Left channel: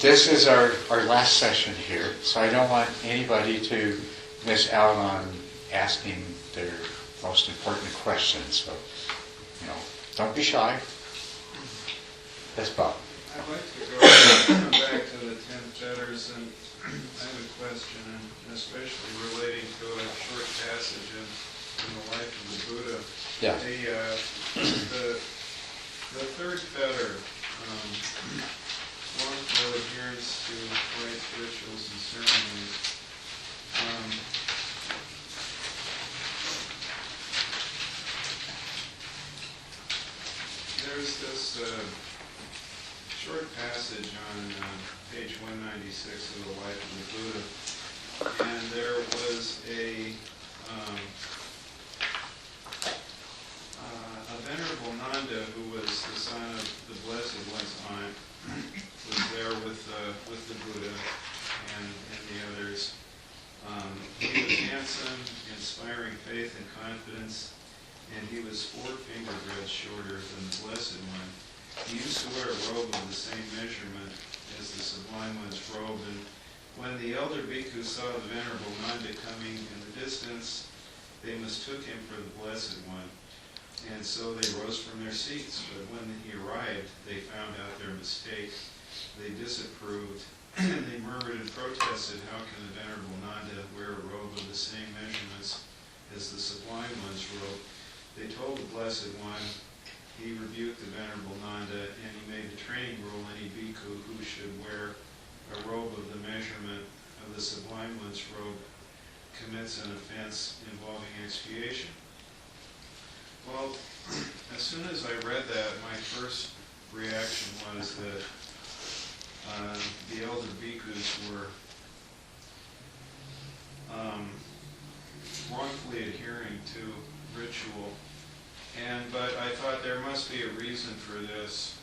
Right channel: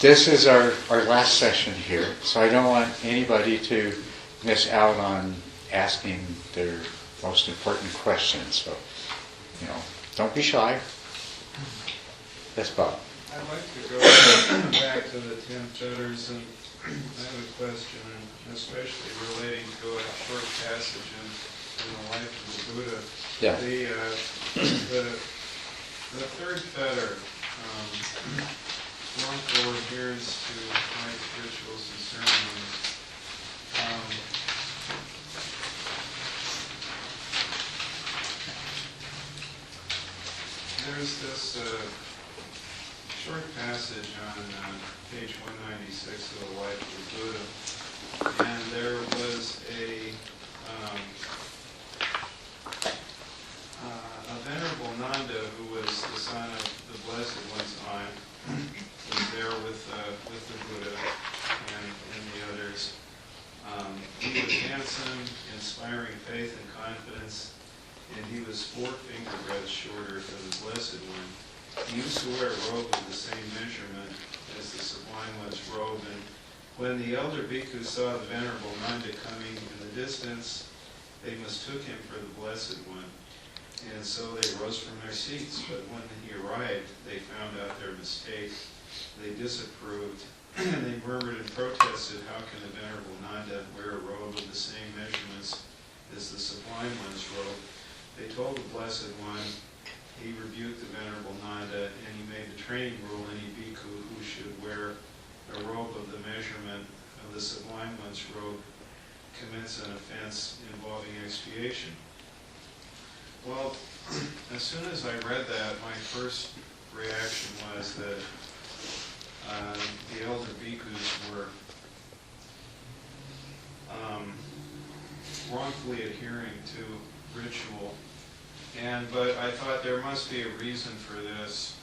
this is our last session here, so I don't want anybody to miss out on asking their most important questions. So, don't be shy. Yes, Bob. I'd like to go back to the 10 fetters, and I have a question, and especially relating to a short passage in the life of the Buddha. Yeah. The third fetter, wrongful adherence to rites, rituals, and ceremonies. There's this short passage on page 196 of the Life of the Buddha, and there was a venerable Nanda, who was the son of the Blessed One's time, was there with the Buddha and the others. He was handsome, inspiring faith and confidence, and he was 4 fingerbreadths shorter than the Blessed One. He used to wear a robe of the same measurement as the Sublime One's robe, and when the elder bhikkhus saw the Venerable Nanda coming in the distance, they mistook him for the Blessed One, and so they rose from their seats. But when he arrived, they found out their mistake. They disapproved, and they murmured and protested, "How can the Venerable Nanda wear a robe of the same measurements as the Sublime One's robe?" They told the Blessed One. He rebuked the Venerable Nanda, and he made the training rule: any bhikkhu who should wear a robe of the measurement of the Sublime One's robe commits an offense involving expiation. Well, as soon as I read that, my first reaction was that the elder bhikkhus were wrongfully adhering to ritual. But I thought there must be a reason for this,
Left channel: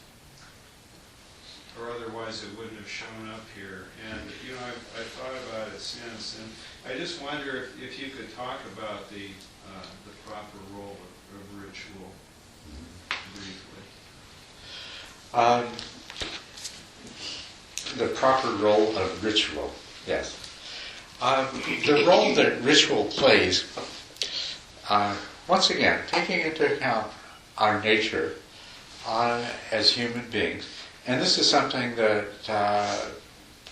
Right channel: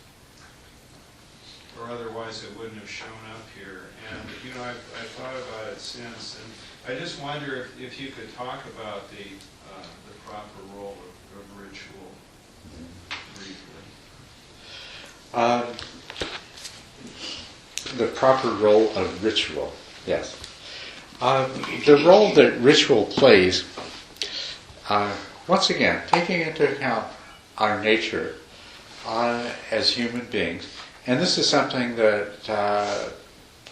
or otherwise it wouldn't have shown up here. And I've thought about it since, and I just wonder if you could talk about the proper role of ritual briefly. The proper role of ritual, yes. The role that ritual plays, once again, taking into account our nature as human beings, and this is something that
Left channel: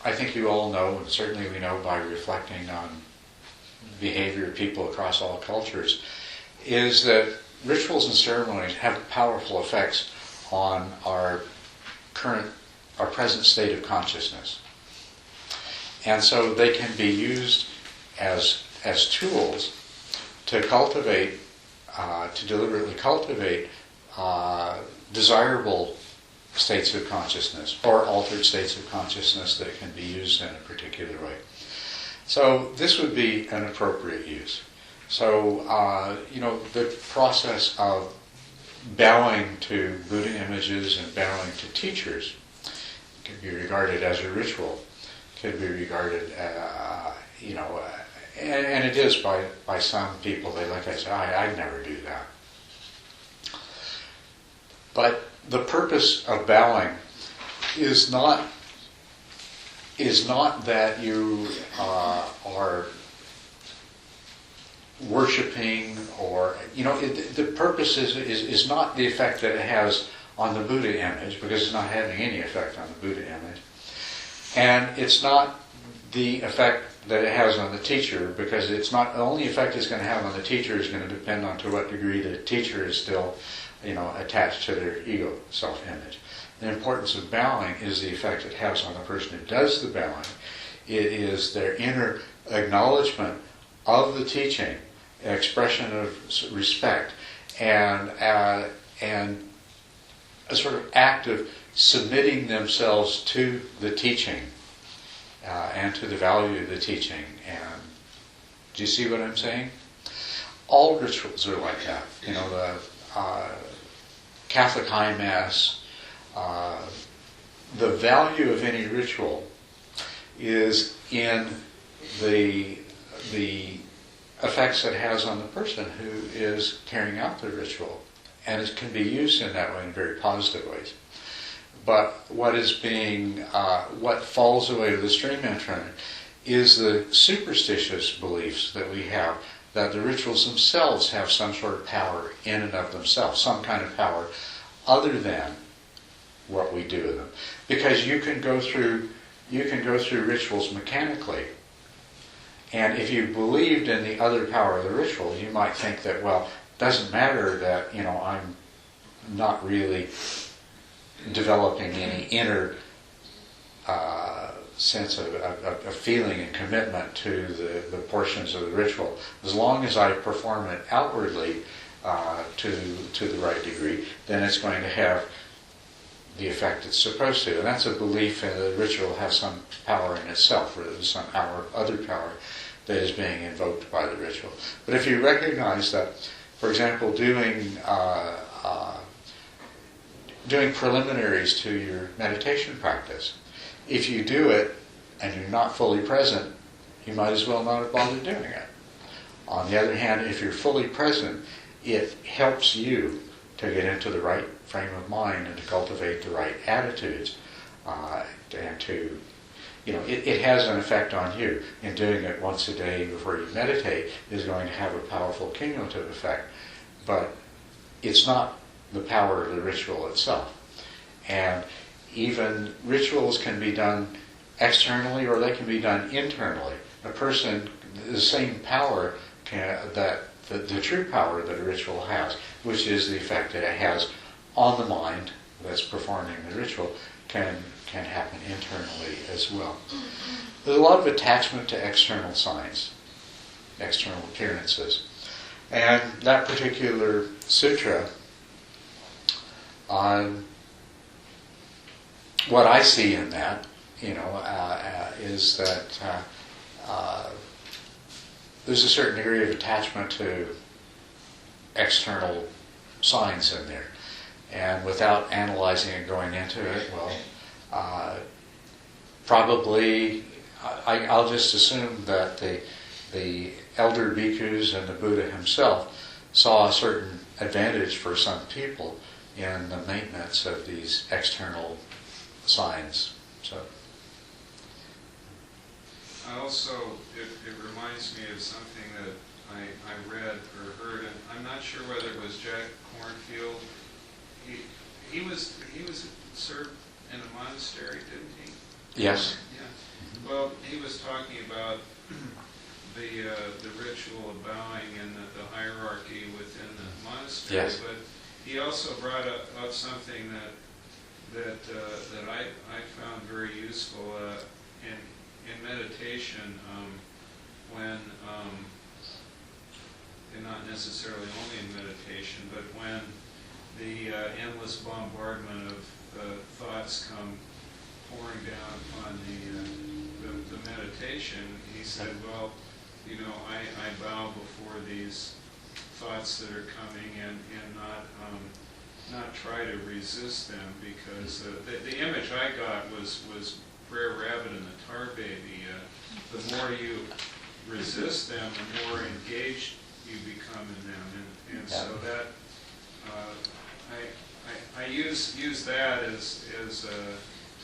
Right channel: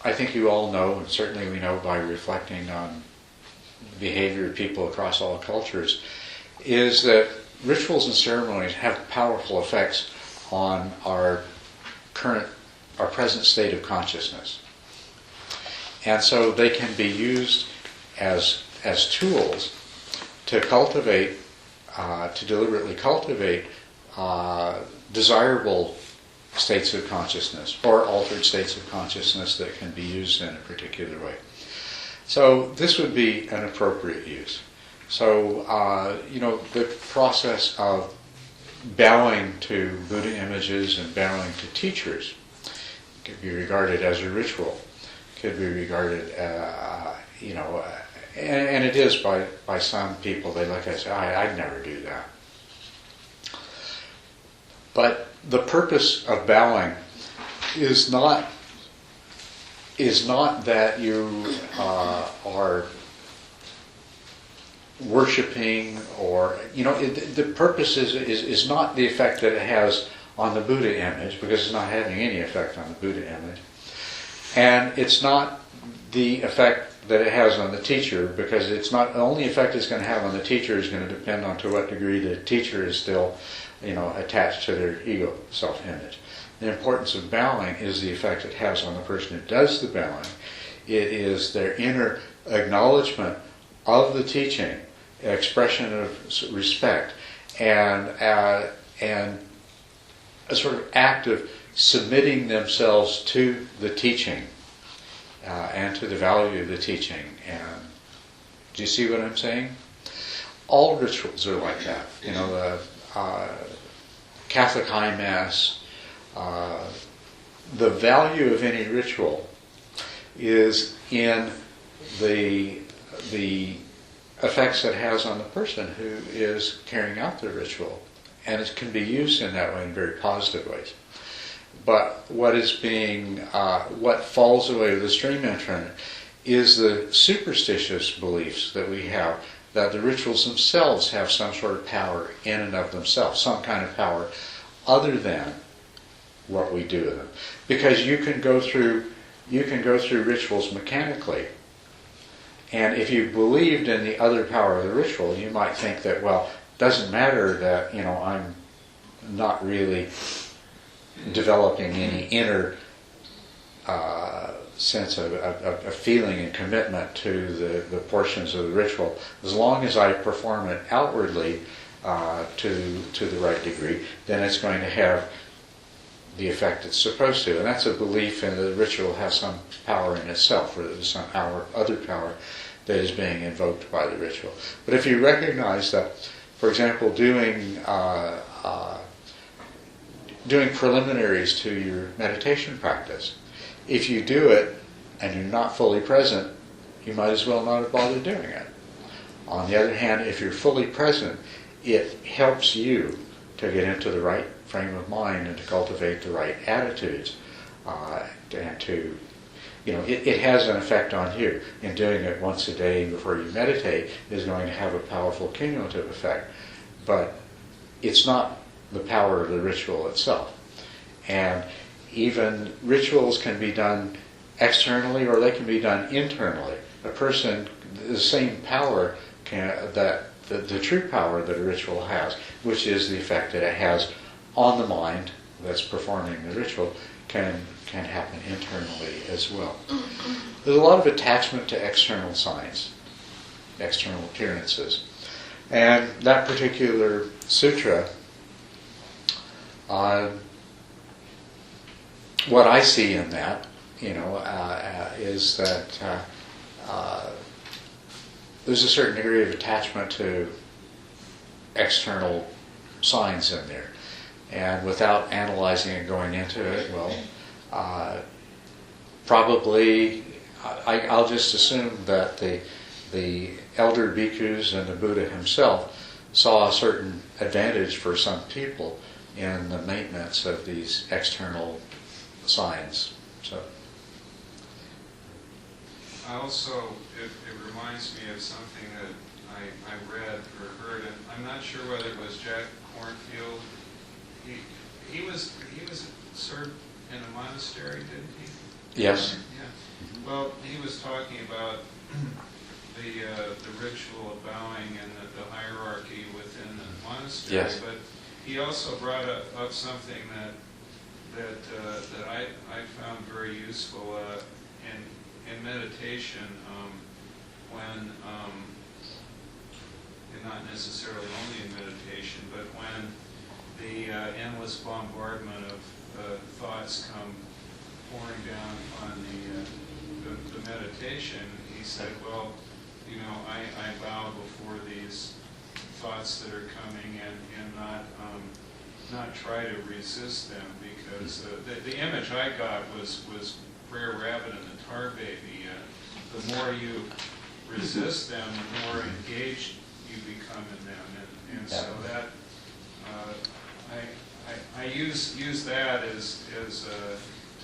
I think you all know, and certainly we know by reflecting on the behavior of people across all cultures, is that rituals and ceremonies have powerful effects on our present state of consciousness. And so they can be used as tools to cultivate, to deliberately cultivate desirable states of consciousness or altered states of consciousness that can be used in a particular way. So this would be an appropriate use. So, the process of bowing to Buddha images and bowing to teachers could be regarded as a ritual, could be regarded, and it is by some people. They look at it and say, I'd never do that. But the purpose of bowing is not that you are worshipping, or the purpose is not the effect that it has on the Buddha image, because it's not having any effect on the Buddha image, and it's not the effect that it has on the teacher, because it's not the only effect it's going to have on the teacher is going to depend on to what degree the teacher is still attached to their ego self-image. The importance of bowing is the effect it has on the person who does the bowing. It is their inner acknowledgement of the teaching, expression of respect, and a sort of act of submitting themselves to the teaching and to the value of the teaching. And do you see what I'm saying? All rituals are like that. The Catholic High Mass, the value of any ritual is in the effects it has on the person who is carrying out the ritual. And it can be used in that way, in very positive ways. But what falls away with the stream internet is the superstitious beliefs that we have that the rituals themselves have some sort of power in and of themselves, some kind of power other than what we do with them. Because you can go through rituals mechanically, and if you believed in the other power of the ritual, you might think that, well, it doesn't matter that, I'm not really developing any inner sense of feeling and commitment to the portions of the ritual. As long as I perform it outwardly to the right degree, then it's going to have the effect it's supposed to. And that's a belief in the ritual has some power in itself, or there's some other power that is being invoked by the ritual. But if you recognize that, for example, doing preliminaries to your meditation practice, if you do it and you're not fully present, you might as well not have bothered doing it. On the other hand, if you're fully present, it helps you to get into the right frame of mind and to cultivate the right attitudes, and to, it has an effect on you. In doing it once a day before you meditate is going to have a powerful cumulative effect, but it's not the power of the ritual itself. And even rituals can be done externally or they can be done internally. A person, the same power that the true power that a ritual has, which is the effect that it has on the mind that's performing the ritual, can happen internally as well. There's a lot of attachment to external signs, external appearances. And that particular sutra, what I see in that, is that there's a certain degree of attachment to external signs in there. And without analyzing and going into it, probably I'll just assume that the elder bhikkhus and the Buddha himself saw a certain advantage for some people in the maintenance of these external signs. So, it reminds me of something that I read or heard, and I'm not sure whether it was Jack Kornfield. He was served in a monastery, didn't he? Yes. Yeah. Well, he was talking about the ritual of bowing and the hierarchy within the monastery. Yes. But he also brought up something that I found very useful in meditation, when and not necessarily only in meditation, but when the endless bombardment of thoughts come pouring down upon the meditation, he said, well, I bow before these thoughts that are coming and not try to resist them, because the image I got was Brer Rabbit and the Tar Baby. The more you resist them, the more engaged you become in them, and so that I use that as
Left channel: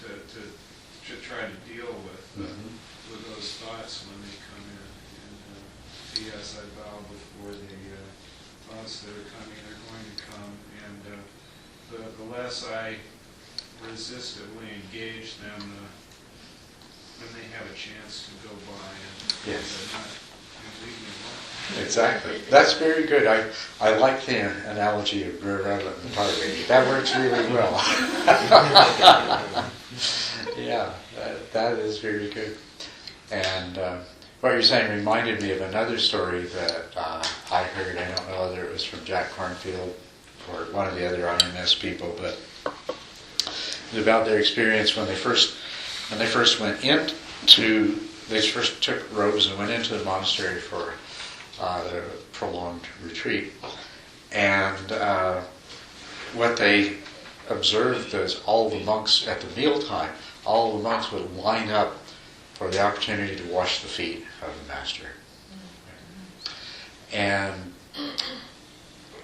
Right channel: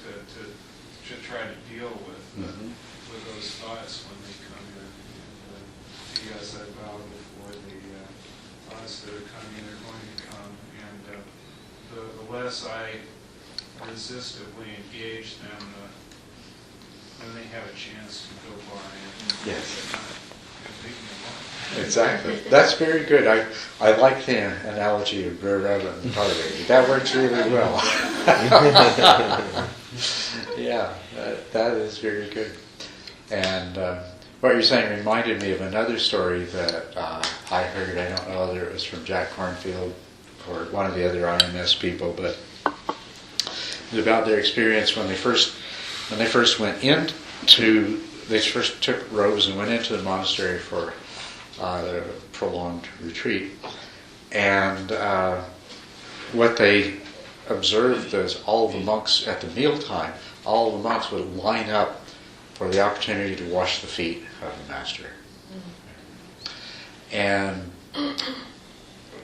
to try to deal with those thoughts when they come in. And see, as I bow before the thoughts that are coming, they're going to come, and the less I resistively engage them, when they have a chance to go by and yes. leave me alone. Exactly. That's very good. I like the analogy of Brer Rabbit and the Tar Baby. That works really well. Yeah, that is very good. And what you're saying reminded me of another story that I heard. I don't know whether it was from Jack Kornfield or one of the other IMS people, but it was about their experience when they first took robes and went into the monastery for the prolonged retreat. And what they observed is all the monks at the mealtime, all the monks would line up for the opportunity to wash the feet of the master. And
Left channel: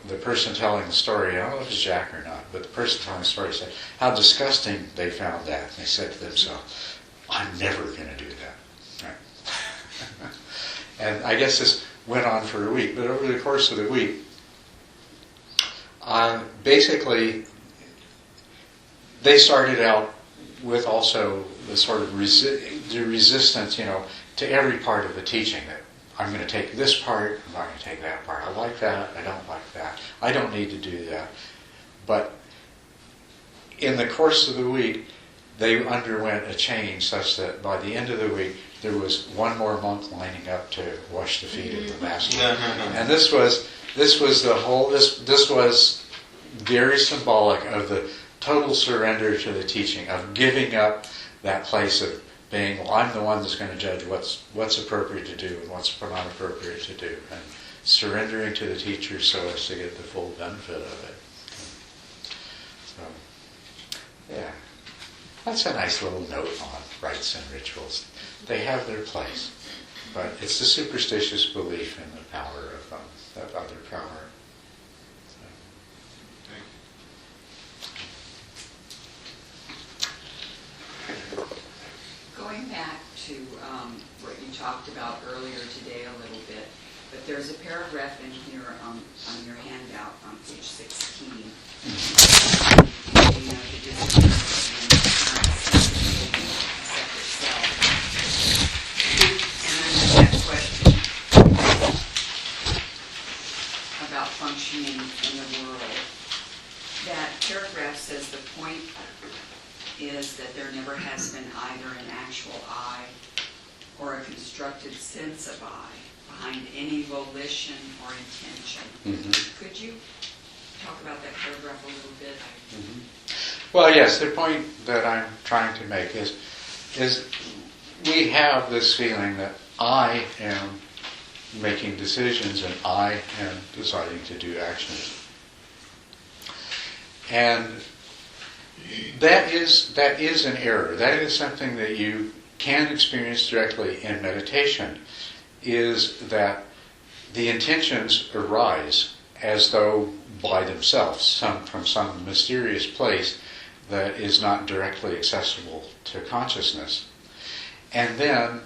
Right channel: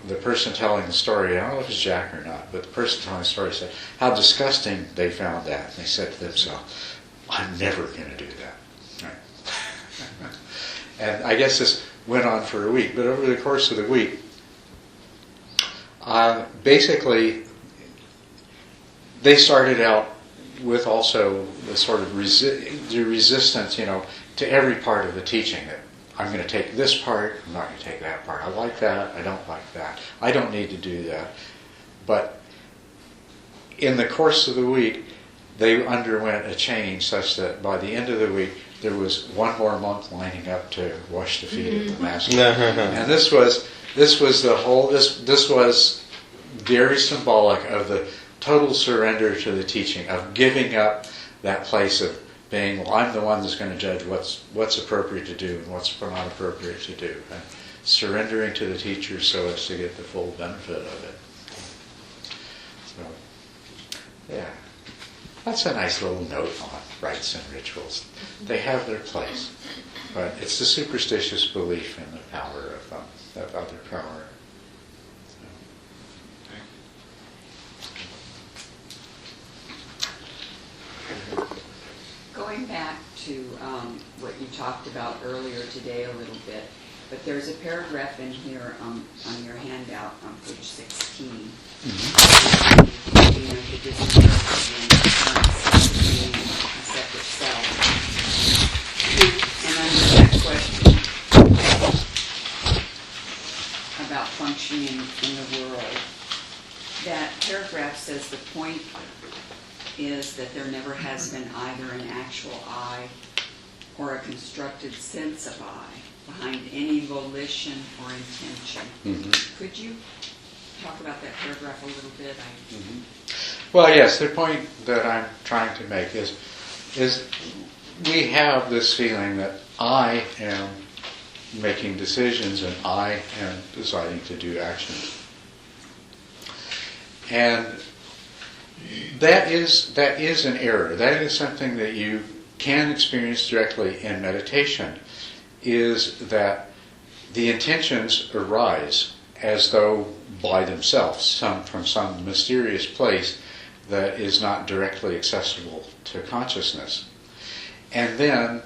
the person telling the story, I don't know if it's Jack or not, but the person telling the story said how disgusting they found that. And they said to themselves, I'm never going to do that. Right. And I guess this went on for a week, but over the course of the week, basically, they started out with also the sort of the resistance, to every part of the teaching. That I'm going to take this part, I'm not going to take that part. I like that, I don't like that. I don't need to do that. But in the course of the week, they underwent a change such that by the end of the week, there was one more monk lining up to wash the feet of the master. And this was very symbolic of the total surrender to the teaching, of giving up that place of being, well, I'm the one that's going to judge what's appropriate to do and what's not appropriate to do, and surrendering to the teacher so as to get the full benefit of it. So, yeah, that's a nice little note on rites and rituals. They have their place, but it's the superstitious belief in the power of them, that other power. Going back to what you talked about earlier today a little bit, but there's a paragraph in here on your handout on page 16. Mm-hmm. The disappearance and separate self. And under that question about functioning in the world, that paragraph says the point is that there never has been either an actual I or a constructed sense of I behind any volition or intention. Mm-hmm. Could you talk about that paragraph a little bit? Mm-hmm. Well, yes, the point that I'm trying to make is we have this feeling that I am making decisions and I am deciding to do actions. And that is an error. That is something that you can experience directly in meditation, is that the intentions arise as though by themselves, from some mysterious place that is not directly accessible to consciousness. And then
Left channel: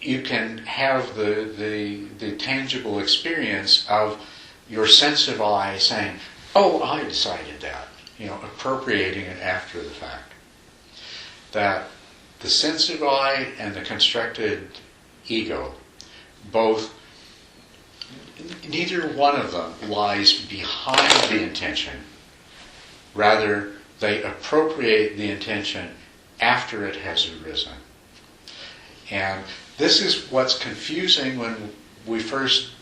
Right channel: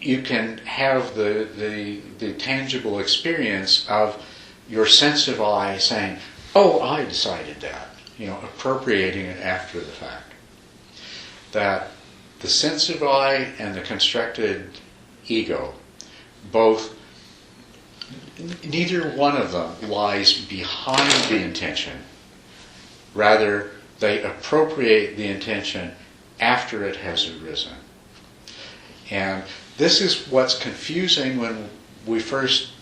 you can have the tangible experience of your sense of I saying, oh, I decided that. Appropriating it after the fact. That the sense of I and the constructed ego, neither one of them lies behind the intention. Rather, they appropriate the intention after it has arisen. And this is what's confusing when we first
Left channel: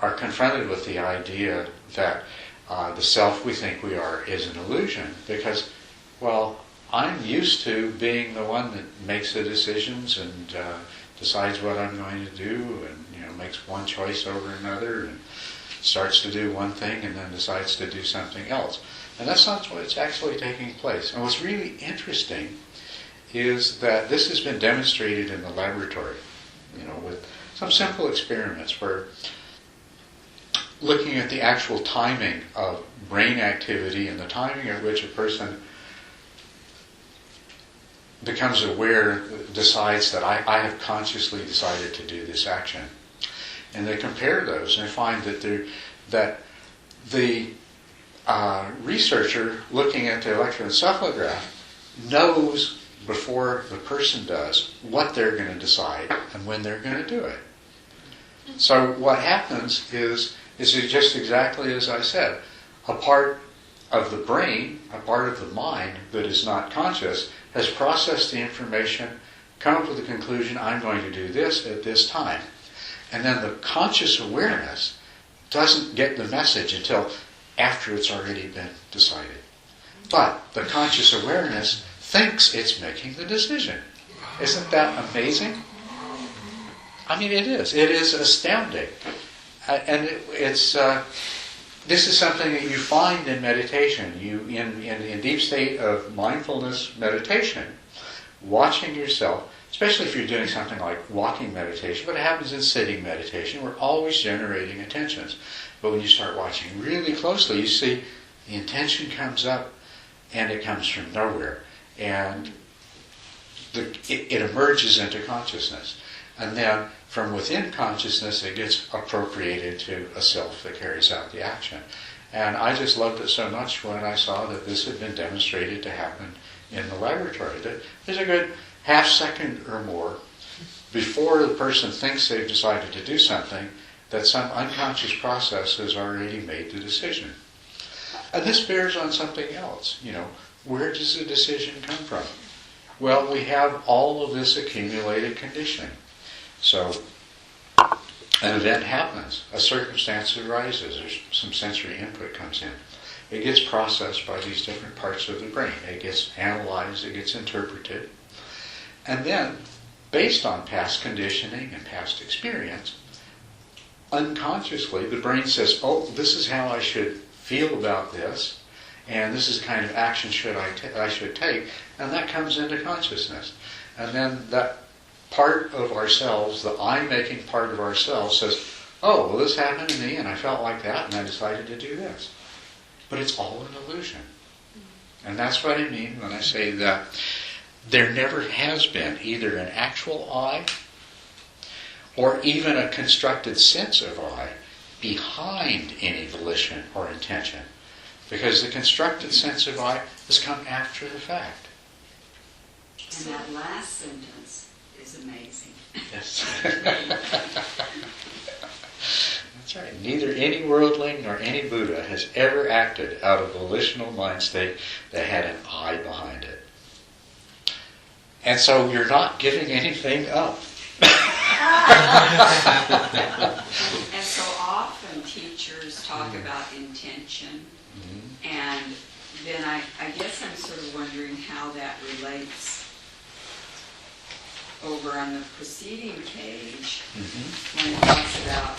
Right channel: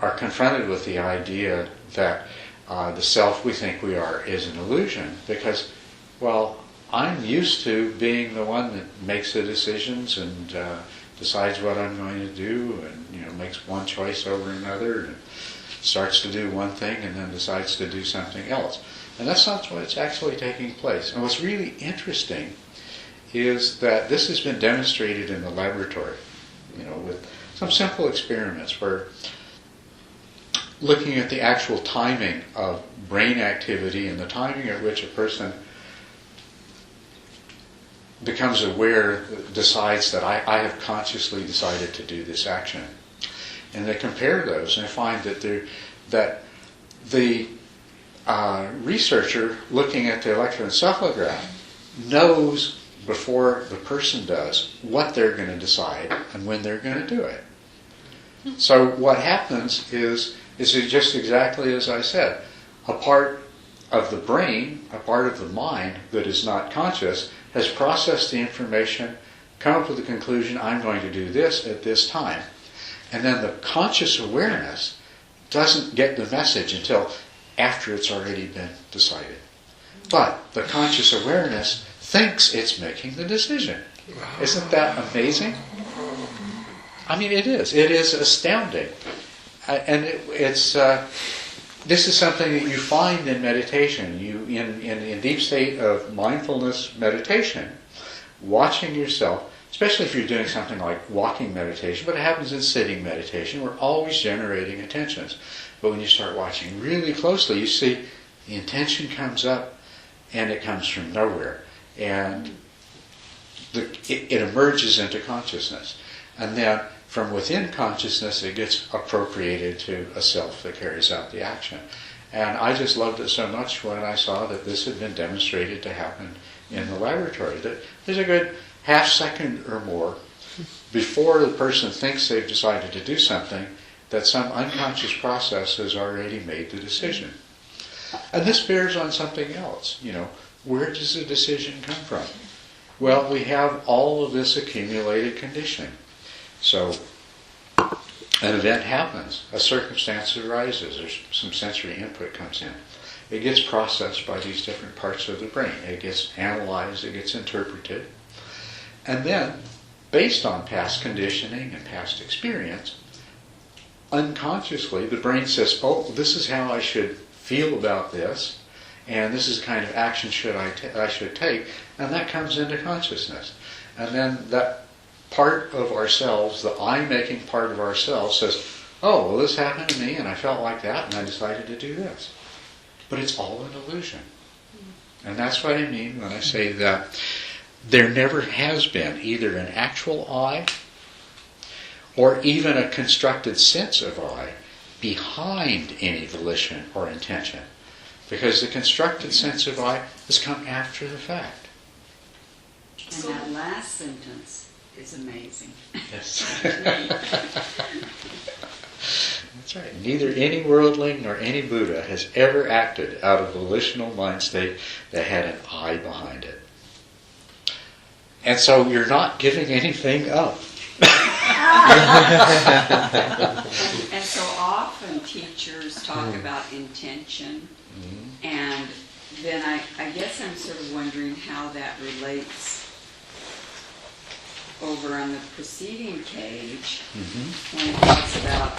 are confronted with the idea that the self we think we are is an illusion, because, well, I'm used to being the one that makes the decisions and decides what I'm going to do, and makes one choice over another, and starts to do one thing and then decides to do something else. And that's not what's actually taking place. And what's really interesting is that this has been demonstrated in the laboratory, with some simple experiments where looking at the actual timing of brain activity and the timing at which a person becomes aware, decides that I have consciously decided to do this action. And they compare those and they find that the researcher looking at the electroencephalograph knows before the person does what they're going to decide and when they're going to do it. So what happens is just exactly as I said. A part of the brain, a part of the mind that is not conscious, has processed the information, come up with the conclusion, I'm going to do this at this time. And then the conscious awareness doesn't get the message until after it's already been decided. But the conscious awareness thinks it's making the decision. Isn't that amazing? I mean, it is. It is astounding. And this is something that you find in meditation. In deep state of mindfulness meditation, watching yourself, especially if you're doing something like walking meditation, but it happens in sitting meditation, we're always generating intentions. But when you start watching really closely, you see the intention comes up and it comes from nowhere. And it emerges into consciousness. And then from within consciousness, it gets appropriated to a self that carries out the action. And I just loved it so much when I saw that this had been demonstrated to happen in the laboratory. That there's a good half second or more before the person thinks they've decided to do something, that some unconscious process has already made the decision. And this bears on something else. Where does the decision come from? Well, we have all of this accumulated conditioning. So an event happens, a circumstance arises, there's some sensory input comes in. It gets processed by these different parts of the brain. It gets analyzed, it gets interpreted. And then, based on past conditioning and past experience, unconsciously the brain says, oh, this is how I should feel about this, and this is the kind of action I should take, and that comes into consciousness. And then that part of ourselves, the I-making part of ourselves says, oh, well, this happened to me, and I felt like that, and I decided to do this. But it's all an illusion. And that's what I mean when I say that there never has been either an actual I or even a constructed sense of I behind any volition or intention. Because the constructed sense of I has come after the fact. And that last sentence is amazing. Yes. That's right. Neither any worldling nor any Buddha has ever acted out of volitional mind state that had an I behind it. And so you're not giving anything up. And so often teachers talk about intention, and then I guess I'm sort of wondering how that relates over on the preceding page when it talks about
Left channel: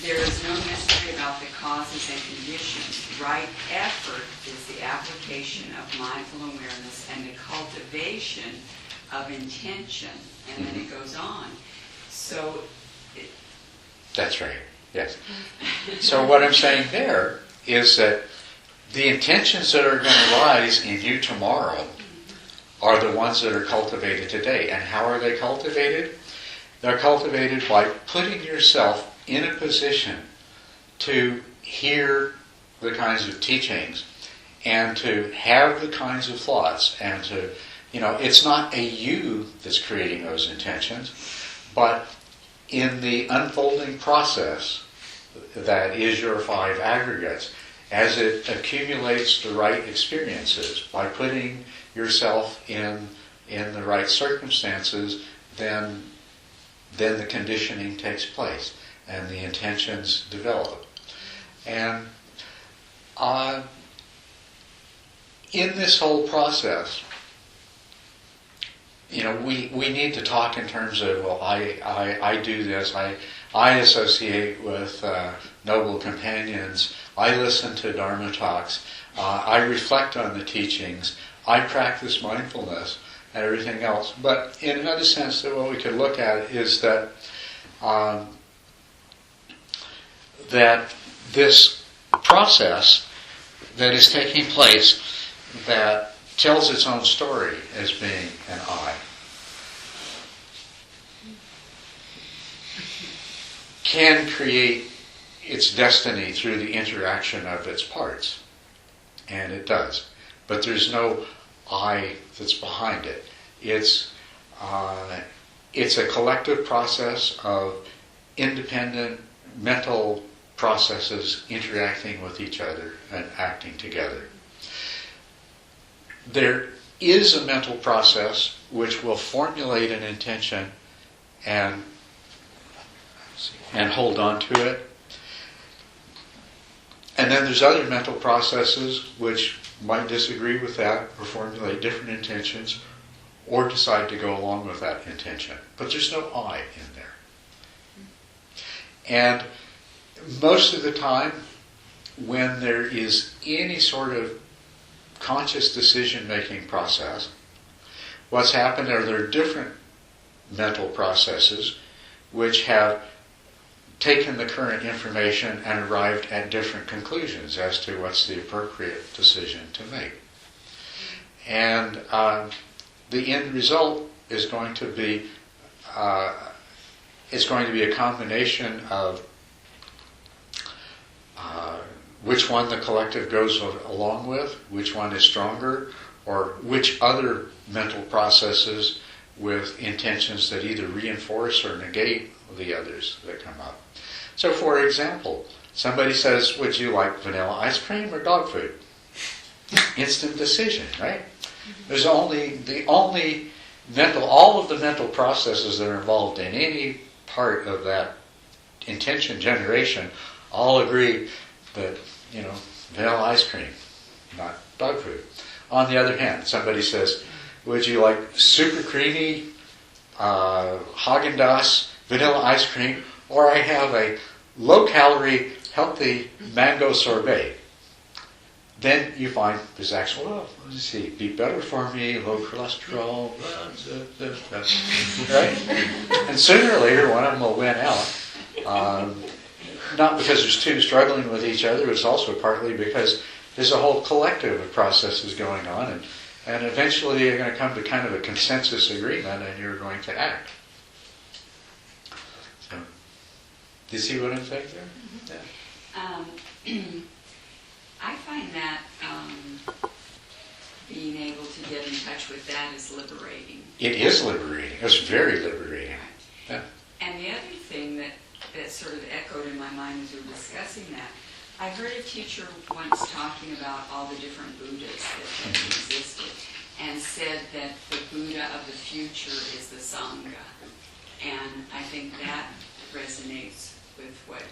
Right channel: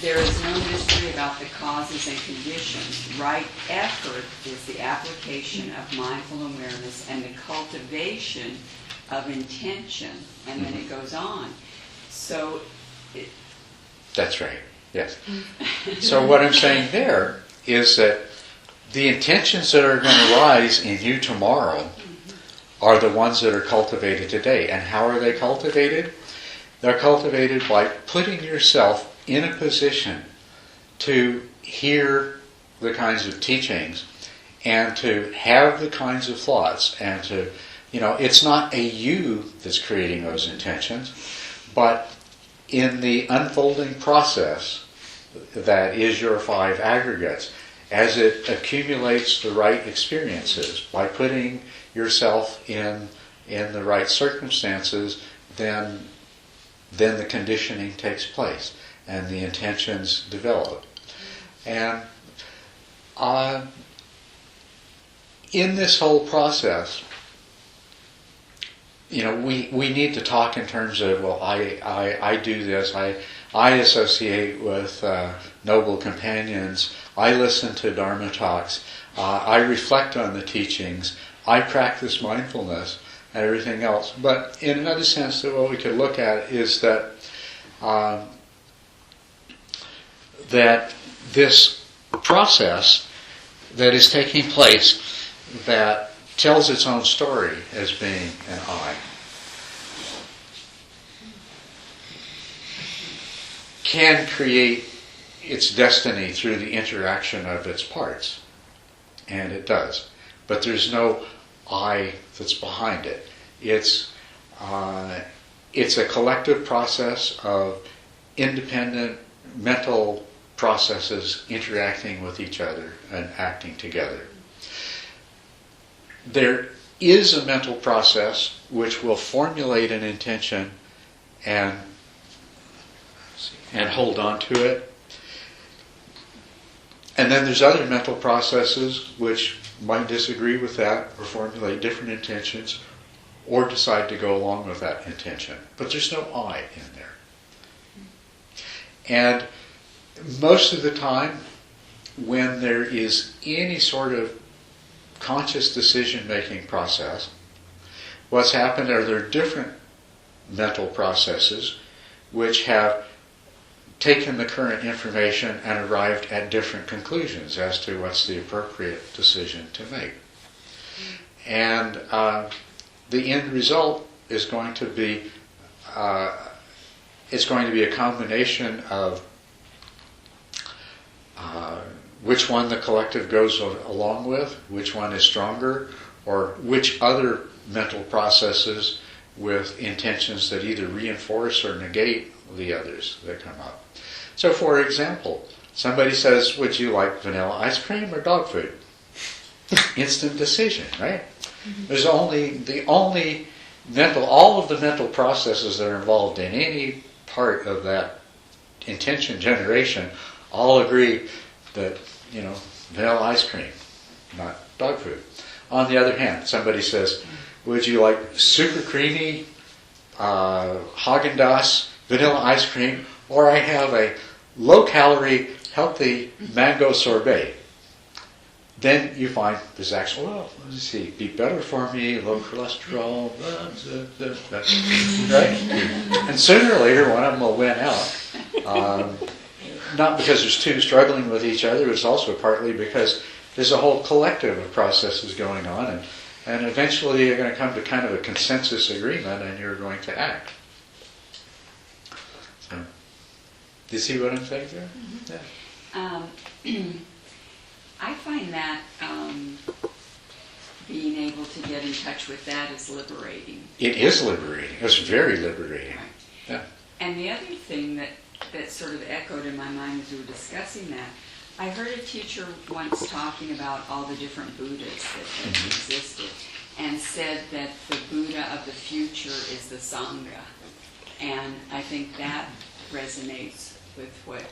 there is no mystery about the causes and conditions. Right effort is the application of mindful awareness and the cultivation of intention. And then it goes on. So that's right, yes. So what I'm saying there is that the intentions that are going to rise in you tomorrow are the ones that are cultivated today. And how are they cultivated? They're cultivated by putting yourself in a position to hear the kinds of teachings and to have the kinds of thoughts and to, it's not a you that's creating those intentions, but in the unfolding process that is your 5 aggregates, as it accumulates the right experiences, by putting yourself in the right circumstances, then the conditioning takes place and the intentions develop. And in this whole process, we need to talk in terms of, well, I do this, I associate with noble companions, I listen to Dharma talks, I reflect on the teachings, I practice mindfulness and everything else. But in another sense, that what we could look at is that that this process that is taking place that tells its own story as being an I can create its destiny through the interaction of its parts. And it does. But there's no I that's behind it. It's a collective process of independent mental processes interacting with each other and acting together. There is a mental process which will formulate an intention and hold on to it. And then there's other mental processes which might disagree with that or formulate different intentions or decide to go along with that intention. But there's no I in there. And most of the time, when there is any sort of conscious decision-making process, what's happened are there are different mental processes which have taken the current information and arrived at different conclusions as to what's the appropriate decision to make. And the end result is going to be it's going to be a combination of which one the collective goes along with, which one is stronger, or which other mental processes with intentions that either reinforce or negate the others that come up. So, for example, somebody says, would you like vanilla ice cream or dog food? Instant decision, right? Mm-hmm. There's all of the mental processes that are involved in any part of that intention generation all agree that, vanilla ice cream, not dog food. On the other hand, somebody says, would you like super creamy Haagen-Dazs vanilla ice cream, or I have a low-calorie, healthy mango sorbet? Then you find there's actual, let's see, be better for me, low cholesterol, right? And sooner or later, one of them will win out. Not because there's two struggling with each other, it's also partly because there's a whole collective of processes going on, and eventually you're going to come to kind of a consensus agreement, and you're going to act. So, do you see what I'm saying there? Mm-hmm. Yeah. I find that being able to get in touch with that is liberating. It is liberating. It's very liberating. Yeah. And the other thing that sort of echoed in my mind as we were discussing that, I heard a teacher once talking about all the different Buddhas that existed, and said that the Buddha of the future is the Sangha. And I think that resonates with what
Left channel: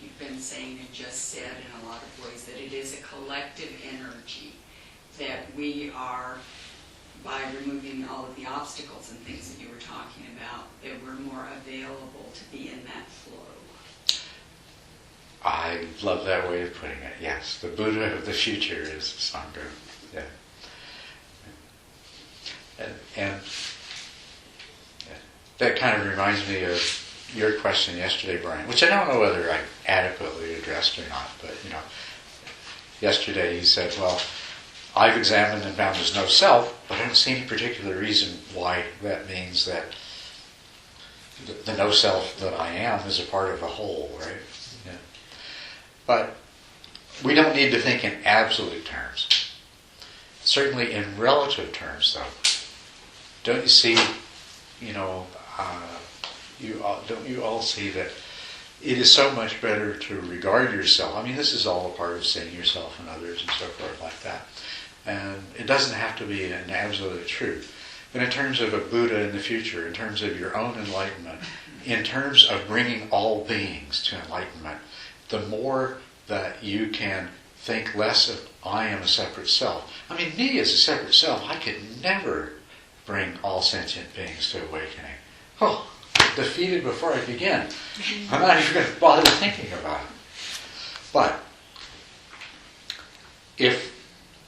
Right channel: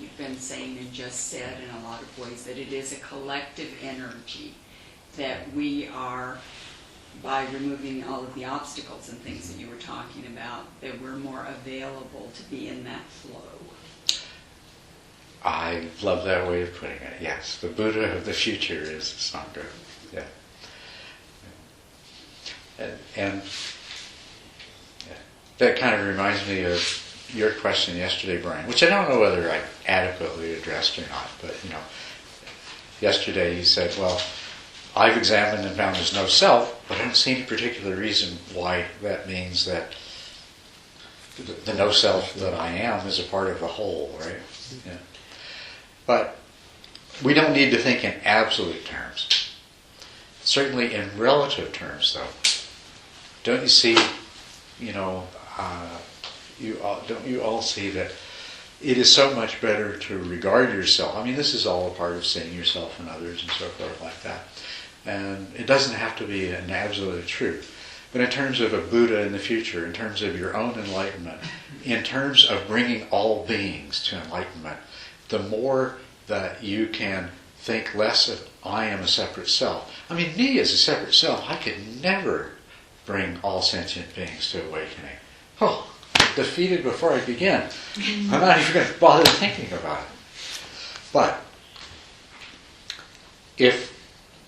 you've been saying and just said in a lot of ways, that it is a collective energy, that we are, by removing all of the obstacles and things that you were talking about, that we're more available to be in that flow. I love that way of putting it. Yes, the Buddha of the future is the Sangha. Yeah. And that kind of reminds me of your question yesterday, Brian, which I don't know whether I adequately addressed or not, but yesterday you said, well, I've examined and found there's no self, but I don't see any particular reason why that means that the no self that I am is a part of the whole, right? Yeah. But we don't need to think in absolute terms. Certainly in relative terms, though. Don't you see, don't you all see that it is so much better to regard yourself? I mean, this is all a part of seeing yourself and others and so forth like that. And it doesn't have to be an absolute truth. But in terms of a Buddha in the future, in terms of your own enlightenment, in terms of bringing all beings to enlightenment, the more that you can think less of I am a separate self. I mean, me as a separate self, I could never bring all sentient beings to awakening. Oh, defeated before I begin. I'm not even going to bother thinking about it. But if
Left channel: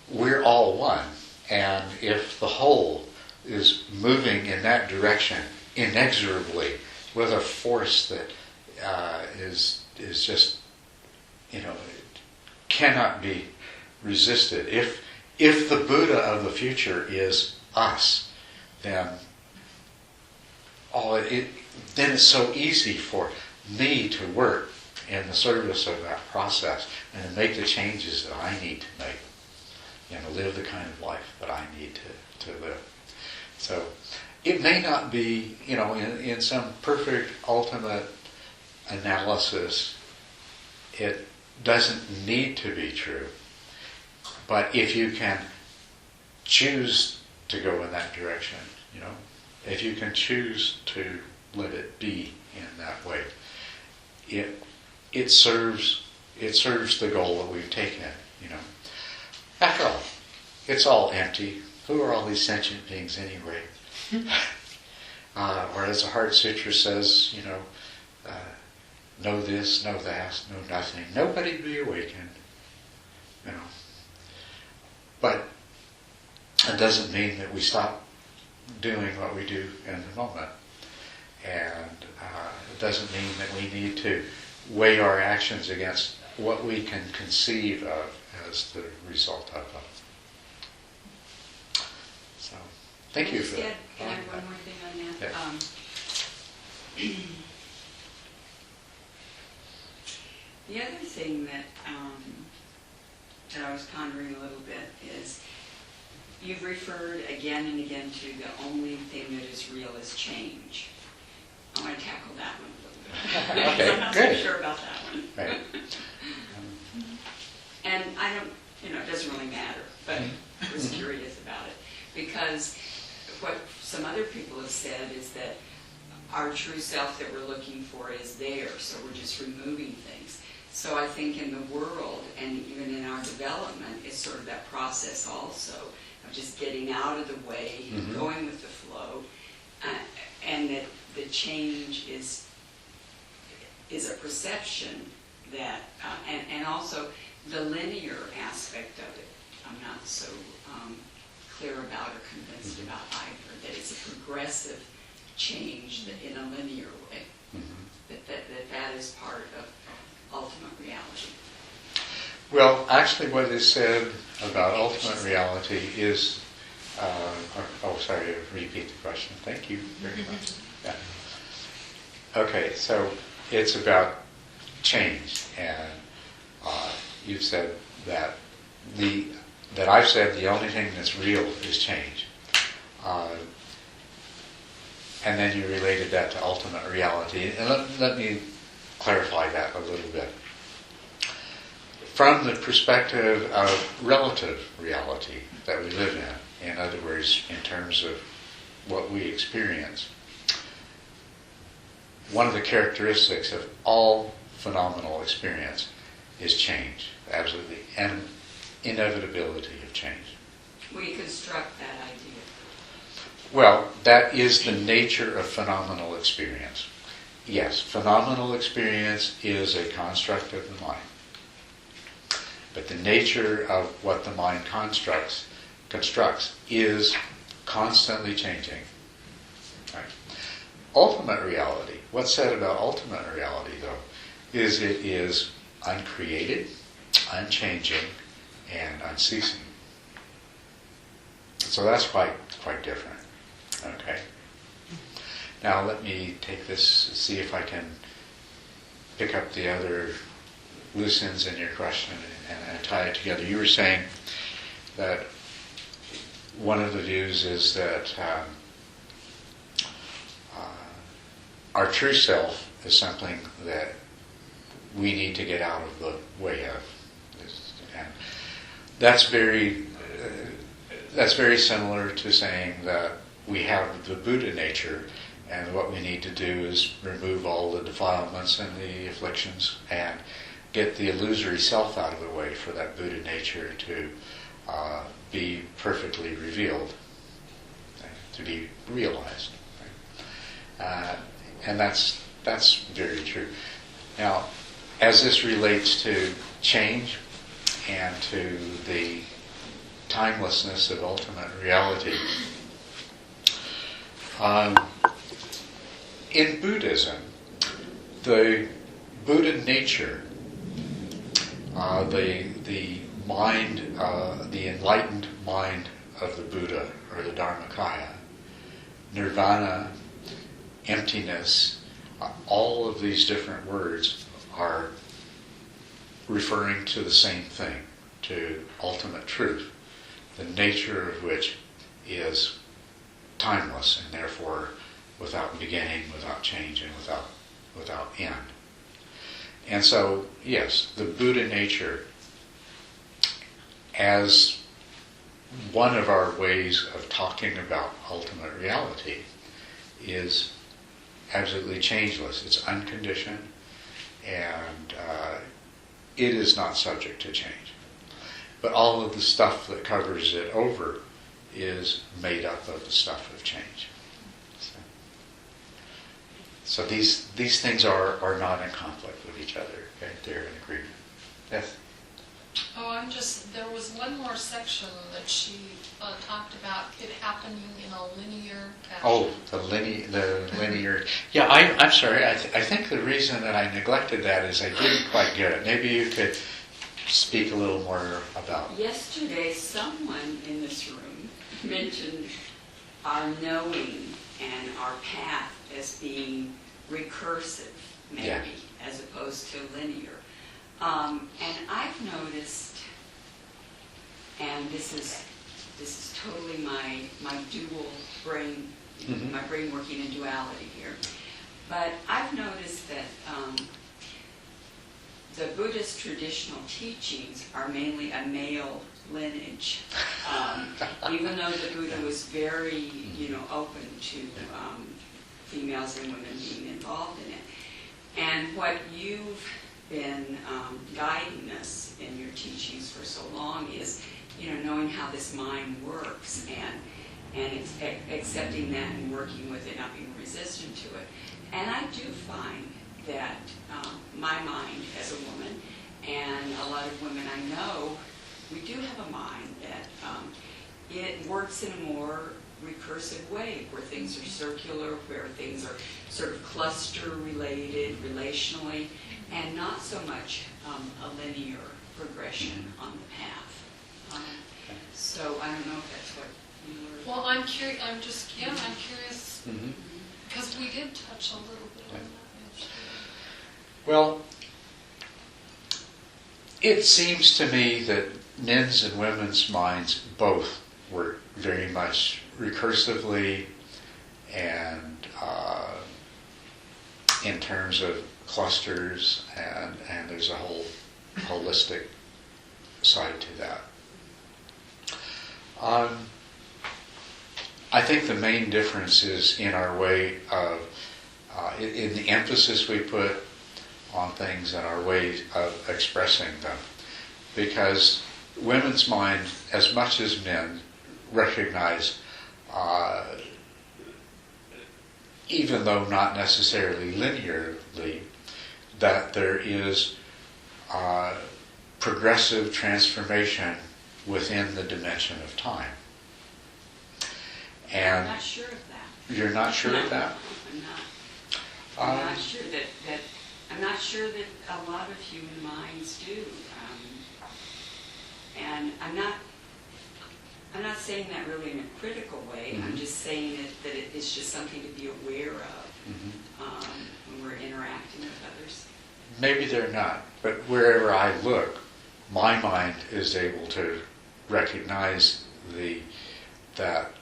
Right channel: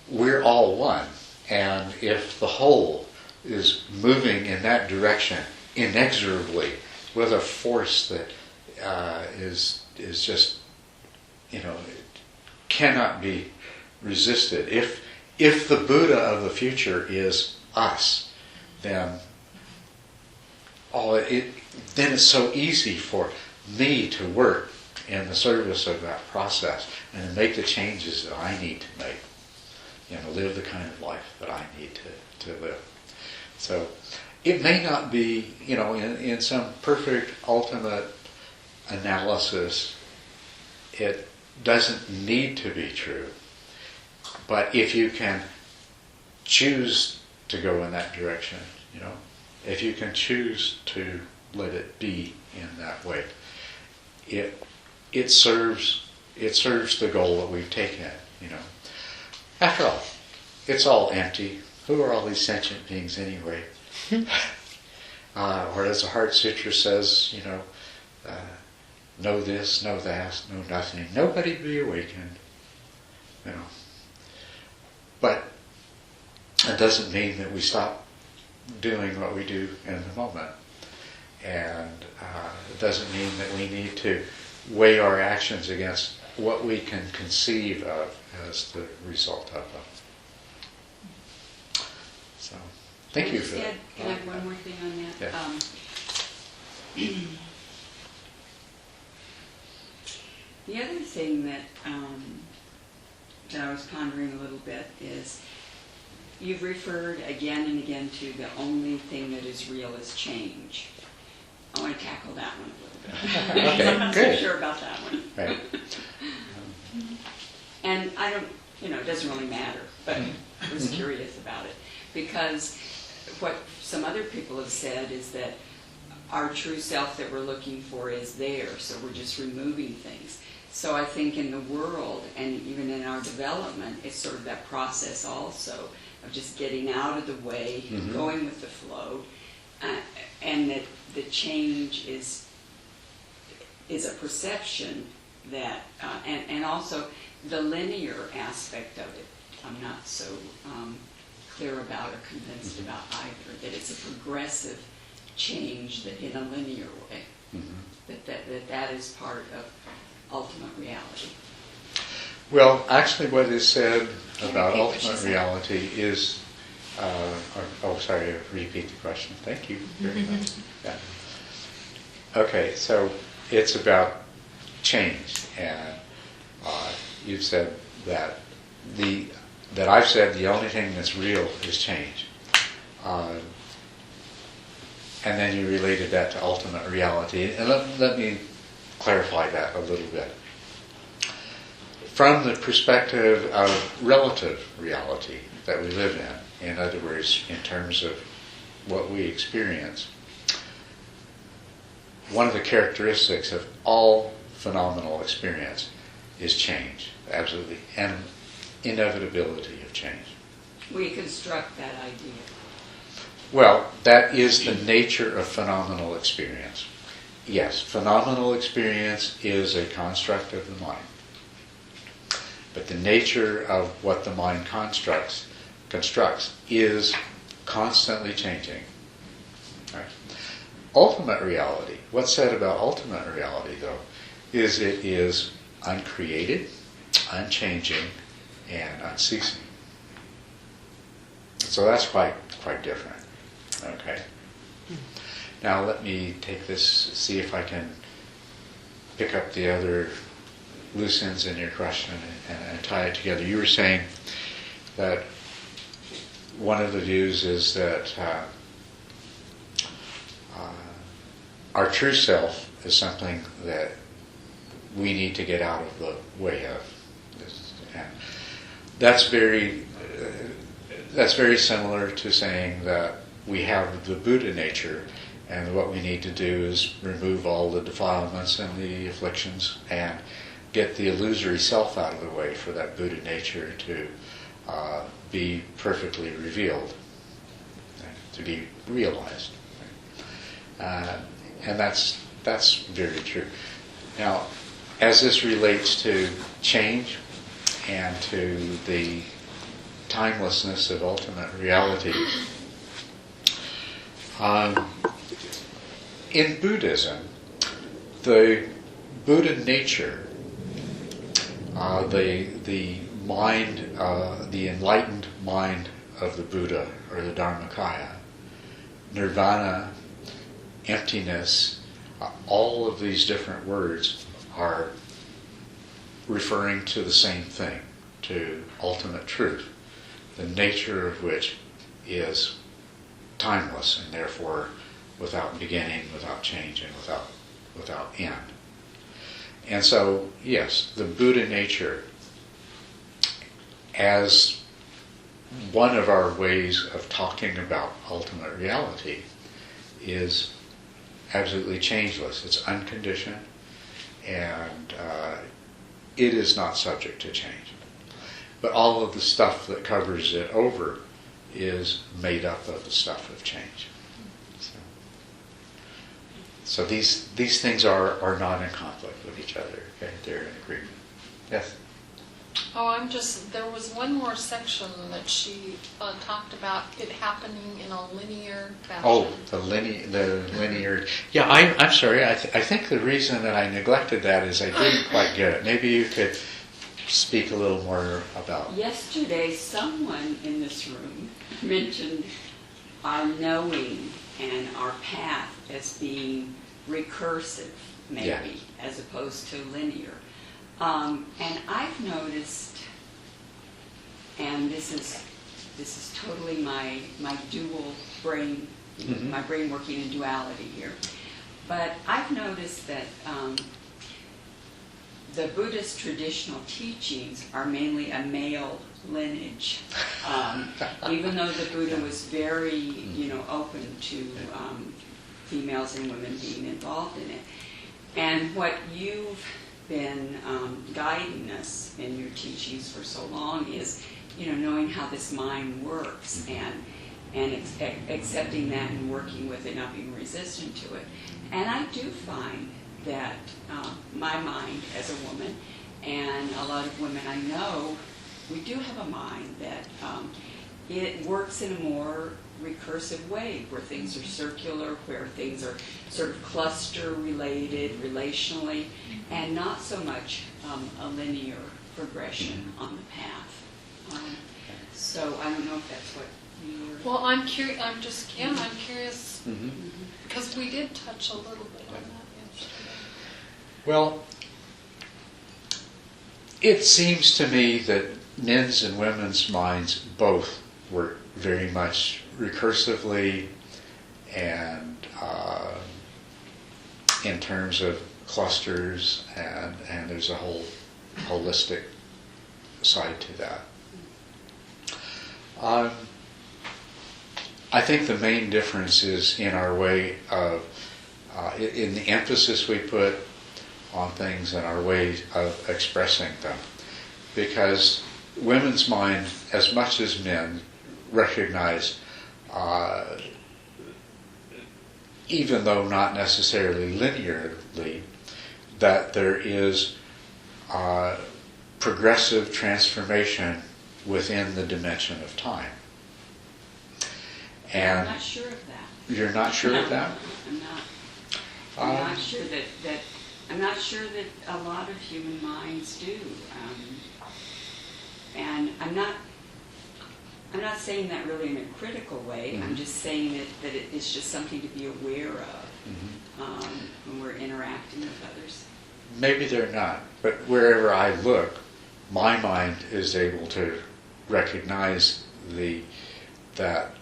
we're all one, and if the whole is moving in that direction inexorably with a force that is just, cannot be resisted. If the Buddha of the future is us, then then it's so easy for me to work in the service of that process and to make the changes that I need to make, live the kind of life that I need to live. So it may not be, in some perfect ultimate analysis, it doesn't need to be true. But if you can choose to go in that direction, if you can choose to let it be in that way, it serves the goal that we've taken. After all, it's all empty. Who are all these sentient beings anyway? Or as the Heart Sutra says, know this, know that, know nothing. Nobody be awakened. But it doesn't mean that we stop doing what we do in the moment. And it doesn't mean that we need to weigh our actions against what we can conceive of as the result of them. So, thank you for that. Can I have one more thing on that? Yeah. The other thing that I was pondering a little bit is you've referred again and again to the only thing that is real is change. I want to tackle that one a little bit. Okay, I'm not good. so sure about that one. Right. And I don't, it doesn't really matter, but I was curious about it. Because what some other people have said is that our true self that we're looking for is there, so we're just removing things. So I think in the world, and even in our development, it's sort of that process also of just getting out of the way, going with the flow, and that the change is a perception that, and also the linear aspect of it, I'm not so clear about or convinced about either, that it's a progressive change that in a linear way, that is part of ultimate reality. Well, actually what is said about ultimate reality is, sorry, repeat the question. Thank you very much. Yeah. Okay, so it's about change, and you've said that I've said the only thing that's real is change. And then you related that to ultimate reality. And let me clarify that a little bit. From the perspective of relative reality that we live in other words, in terms of what we experience, one of the characteristics of all phenomenal experience is change, absolutely, and inevitability of change. We construct that idea. Well, that is the nature of phenomenal experience. Yes, phenomenal experience is a construct of the mind. But the nature of what the mind constructs is constantly changing. Right? Ultimate reality, what's said about ultimate reality, though, is it is uncreated, unchanging, and unceasing. So that's quite different. Okay. Now let me take this, see if I can pick up the other loose ends in your question and tie it together. You were saying that one of the views is that our true self is something that we need to get out of the way of. And that's very similar to saying that we have the Buddha nature, and what we need to do is remove all the defilements and the afflictions and get the illusory self out of the way for that Buddha nature to be perfectly revealed, to be realized. And that's very true. Now, as this relates to change and to the timelessness of ultimate reality, in Buddhism, the Buddha nature, the mind, the enlightened mind of the Buddha, or the Dharmakaya, nirvana, emptiness, all of these different words are referring to the same thing, to ultimate truth, the nature of which is timeless and therefore without beginning, without change, and without end. And so, yes, the Buddha nature, as one of our ways of talking about ultimate reality, is absolutely changeless. It's unconditioned, and it is not subject to change. But all of the stuff that covers it over is made up of the stuff of change. So these things are not in conflict with each other. Okay? They're in agreement. Yes? There was one more section that she talked about it happening in a linear fashion. Oh, the linear. Yeah, I'm sorry. I think the reason that I neglected that is I didn't quite get it. Maybe you could speak a little more about. Yesterday, someone in this room mentioned our knowing and our path as being recursive, maybe, Yeah. as opposed to linear. And I've noticed, and this is totally my dual brain, Mhm. my brain working in duality here. But I've noticed that the Buddhist traditional teachings are mainly a male lineage, even though the Buddha was very, open to females and women being involved in it. And what you've been guiding us in your teachings for so long is, knowing how this mind works and accepting that and working with it, not being resistant to it. And I do find that my mind as a woman, and a lot of women I know, we do have a mind that it works in a more recursive way, where things are circular, where things are sort of cluster related relationally, and not so much a linear progression on the path. So I don't know if that's what you were... Well, I'm curious. I'm curious Mm-hmm. because we did touch a little bit on that. Well, it seems to me that men's and women's minds both work very much recursively and in terms of clusters, and there's a whole holistic side to that. I think the main difference is in our way of, in the emphasis we put on things and our way of expressing them. Because women's mind, as much as men, recognize, even though not necessarily linearly, that there is progressive transformation within the dimension of time. And I'm not sure of that. You're not sure of that? I'm not. I'm not sure that I'm not sure that a lot of human minds do. And I'm not saying that really in a critical way. Mm-hmm. I'm just saying that it's just something to be aware of when we're interacting with others. Maybe they're not, but wherever I look, my mind is able to recognize that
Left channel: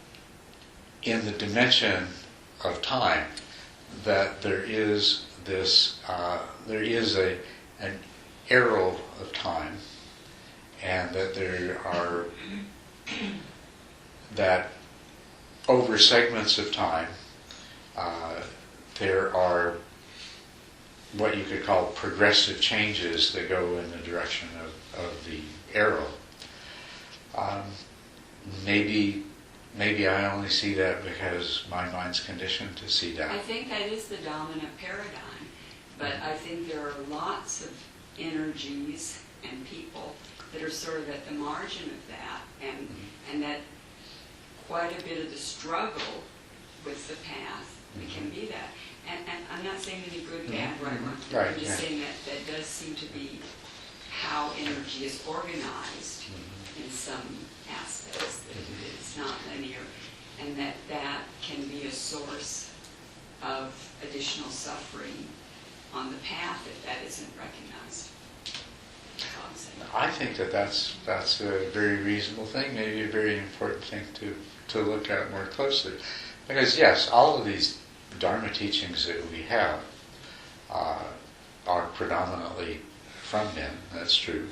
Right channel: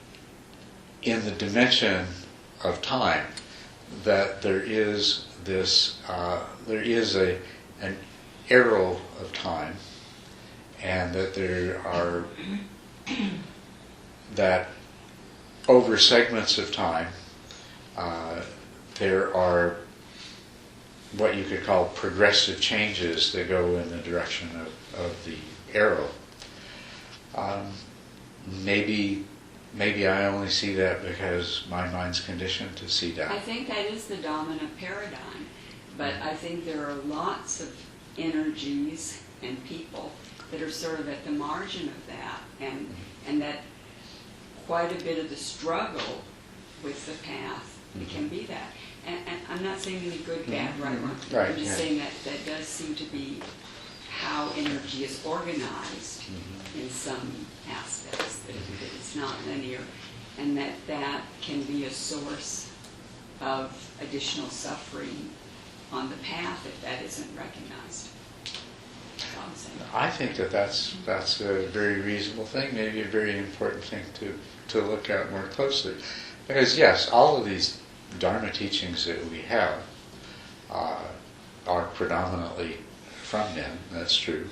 in the dimension of time, that there is this, an arrow of time, and that there are, that over segments of time, there are what you could call progressive changes that go in the direction of the arrow. Maybe I only see that because my mind's conditioned to see that. I think that is the dominant paradigm, but I think there are lots of energies and people that are sort of at the margin of that, and that quite a bit of the struggle with the path, it can be that. And I'm not saying any good, bad, right, wrong. Right, I'm just yeah. saying that does seem to be how energy is organized in some aspects, that it's not linear, and that can be a source of additional suffering on the path if that isn't recognized. That's all I'm saying. I think that's a very reasonable thing, maybe a very important thing to look at more closely. Because yes, all of these Dharma teachings that we have are predominantly from men, that's true.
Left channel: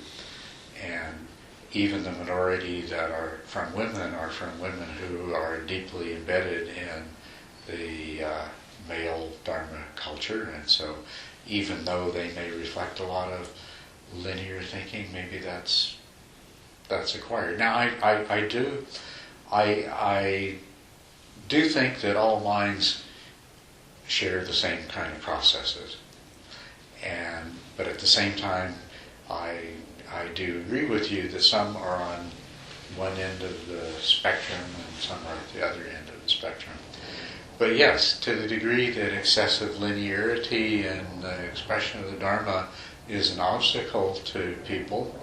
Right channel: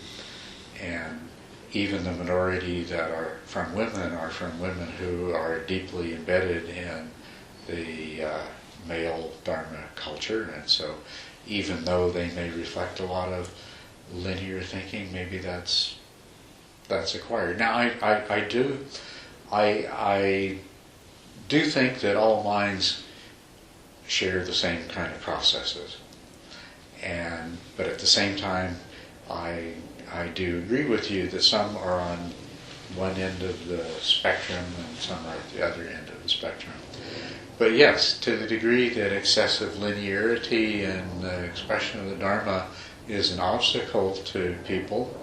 And even the minority that are from women who are deeply embedded in the male Dharma culture. And so even though they may reflect a lot of linear thinking, maybe that's acquired. Now I do think that all minds share the same kind of processes, but at the same time I I do agree with you that some are on one end of the spectrum and some are at the other end of the spectrum. But yes, to the degree that excessive linearity in the expression of the Dharma is an obstacle to people,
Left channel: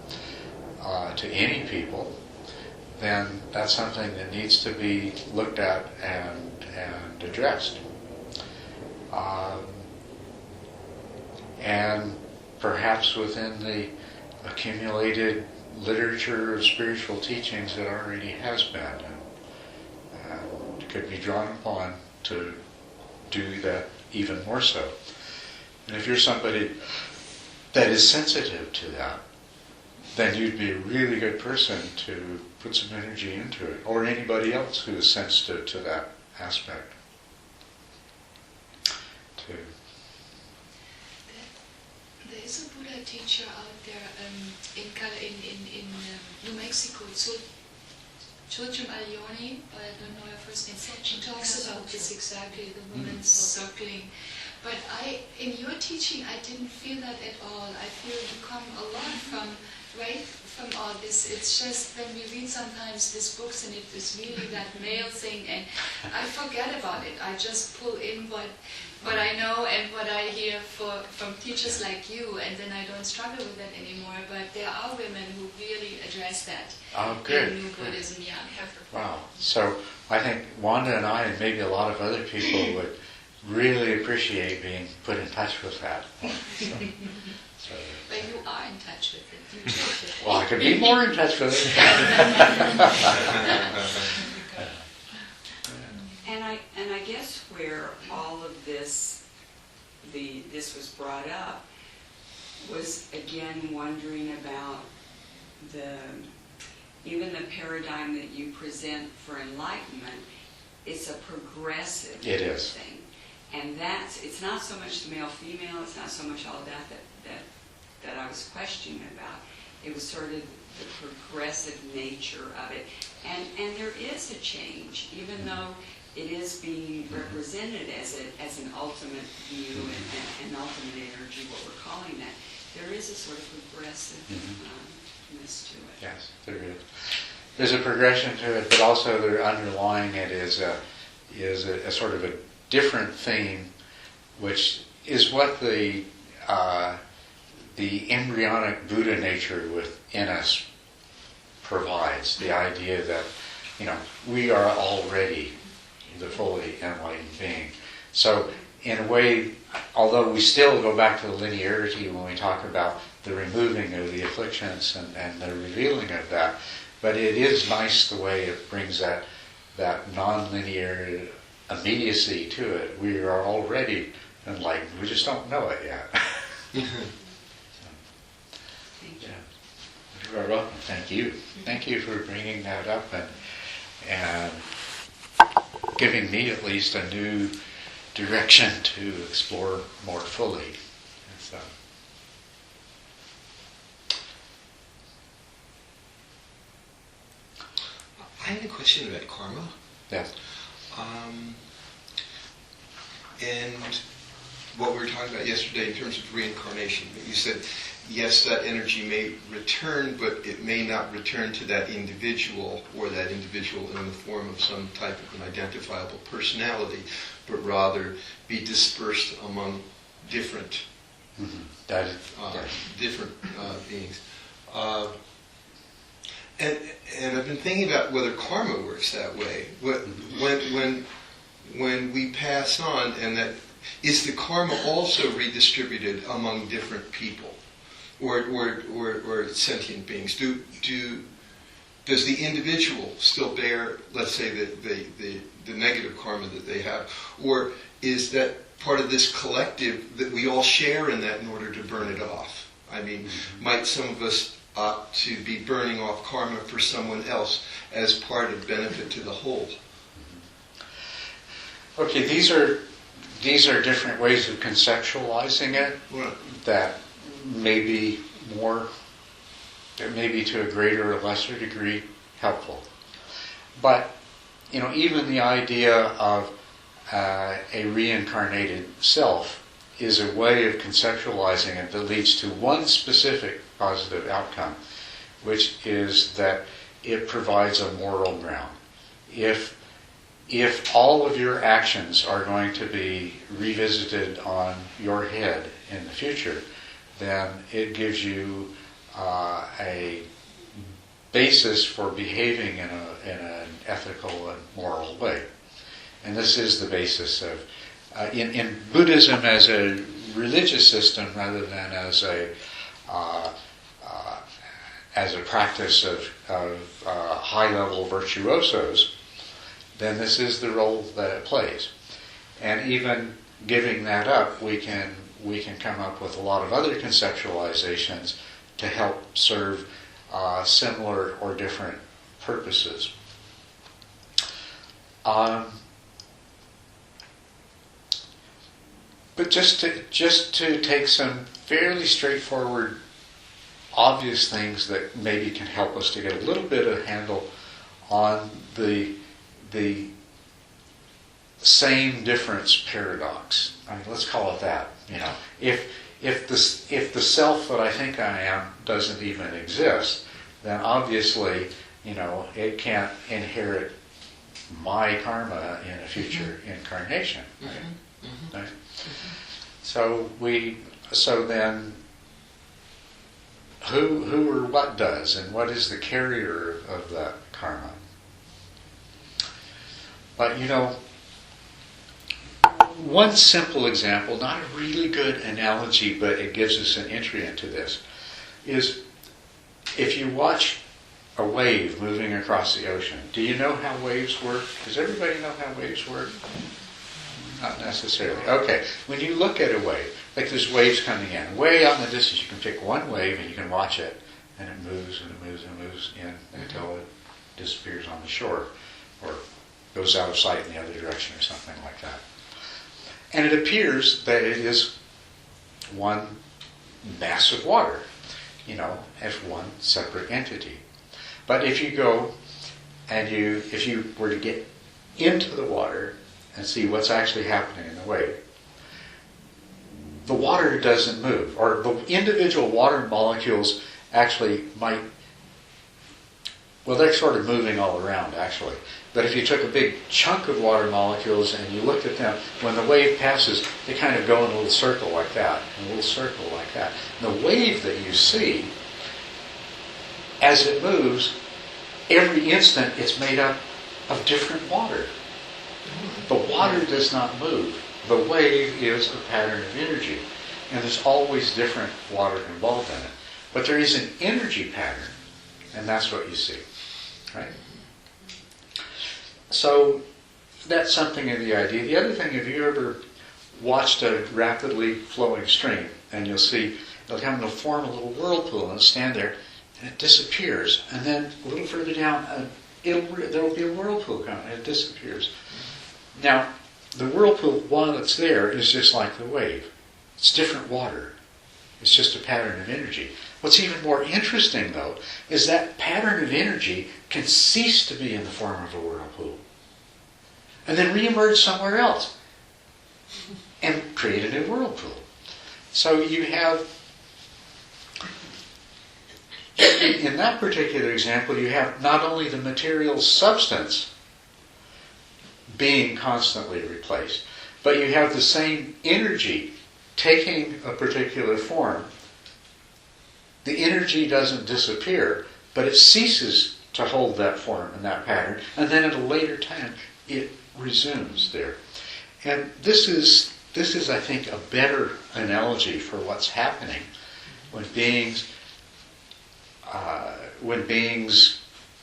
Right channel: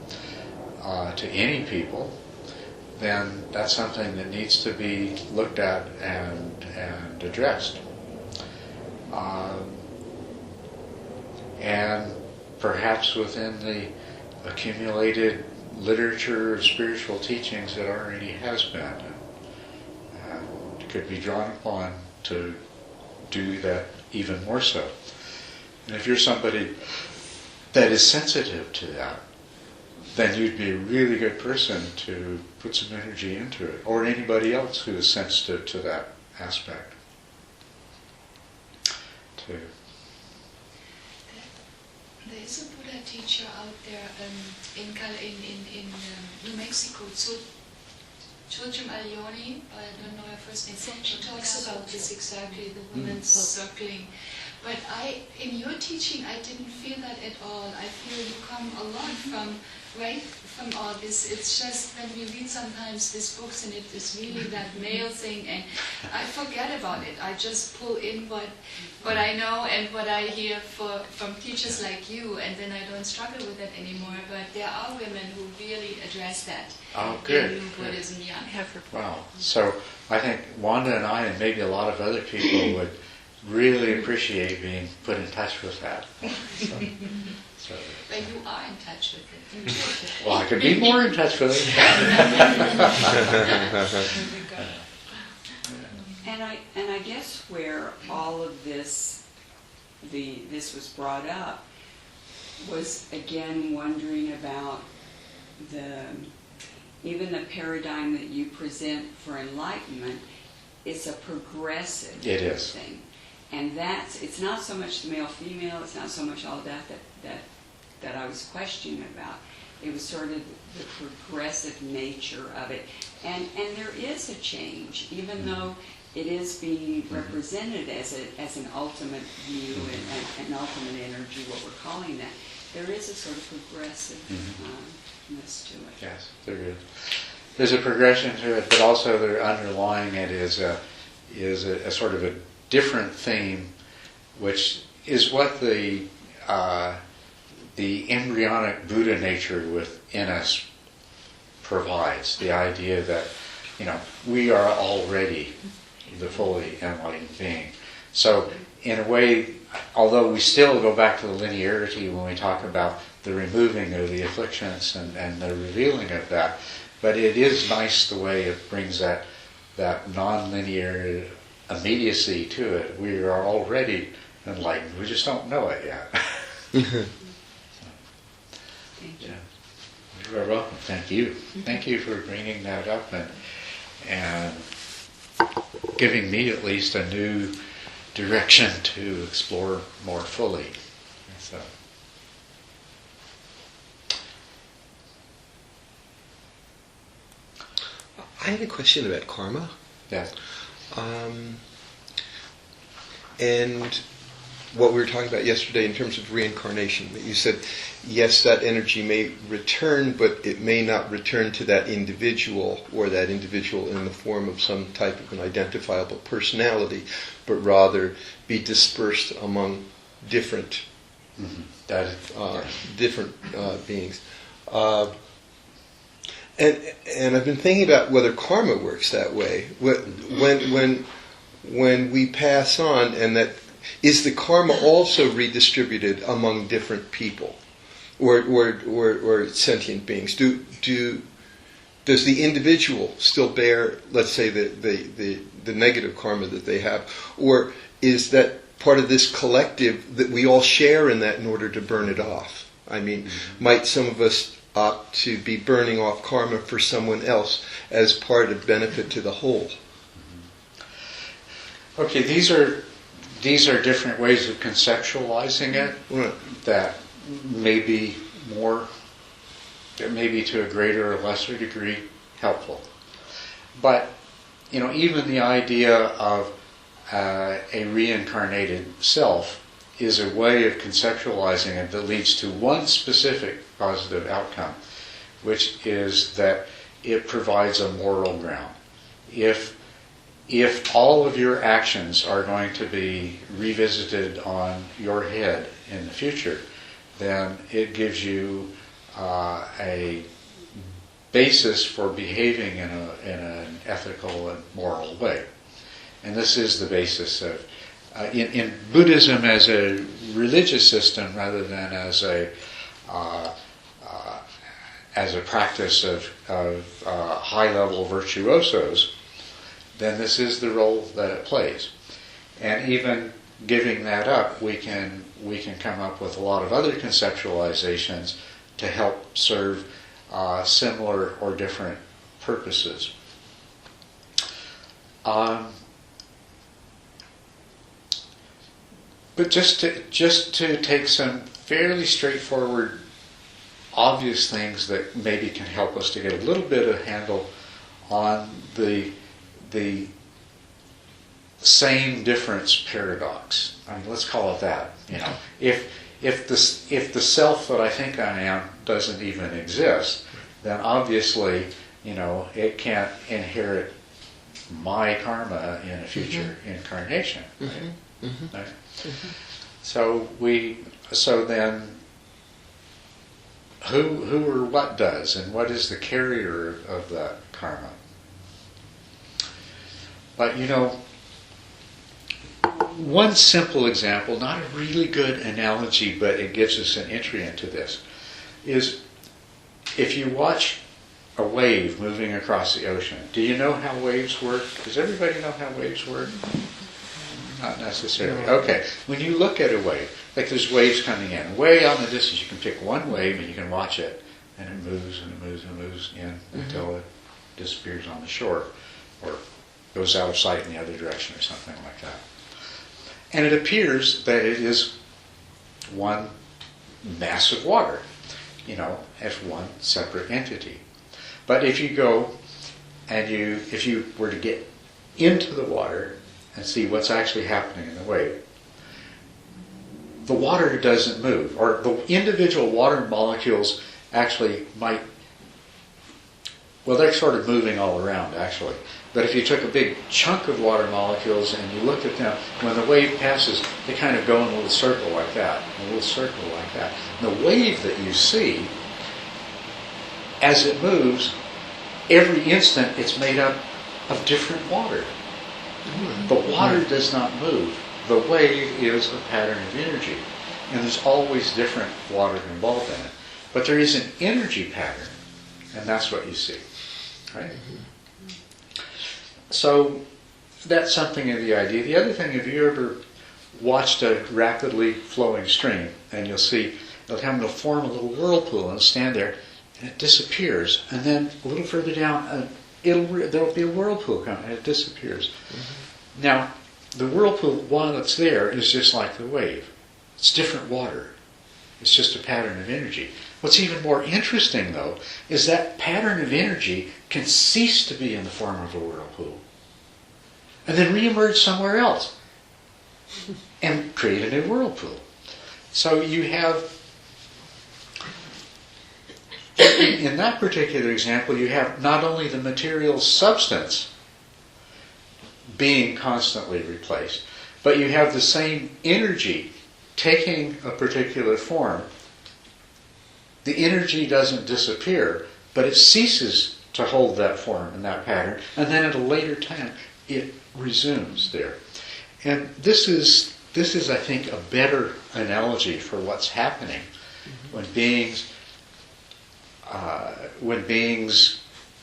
to any people, then that's something that needs to be looked at and addressed. And perhaps within the accumulated literature of spiritual teachings that already has been, and could be drawn upon to do that even more so. And if you're somebody that is sensitive to that, then you'd be a really good person to put some energy into it, or anybody else who is sensitive to that aspect. Too. There is a Buddha teacher out there in New Mexico, Chojum Alioni, I don't know her first name. She talks about this exactly, the women's circling. But in your teaching, I didn't feel that at all. I feel you come a lot from all this. It's just when we read sometimes these books and it is really that male thing, and I forget about it. I just pull in what I know and what I hear from teachers like you, and then I don't struggle with that anymore. But there are women who really address that. Oh, good. In New Buddhism, yeah. Wow. So I think Wanda and I, and maybe a lot of other people, would really appreciate being put in touch with that. So But you are in touch with it. well, I could be more in touch with it. And I guess where all of this was brought up was again wondering about even the paradigm that you present for enlightenment. It's a progressive thing. And it's not so much the male-female, it's not so much all that I was questioning about. It was sort of the progressive nature of it. And there is a change, even though it is being represented as an ultimate view and an ultimate energy, what we're calling that. There is a sort of progressiveness to it. Yes, there is. There's a progression to it, but also there underlying it is a sort of a different theme, which is what the embryonic Buddha nature within us provides. The idea that, we are already the fully enlightened being. So, in a way, although we still go back to the linearity when we talk about the removing of the afflictions and the revealing of that, but it is nice the way it brings that non-linear immediacy to it. We are already enlightened. We just don't know it yet. Thank you. Yeah. You're welcome. Thank you. Thank you for bringing that up and giving me at least a new direction to explore more fully. So. I had a question about karma. Yes. And what we were talking about yesterday in terms of reincarnation. You said, yes, that energy may return, but it may not return to that individual or that individual in the form of some type of an identifiable personality, but rather be dispersed among different different beings. And I've been thinking about whether karma works that way. When we pass on, and that is the karma also redistributed among different people, or sentient beings? Does the individual still bear, let's say, the negative karma that they have, or is that part of this collective that we all share in that in order to burn it off? I mean, might some of us opt to be burning off karma for someone else as part of benefit to the whole? Okay, these are different ways of conceptualizing it that may be to a greater or lesser degree helpful. But even the idea of a reincarnated self is a way of conceptualizing it that leads to one specific positive outcome, which is that it provides a moral ground. If all of your actions are going to be revisited on your head in the future, then it gives you a basis for behaving in an ethical and moral way. And this is the basis of, in Buddhism as a religious system rather than as a practice of high-level virtuosos, then this is the role that it plays. And even giving that up, we can come up with a lot of other conceptualizations to help serve similar or different purposes. But just to take some fairly straightforward, obvious things that maybe can help us to get a little bit of handle on the same difference paradox. I mean, let's call it that. You know, if the self that I think I am doesn't even exist, then obviously, you know, it can't inherit my karma in a future incarnation. Right? Mm-hmm. Right? Mm-hmm. So then, who or what does, and what is the carrier of that karma? But you know, one simple example, not a really good analogy, but it gives us an entry into this, is if you watch a wave moving across the ocean. Do you know how waves work? Does everybody know how waves work? Not necessarily. Okay. When you look at a wave, like there's waves coming in, way out in the distance, you can pick one wave and you can watch it, and it moves and it moves and it moves in until it disappears on the shore, or goes out of sight in the other direction or something like that. And it appears that it is one mass of water, you know, as one separate entity. But if you go and if you were to get into the water and see what's actually happening in the wave, the water doesn't move, or the individual water molecules actually might, well, they're sort of moving all around actually. But if you took a big chunk of water molecules and you looked at them, when the wave passes, they kind of go in a little circle like that, and a little circle like that. And the wave that you see, as it moves, every instant it's made up of different water. The water does not move. The wave is a pattern of energy. And there's always different water involved in it. But there is an energy pattern, and that's what you see. Right? So that's something of the idea. The other thing, have you ever watched a rapidly flowing stream, and you'll see it'll form a little whirlpool and it'll stand there, and it disappears, and then a little further down, there'll be a whirlpool coming, and it disappears. Mm-hmm. Now, the whirlpool, while it's there, is just like the wave. It's different water. It's just a pattern of energy. What's even more interesting, though, is that pattern of energy can cease to be in the form of a whirlpool and then reemerge somewhere else and create a new whirlpool. So you have, in that particular example, you have not only the material substance being constantly replaced, but you have the same energy taking a particular form. The energy doesn't disappear, but it ceases to hold that form and that pattern, and then at a later time it resumes there. And this is, I think, a better analogy for what's happening when beings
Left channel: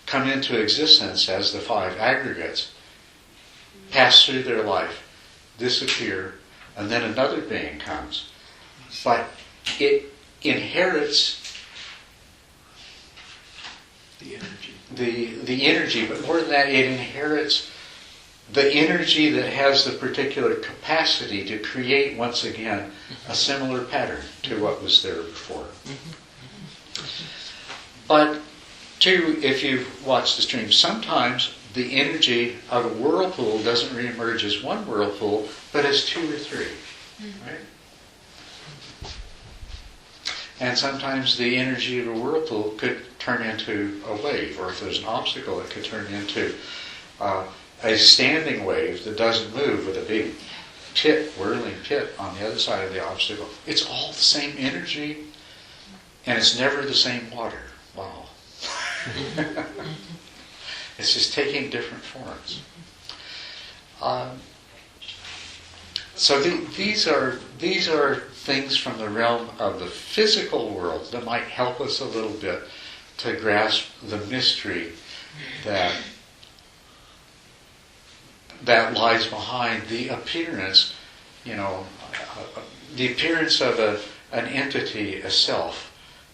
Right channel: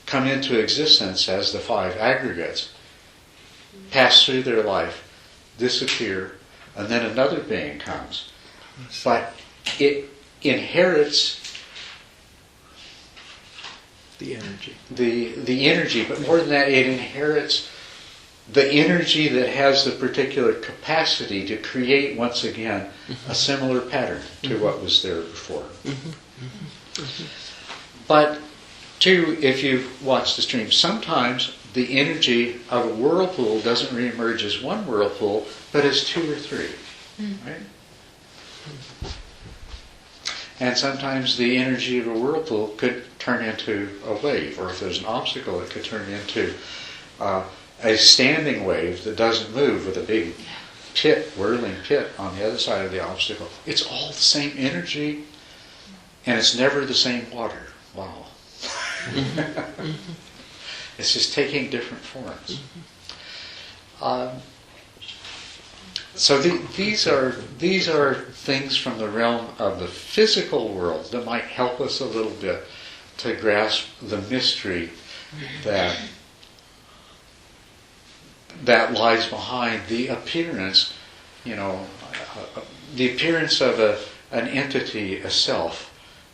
come into existence as the five aggregates, pass through their life, disappear, and then another being comes. But it inherits the energy. The energy, but more than that, it inherits the energy that has the particular capacity to create once again a similar pattern to what was there before. But too, if you've watched the stream, sometimes the energy of a whirlpool doesn't reemerge as one whirlpool, but as two or three. Right? And sometimes the energy of a whirlpool could turn into a wave, or if there's an obstacle, it could turn into a standing wave that doesn't move with a big pit, whirling pit on the other side of the obstacle. It's all the same energy, and it's never the same water. Wow. It's just taking different forms. So these are things from the realm of the physical world that might help us a little bit to grasp the mystery that lies behind the appearance, the appearance of an entity, a self,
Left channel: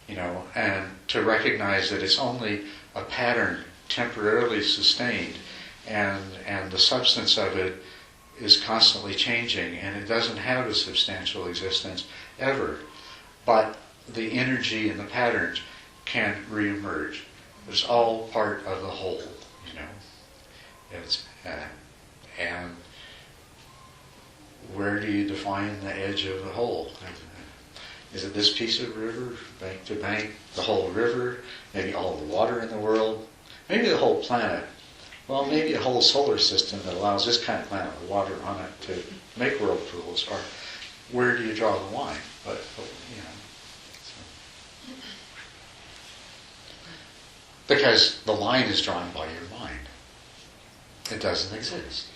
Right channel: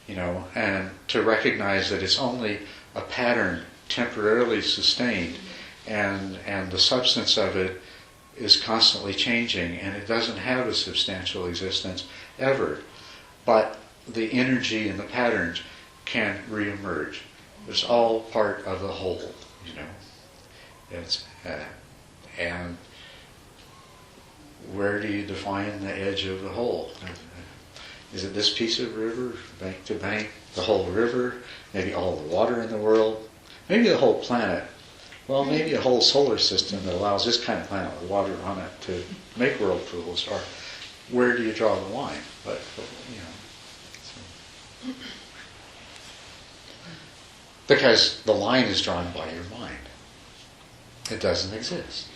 and to recognize that it's only a pattern temporarily sustained, and the substance of it is constantly changing, and it doesn't have a substantial existence ever. But the energy and the patterns can reemerge. It's all part of the whole, It's and where do you define the edge of the whole? Is it this piece of river, bank to bank, the whole river, maybe all the water in the world, maybe the whole planet? Well, maybe a whole solar system that allows this kind of planet with water on it to make whirlpools. Or where do you draw the line? But because the line is drawn by your mind. It doesn't exist.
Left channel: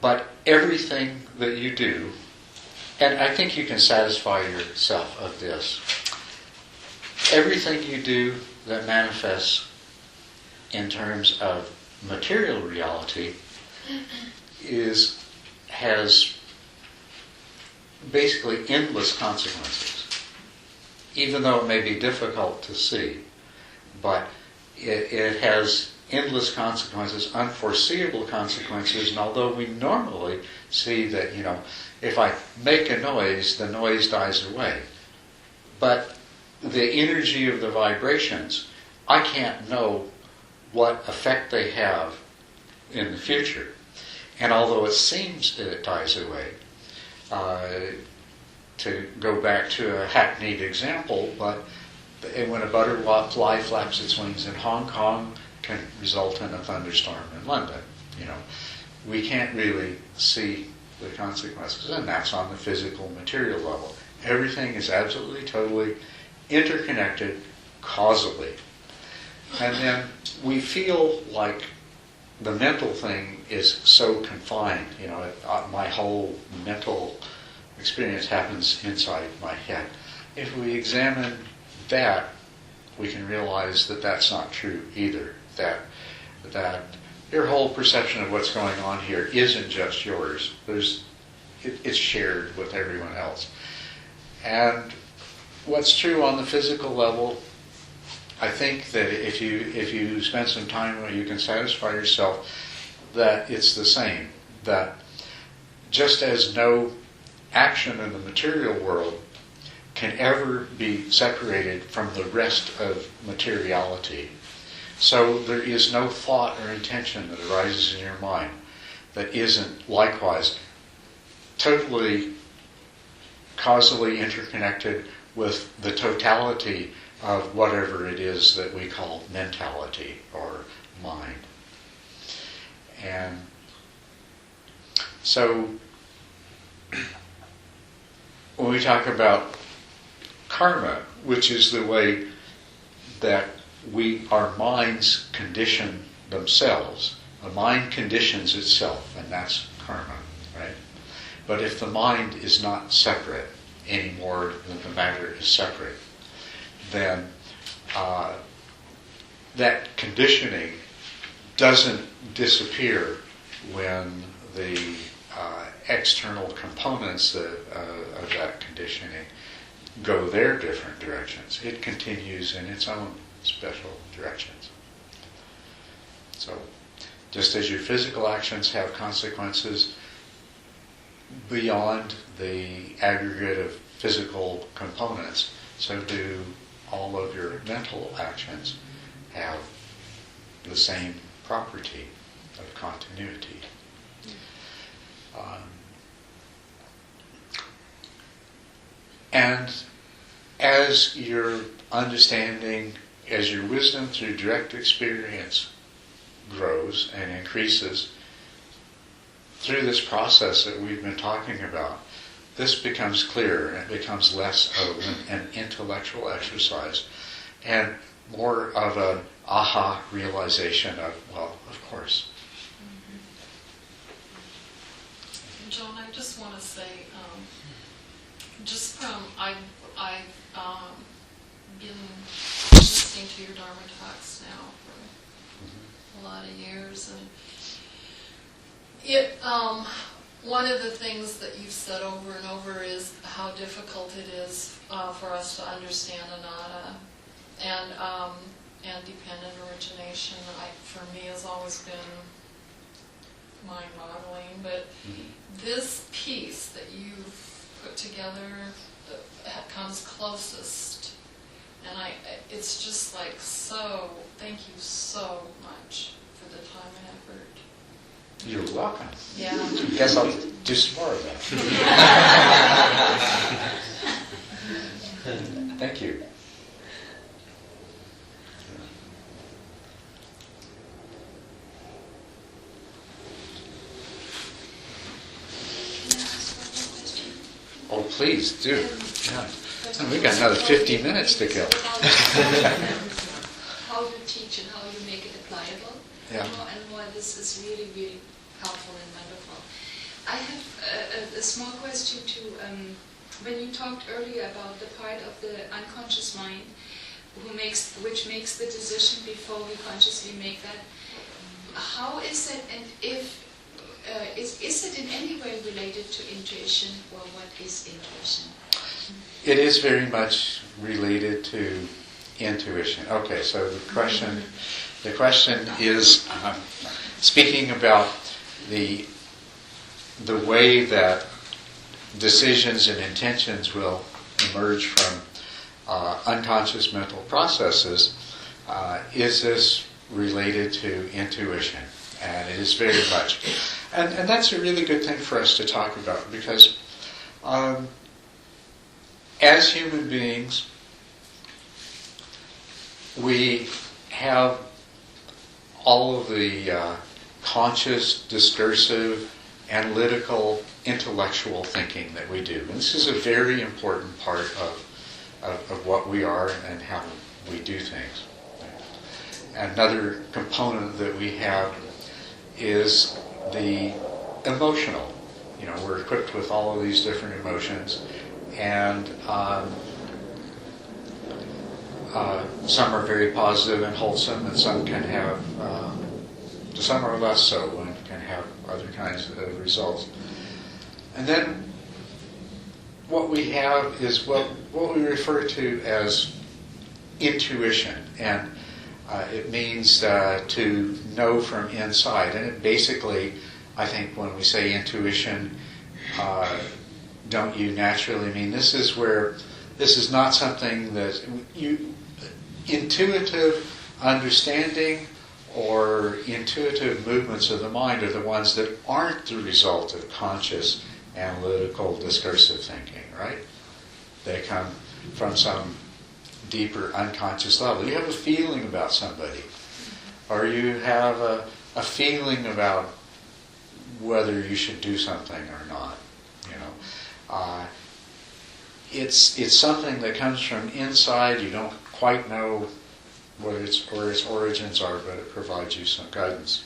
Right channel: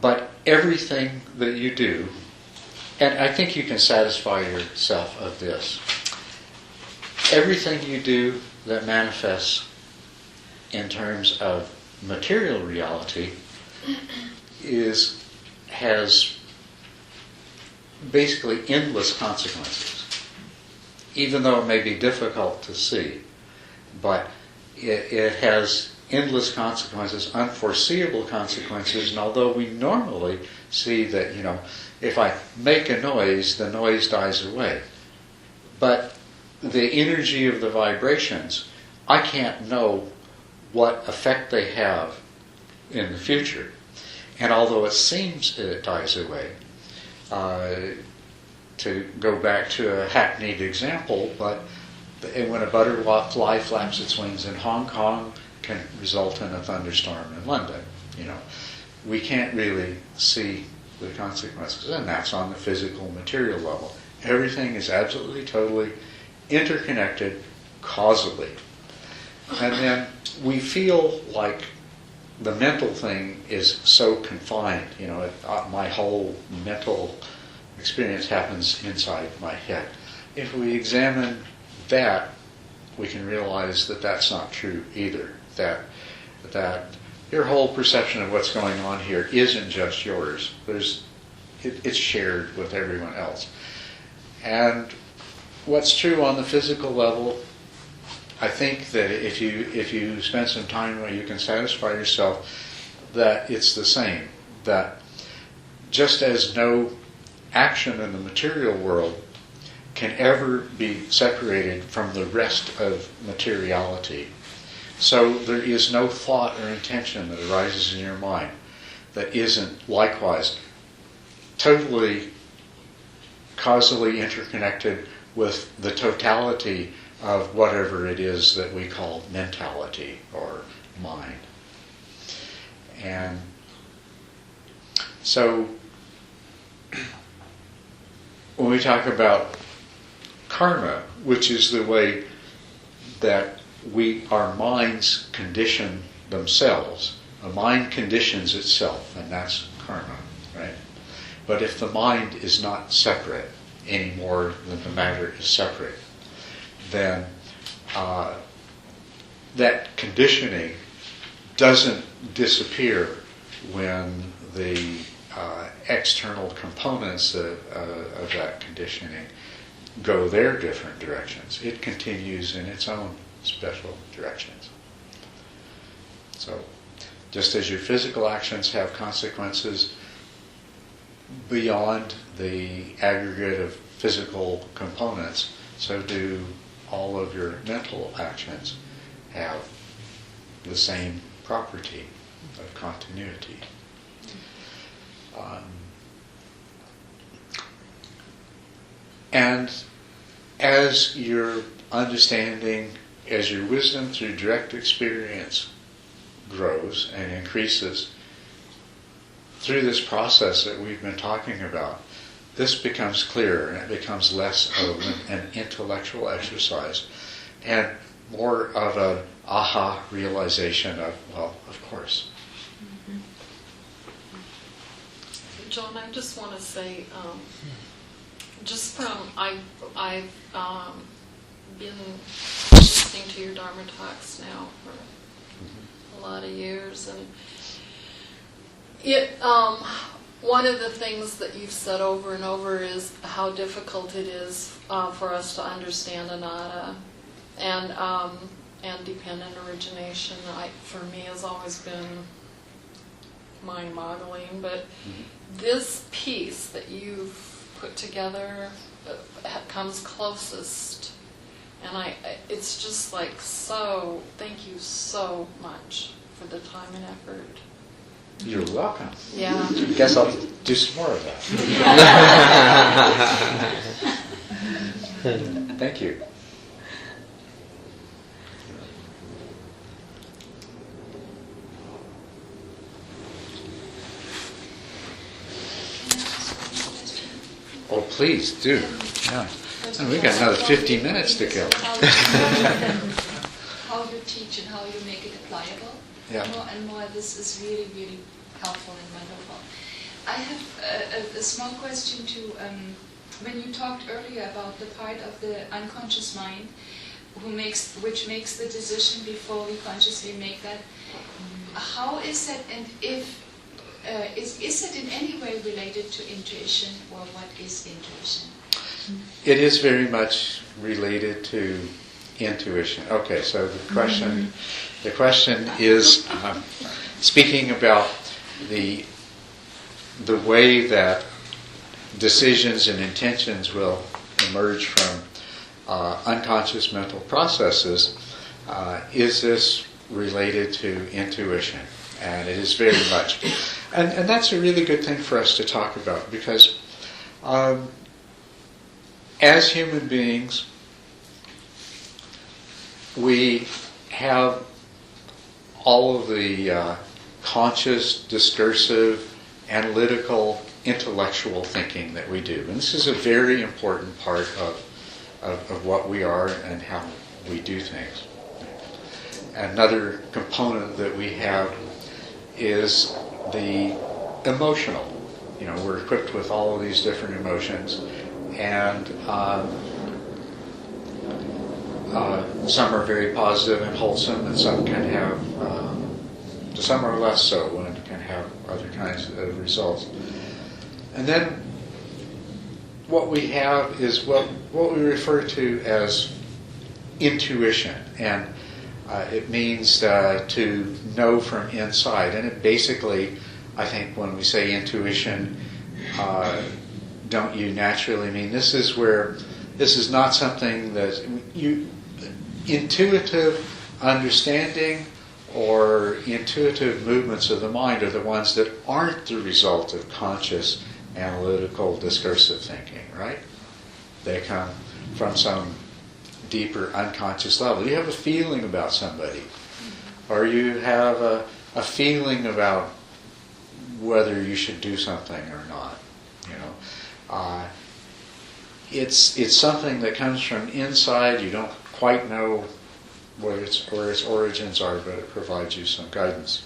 But everything that you do, and I think you can satisfy yourself of this, everything you do that manifests in terms of material reality has basically endless consequences, even though it may be difficult to see. But it has endless consequences, unforeseeable consequences, and although we normally see that, if I make a noise, the noise dies away. But the energy of the vibrations, I can't know what effect they have in the future. And although it seems that it dies away, to go back to a hackneyed example, but when a butterfly flaps its wings in Hong Kong, can result in a thunderstorm in London. We can't really see the consequences, and that's on the physical, material level. Everything is absolutely, totally interconnected causally. And then we feel like the mental thing is so confined. My whole mental experience happens inside my head. If we examine that, we can realize that that's not true either. That your whole perception of what's going on here isn't just yours. It's shared with everyone else. And what's true on the physical level, I think that if you spend some time where you can satisfy yourself that it's the same. That just as no action in the material world can ever be separated from the rest of materiality, so there is no thought or intention that arises in your mind that isn't likewise totally causally interconnected with the totality of whatever it is that we call mentality or mind. And so when we talk about karma, which is the way that our minds condition themselves, a mind conditions itself, and that's karma, right? But if the mind is not separate any more than the matter is separate, then that conditioning doesn't disappear when the external components of that conditioning go their different directions. It continues in its own special directions. So, just as your physical actions have consequences beyond the aggregate of physical components, so do all of your mental actions have the same property of continuity. And as your understanding, as your wisdom through direct experience grows and increases, through this process that we've been talking about, this becomes clearer and it becomes less of an intellectual exercise and more of an aha realization of, well, of course. John, I just want to say, just from I've been listening to your Dharma talks now for a lot of years, and it one of the things that you've said over and over is how difficult it is for us to understand anatta and dependent origination. For me, has always been mind-boggling, but this piece that you've put together comes closest, and it's just like, so thank you so much for the time and effort. You're welcome. Yeah. Guess I'll do some more of that. Thank you. Oh, please do. Yeah. And we've got another 50 minutes to go. How you teach and how you make it applicable. Yeah. More and more, this is really, really helpful and wonderful. I have a small question too. When you talked earlier about the part of the unconscious mind which makes the decision before we consciously make that, how is that, and if is it in any way related to intuition, or what is intuition? It is very much related to intuition. Okay, so the question is speaking about the way that decisions and intentions will emerge from unconscious mental processes. Is this related to intuition? And it is very much. And that's a really good thing for us to talk about, because as human beings, we have all of the conscious, discursive, analytical, intellectual thinking that we do. And this is a very important part of what we are and how we do things. Another component that we have is the emotional. We're equipped with all of these different emotions, and some are very positive and wholesome, and some can have, some are less so and can have other kinds of results. And then what we have is what we refer to as intuition, and it means to know from inside. And it basically, I think when we say intuition, don't you naturally mean this is not something that intuitive understanding or intuitive movements of the mind are the ones that aren't the result of conscious, analytical, discursive thinking, right? They come from some deeper unconscious level. You have a feeling about somebody, or you have a feeling about whether you should do something or not. It's something that comes from inside. You don't quite know where its origins are, but it provides you some guidance.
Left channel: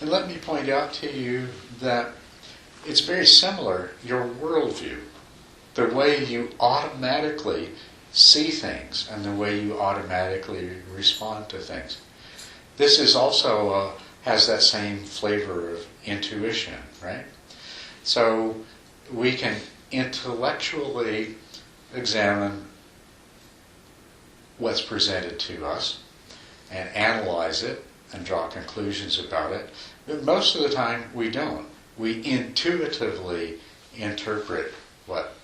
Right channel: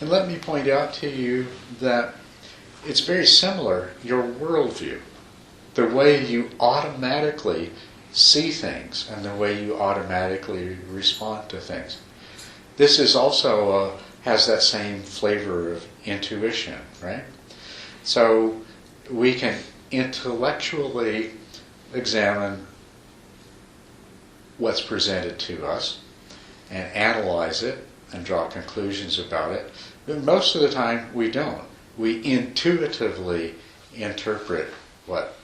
And let me point out to you that it's very similar, your worldview, the way you automatically see things and the way you automatically respond to things. This is also has that same flavor of intuition, right? So we can intellectually examine what's presented to us and analyze it and draw conclusions about it. But most of the time we don't. We intuitively interpret what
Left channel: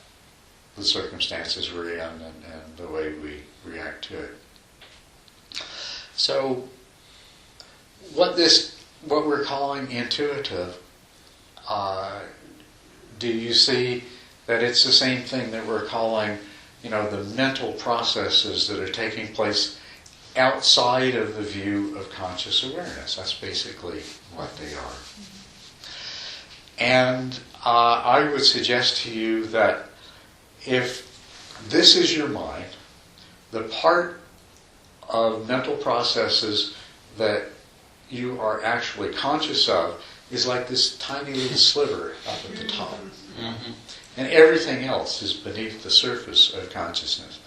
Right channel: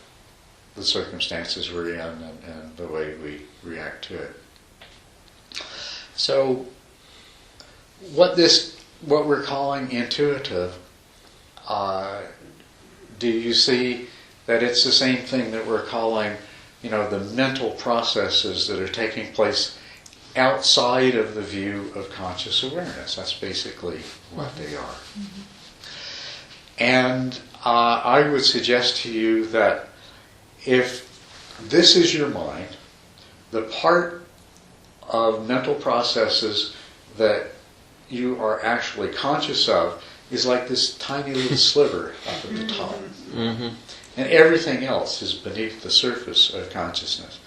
the circumstances we're in and the way we react to it. So what we're calling intuitive do you see that it's the same thing that we're calling, the mental processes that are taking place outside of the view of conscious awareness? That's basically what they are. And I would suggest to you that if this is your mind, the part of mental processes that you are actually conscious of is like this tiny little sliver up at the top. Mm-hmm. And everything else is beneath the surface of consciousness.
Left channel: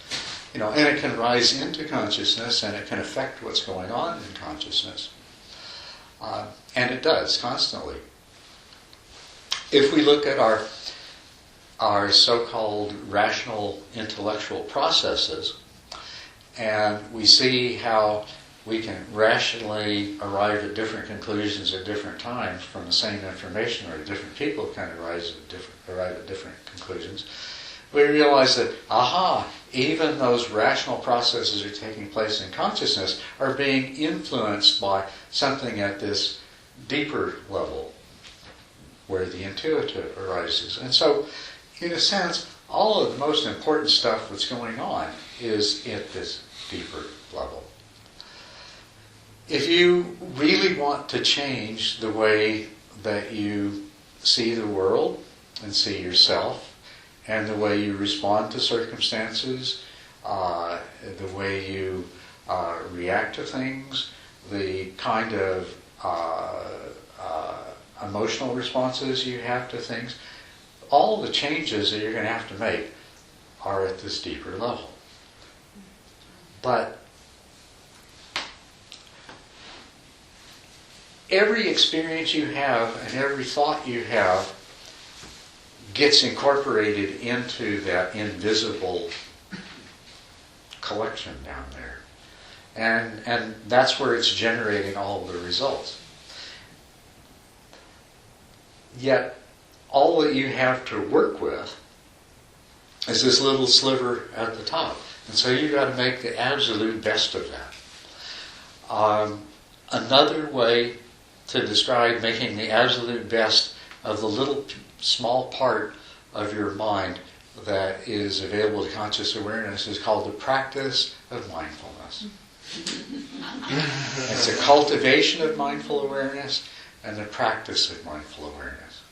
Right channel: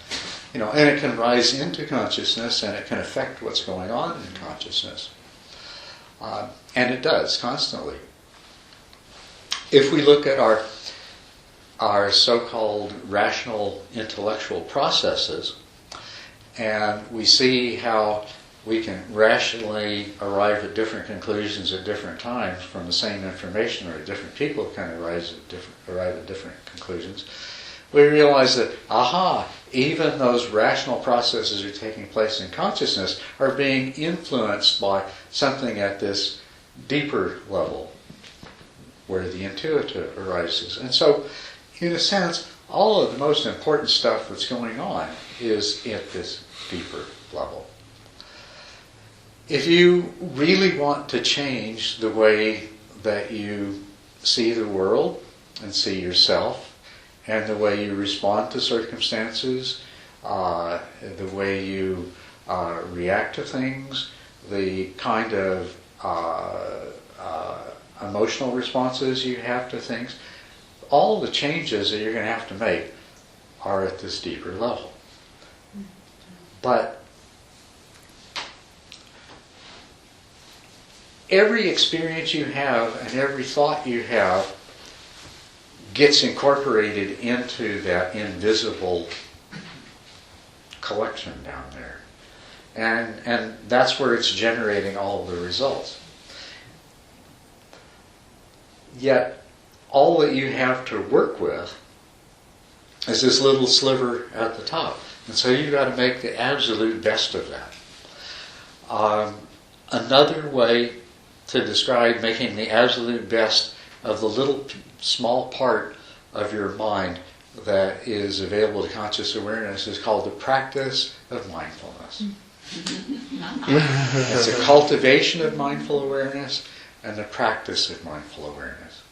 And it can rise into consciousness and it can affect what's going on in consciousness. And it does constantly. If we look at our so-called rational intellectual processes, and we see how we can rationally arrive at different conclusions at different times from the same information, or different people can arrive at different conclusions, we realize that, even those rational processes that are taking place in consciousness are being influenced by something at this deeper level, where the intuitive arises. And so, in a sense, all of the most important stuff that's going on is at this deeper level. If you really want to change the way that you see the world and see yourself, and the way you respond to circumstances, the way you react to things, the kind of emotional responses you have to things, all the changes that you're going to have to make are at this deeper level. But every experience you have and every thought you have gets incorporated into that invisible collection down there. And that's where it's generating all of the results. Yet, all that you have to work with is this little sliver at the top. And so you've got to make the absolute best of that. Another way to describe making the absolute best of the little small part of your mind that is available to conscious awareness is called the practice of mindfulness. It's a cultivation of mindful awareness and the practice of mindful awareness.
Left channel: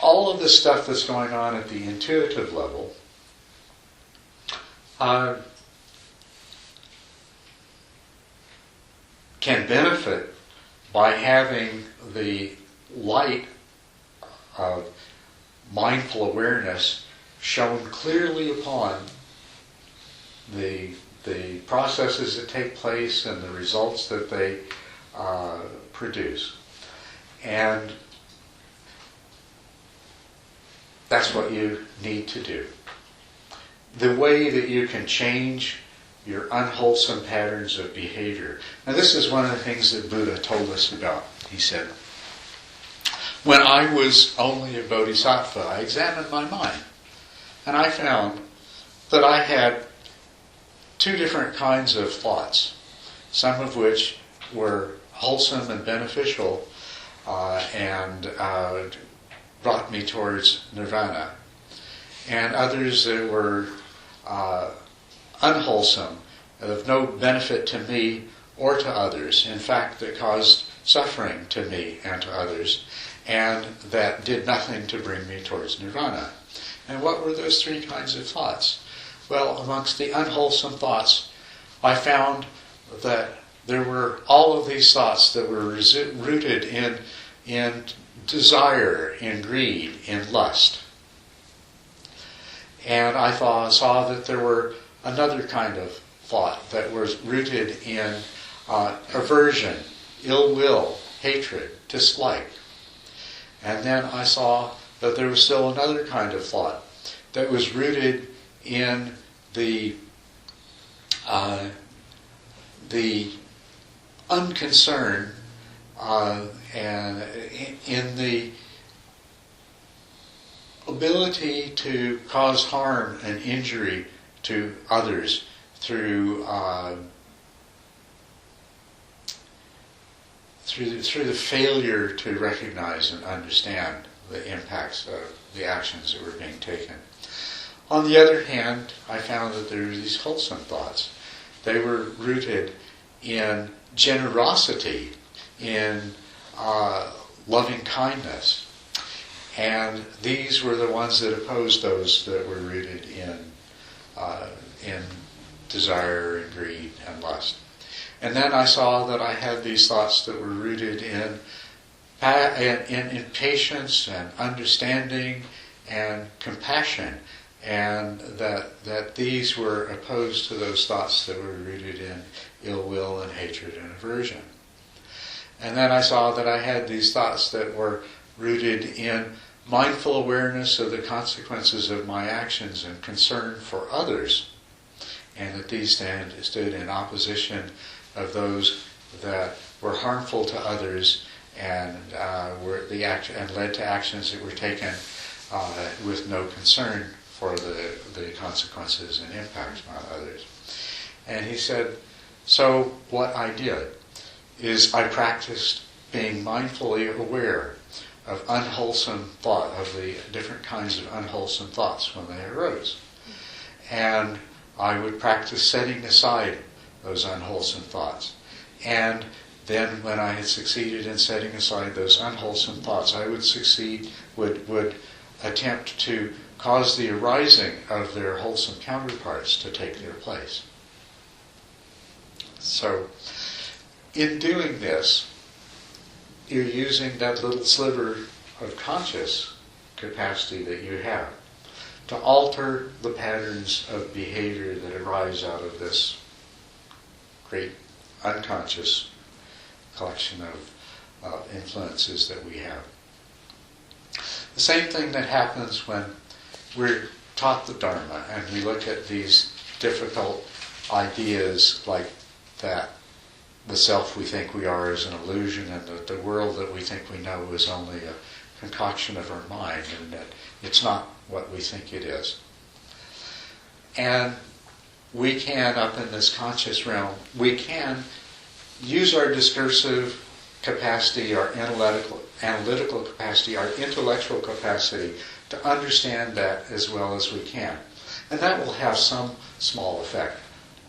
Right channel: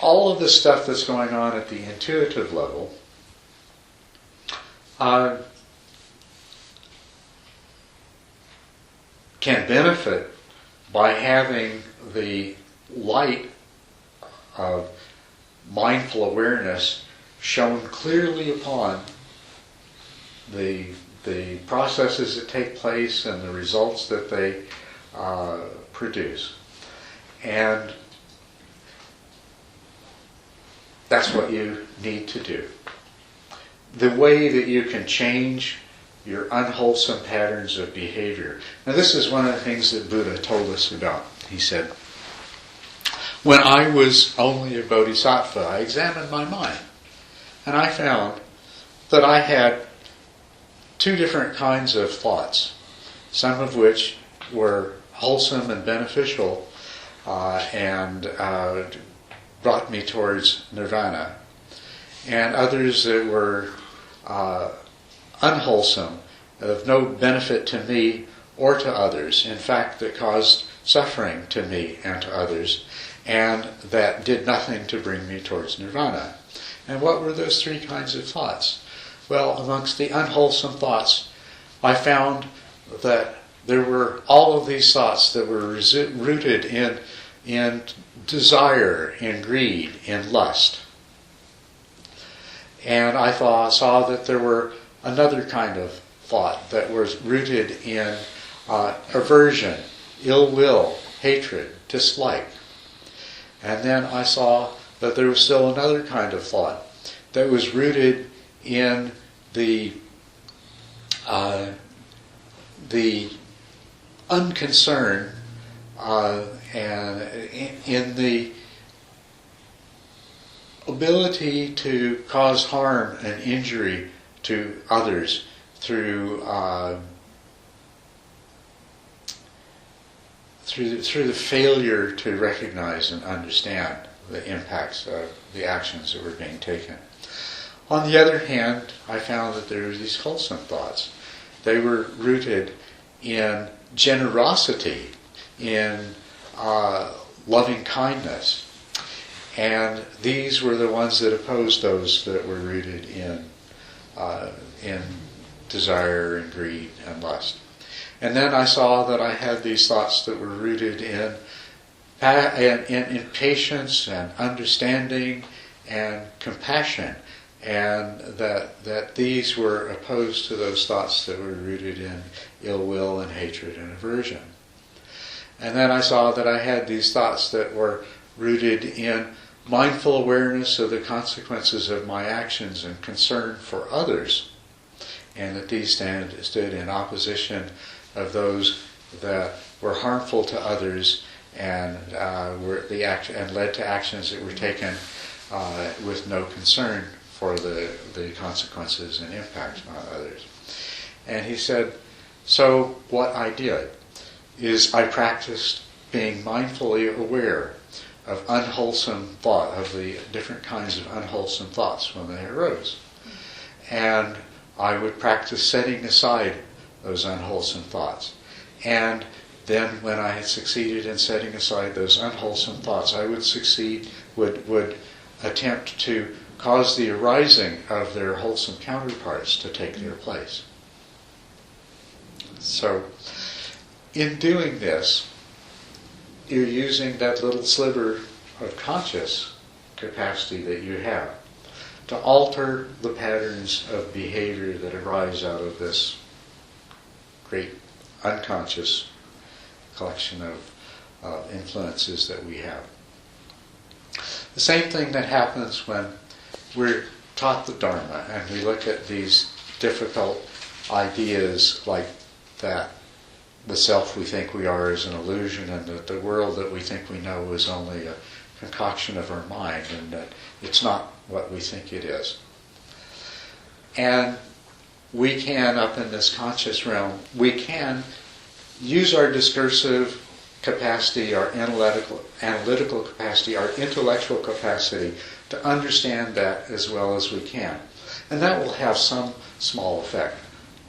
All of the stuff that's going on at the intuitive level can benefit by having the light of mindful awareness shone clearly upon the processes that take place and the results that they produce. And that's what you need to do. The way that you can change your unwholesome patterns of behavior. Now, this is one of the things that Buddha told us about. He said, when I was only a bodhisattva, I examined my mind. And I found that I had two different kinds of thoughts, some of which were wholesome and beneficial and brought me towards nirvana, and others that were unwholesome, of no benefit to me or to others, in fact, that caused suffering to me and to others, and that did nothing to bring me towards nirvana. And what were those three kinds of thoughts? Well, amongst the unwholesome thoughts, I found that there were all of these thoughts that were rooted in desire, in greed, in lust. And I saw that there were another kind of thought that was rooted in aversion, ill will, hatred, dislike. And then I saw that there was still another kind of thought that was rooted in the unconcern and in the ability to cause harm and injury to others through the failure to recognize and understand the impacts of the actions that were being taken. On the other hand, I found that there were these wholesome thoughts. They were rooted in generosity, in loving kindness. And these were the ones that opposed those that were rooted in desire and greed and lust. And then I saw that I had these thoughts that were rooted in patience and understanding and compassion, and that these were opposed to those thoughts that were rooted in ill will and hatred and aversion. And then I saw that I had these thoughts that were rooted in mindful awareness of the consequences of my actions and concern for others, and that these stood in opposition of those that were harmful to others and led to actions that were taken with no concern for the consequences and impacts on others. And he said, so what I did is I practiced being mindfully aware of unwholesome thought, of the different kinds of unwholesome thoughts when they arose. And I would practice setting aside those unwholesome thoughts. And then when I had succeeded in setting aside those unwholesome thoughts, I would attempt to cause the arising of their wholesome counterparts to take their place. So, in doing this, you're using that little sliver of conscious capacity that you have to alter the patterns of behavior that arise out of this great unconscious collection of influences that we have. The same thing that happens when we're taught the Dharma and we look at these difficult ideas like that the self we think we are is an illusion, and that the world that we think we know is only a concoction of our mind, and that it's not what we think it is. And we can, up in this conscious realm, we can use our discursive capacity, our analytical capacity, our intellectual capacity to understand that as well as we can. And that will have some small effect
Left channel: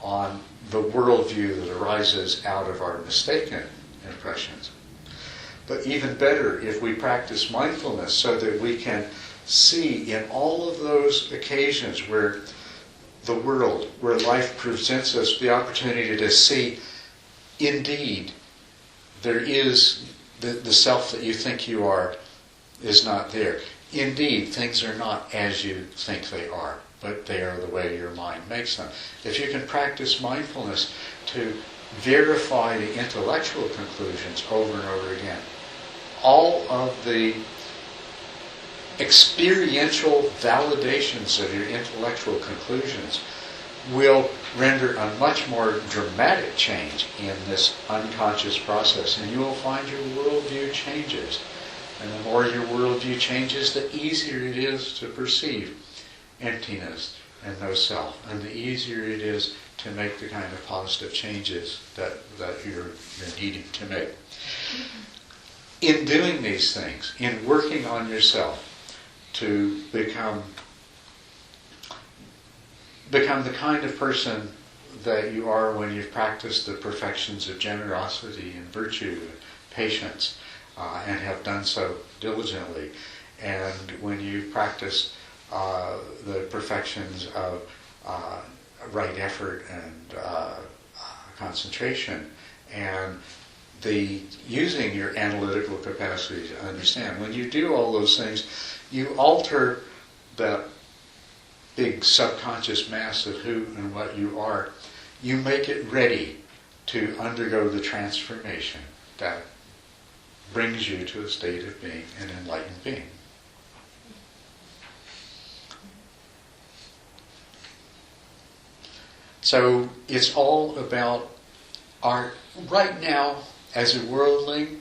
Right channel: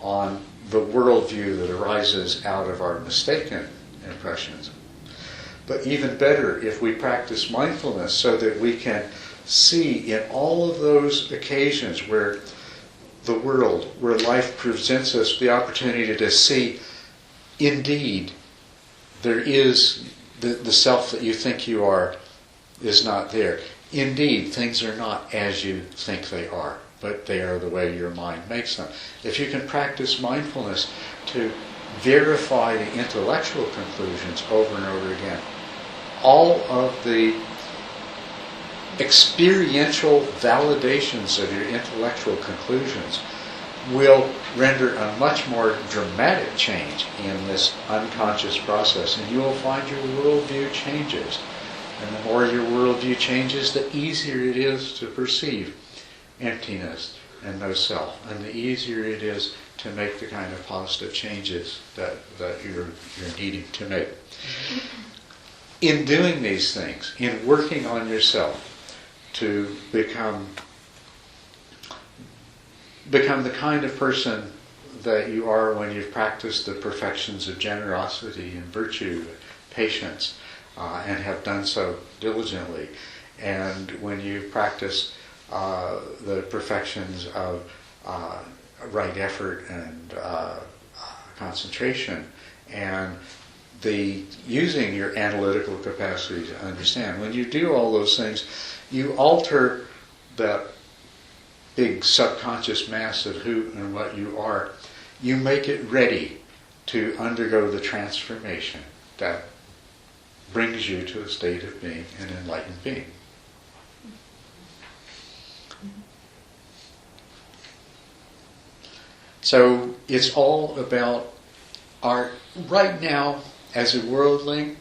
on the worldview that arises out of our mistaken impressions. But even better if we practice mindfulness so that we can see in all of those occasions where the world, where life presents us the opportunity to see, indeed, there is the self that you think you are is not there. Indeed, things are not as you think they are, but they are the way your mind makes them. If you can practice mindfulness to verify the intellectual conclusions over and over again, all of the experiential validations of your intellectual conclusions will render a much more dramatic change in this unconscious process, and you will find your worldview changes. And the more your worldview changes, the easier it is to perceive emptiness and no self, and the easier it is to make the kind of positive changes that you're needing to make. In doing these things, in working on yourself to become the kind of person that you are when you've practiced the perfections of generosity and virtue, patience, and have done so diligently, and when you practice the perfections of right effort and concentration, and the using your analytical capacity to understand. When you do all those things, you alter that big subconscious mass of who and what you are. You make it ready to undergo the transformation that brings you to a state of being an enlightened being. So it's all about our, right now, as a worldling,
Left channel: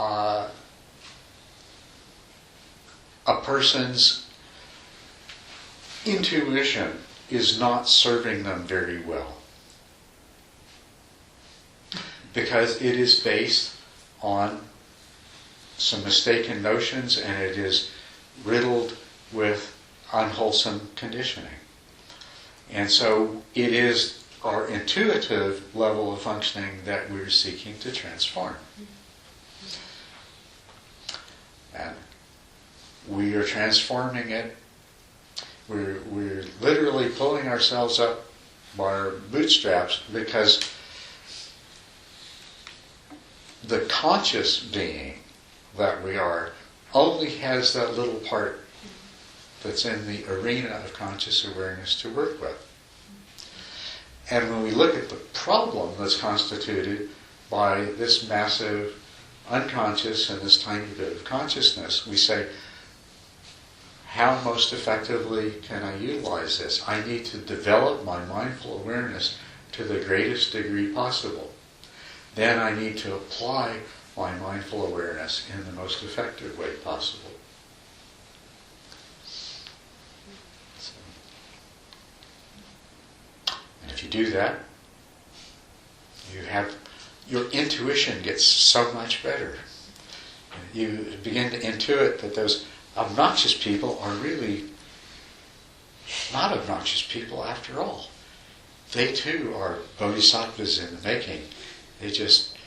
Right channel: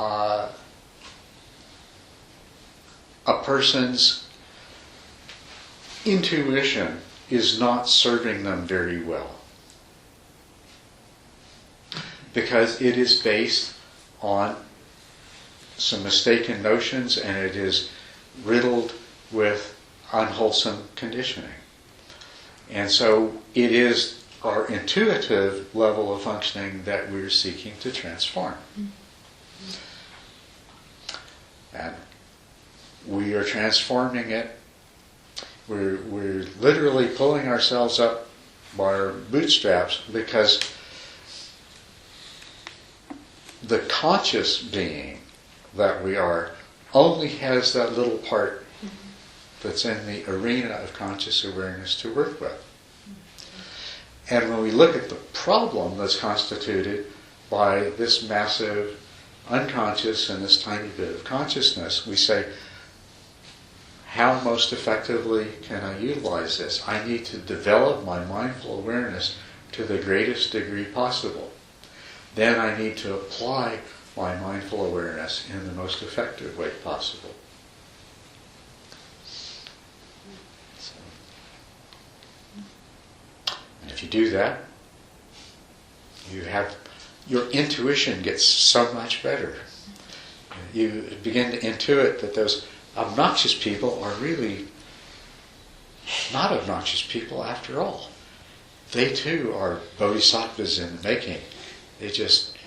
a person's intuition is not serving them very well, because it is based on some mistaken notions, and it is riddled with unwholesome conditioning. And so it is our intuitive level of functioning that we're seeking to transform. And we are transforming it. We're literally pulling ourselves up by our bootstraps, because the conscious being that we are only has that little part that's in the arena of conscious awareness to work with. And when we look at the problem that's constituted by this massive unconscious and this tiny bit of consciousness, we say, how most effectively can I utilize this? I need to develop my mindful awareness to the greatest degree possible. Then I need to apply my mindful awareness in the most effective way possible. And if you do that, your intuition gets so much better. You begin to intuit that those obnoxious people are really not obnoxious people after all. They too are bodhisattvas in the making. They just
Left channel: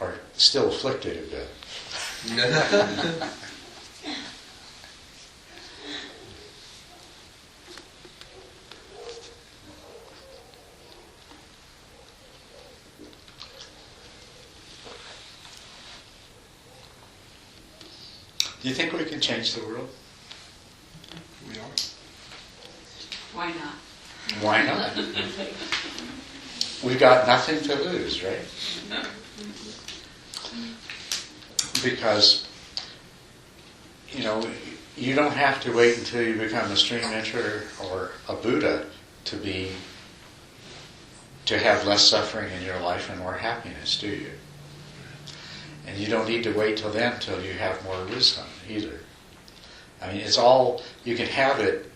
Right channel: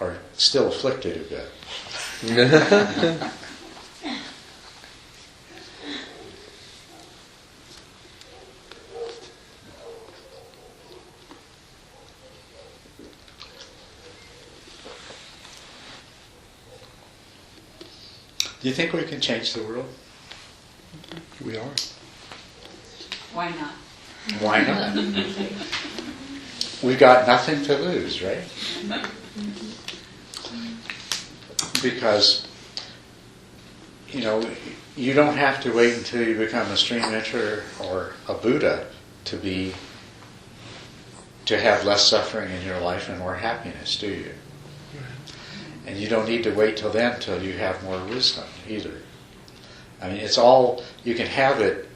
are still afflicted a bit. Do you think we can change the world? We are. Why not? Why not? We've got nothing to lose, right? Because, you don't have to wait until you become a stream enterer or a Buddha to have less suffering in your life and more happiness, do you? And you don't need to wait till then till you have more wisdom either. I mean, it's all, you can have it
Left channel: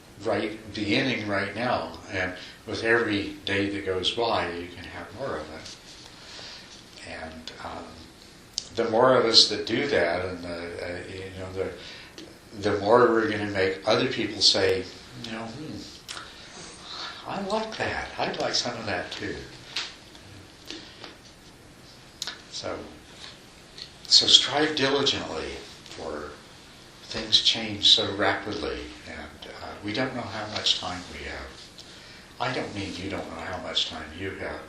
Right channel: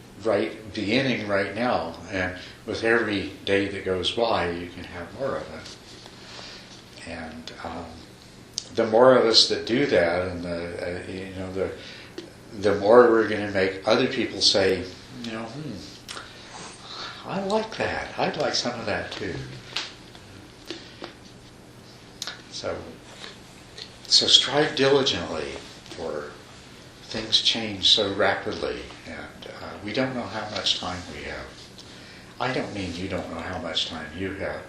beginning right now, and with every day that goes by, you can have more of it. And the more of us that do that, and the more we're going to make other people say, I like that. I'd like some of that too. So strive diligently, for things change so rapidly, and we don't know how much time we have. I don't mean you don't know how much time you have.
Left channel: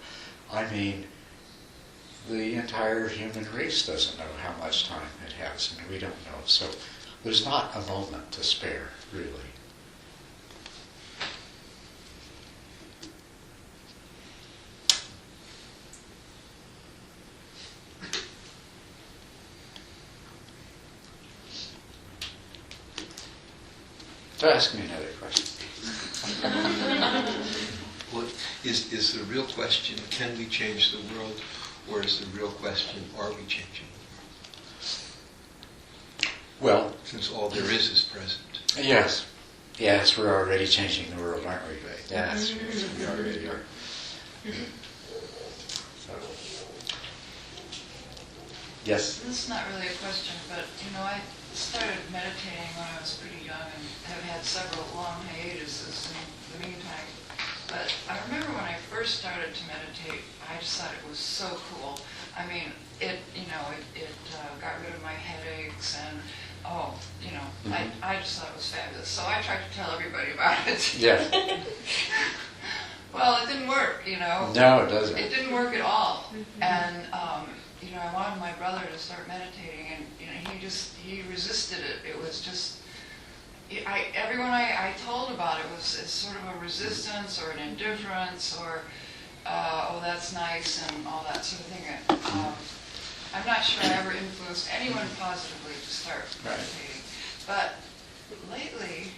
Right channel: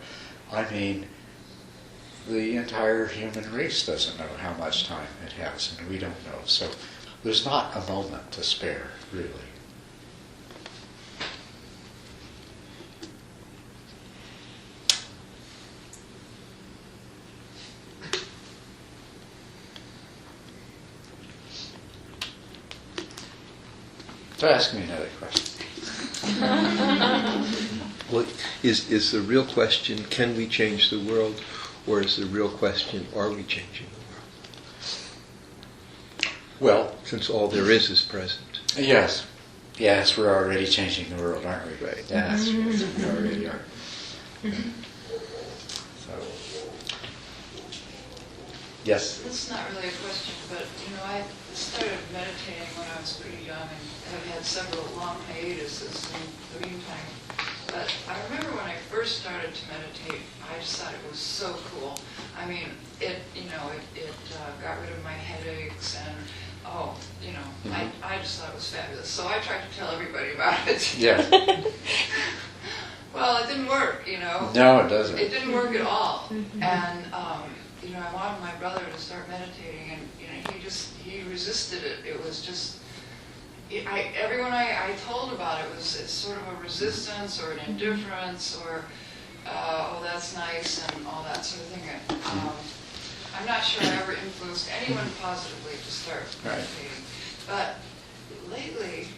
I mean the entire human race doesn't know how much time it has, and we don't know. So there's not a moment to spare, really. So ask me another question. Well, is the real question, can we change the world? Or is the real question, are we changing the world? Well, Since all there is present. yes. Yes, we're already changing the world, aren't we? Right. Yes, we already are. So, yes? This is not really a question, but I started meditating when I was pretty young and have had several long hiatuses in the meantime. But I remember when I first started to meditate, I just thought it was so cool. I mean, it got rid of my headaches and, I just thought it was fabulous. So I tried to tell everybody about it. Yeah. Well, it didn't work, No, it doesn't. It didn't work at all. Mm-hmm. And, I wanted my brother to start meditating, and, he resisted it. It was just, everyone I told about it's sort of a resistance or an indifference or, oh, that's nice and all that sort of thing. I'm not sure I ever influenced anyone positively to start meditating. But lately,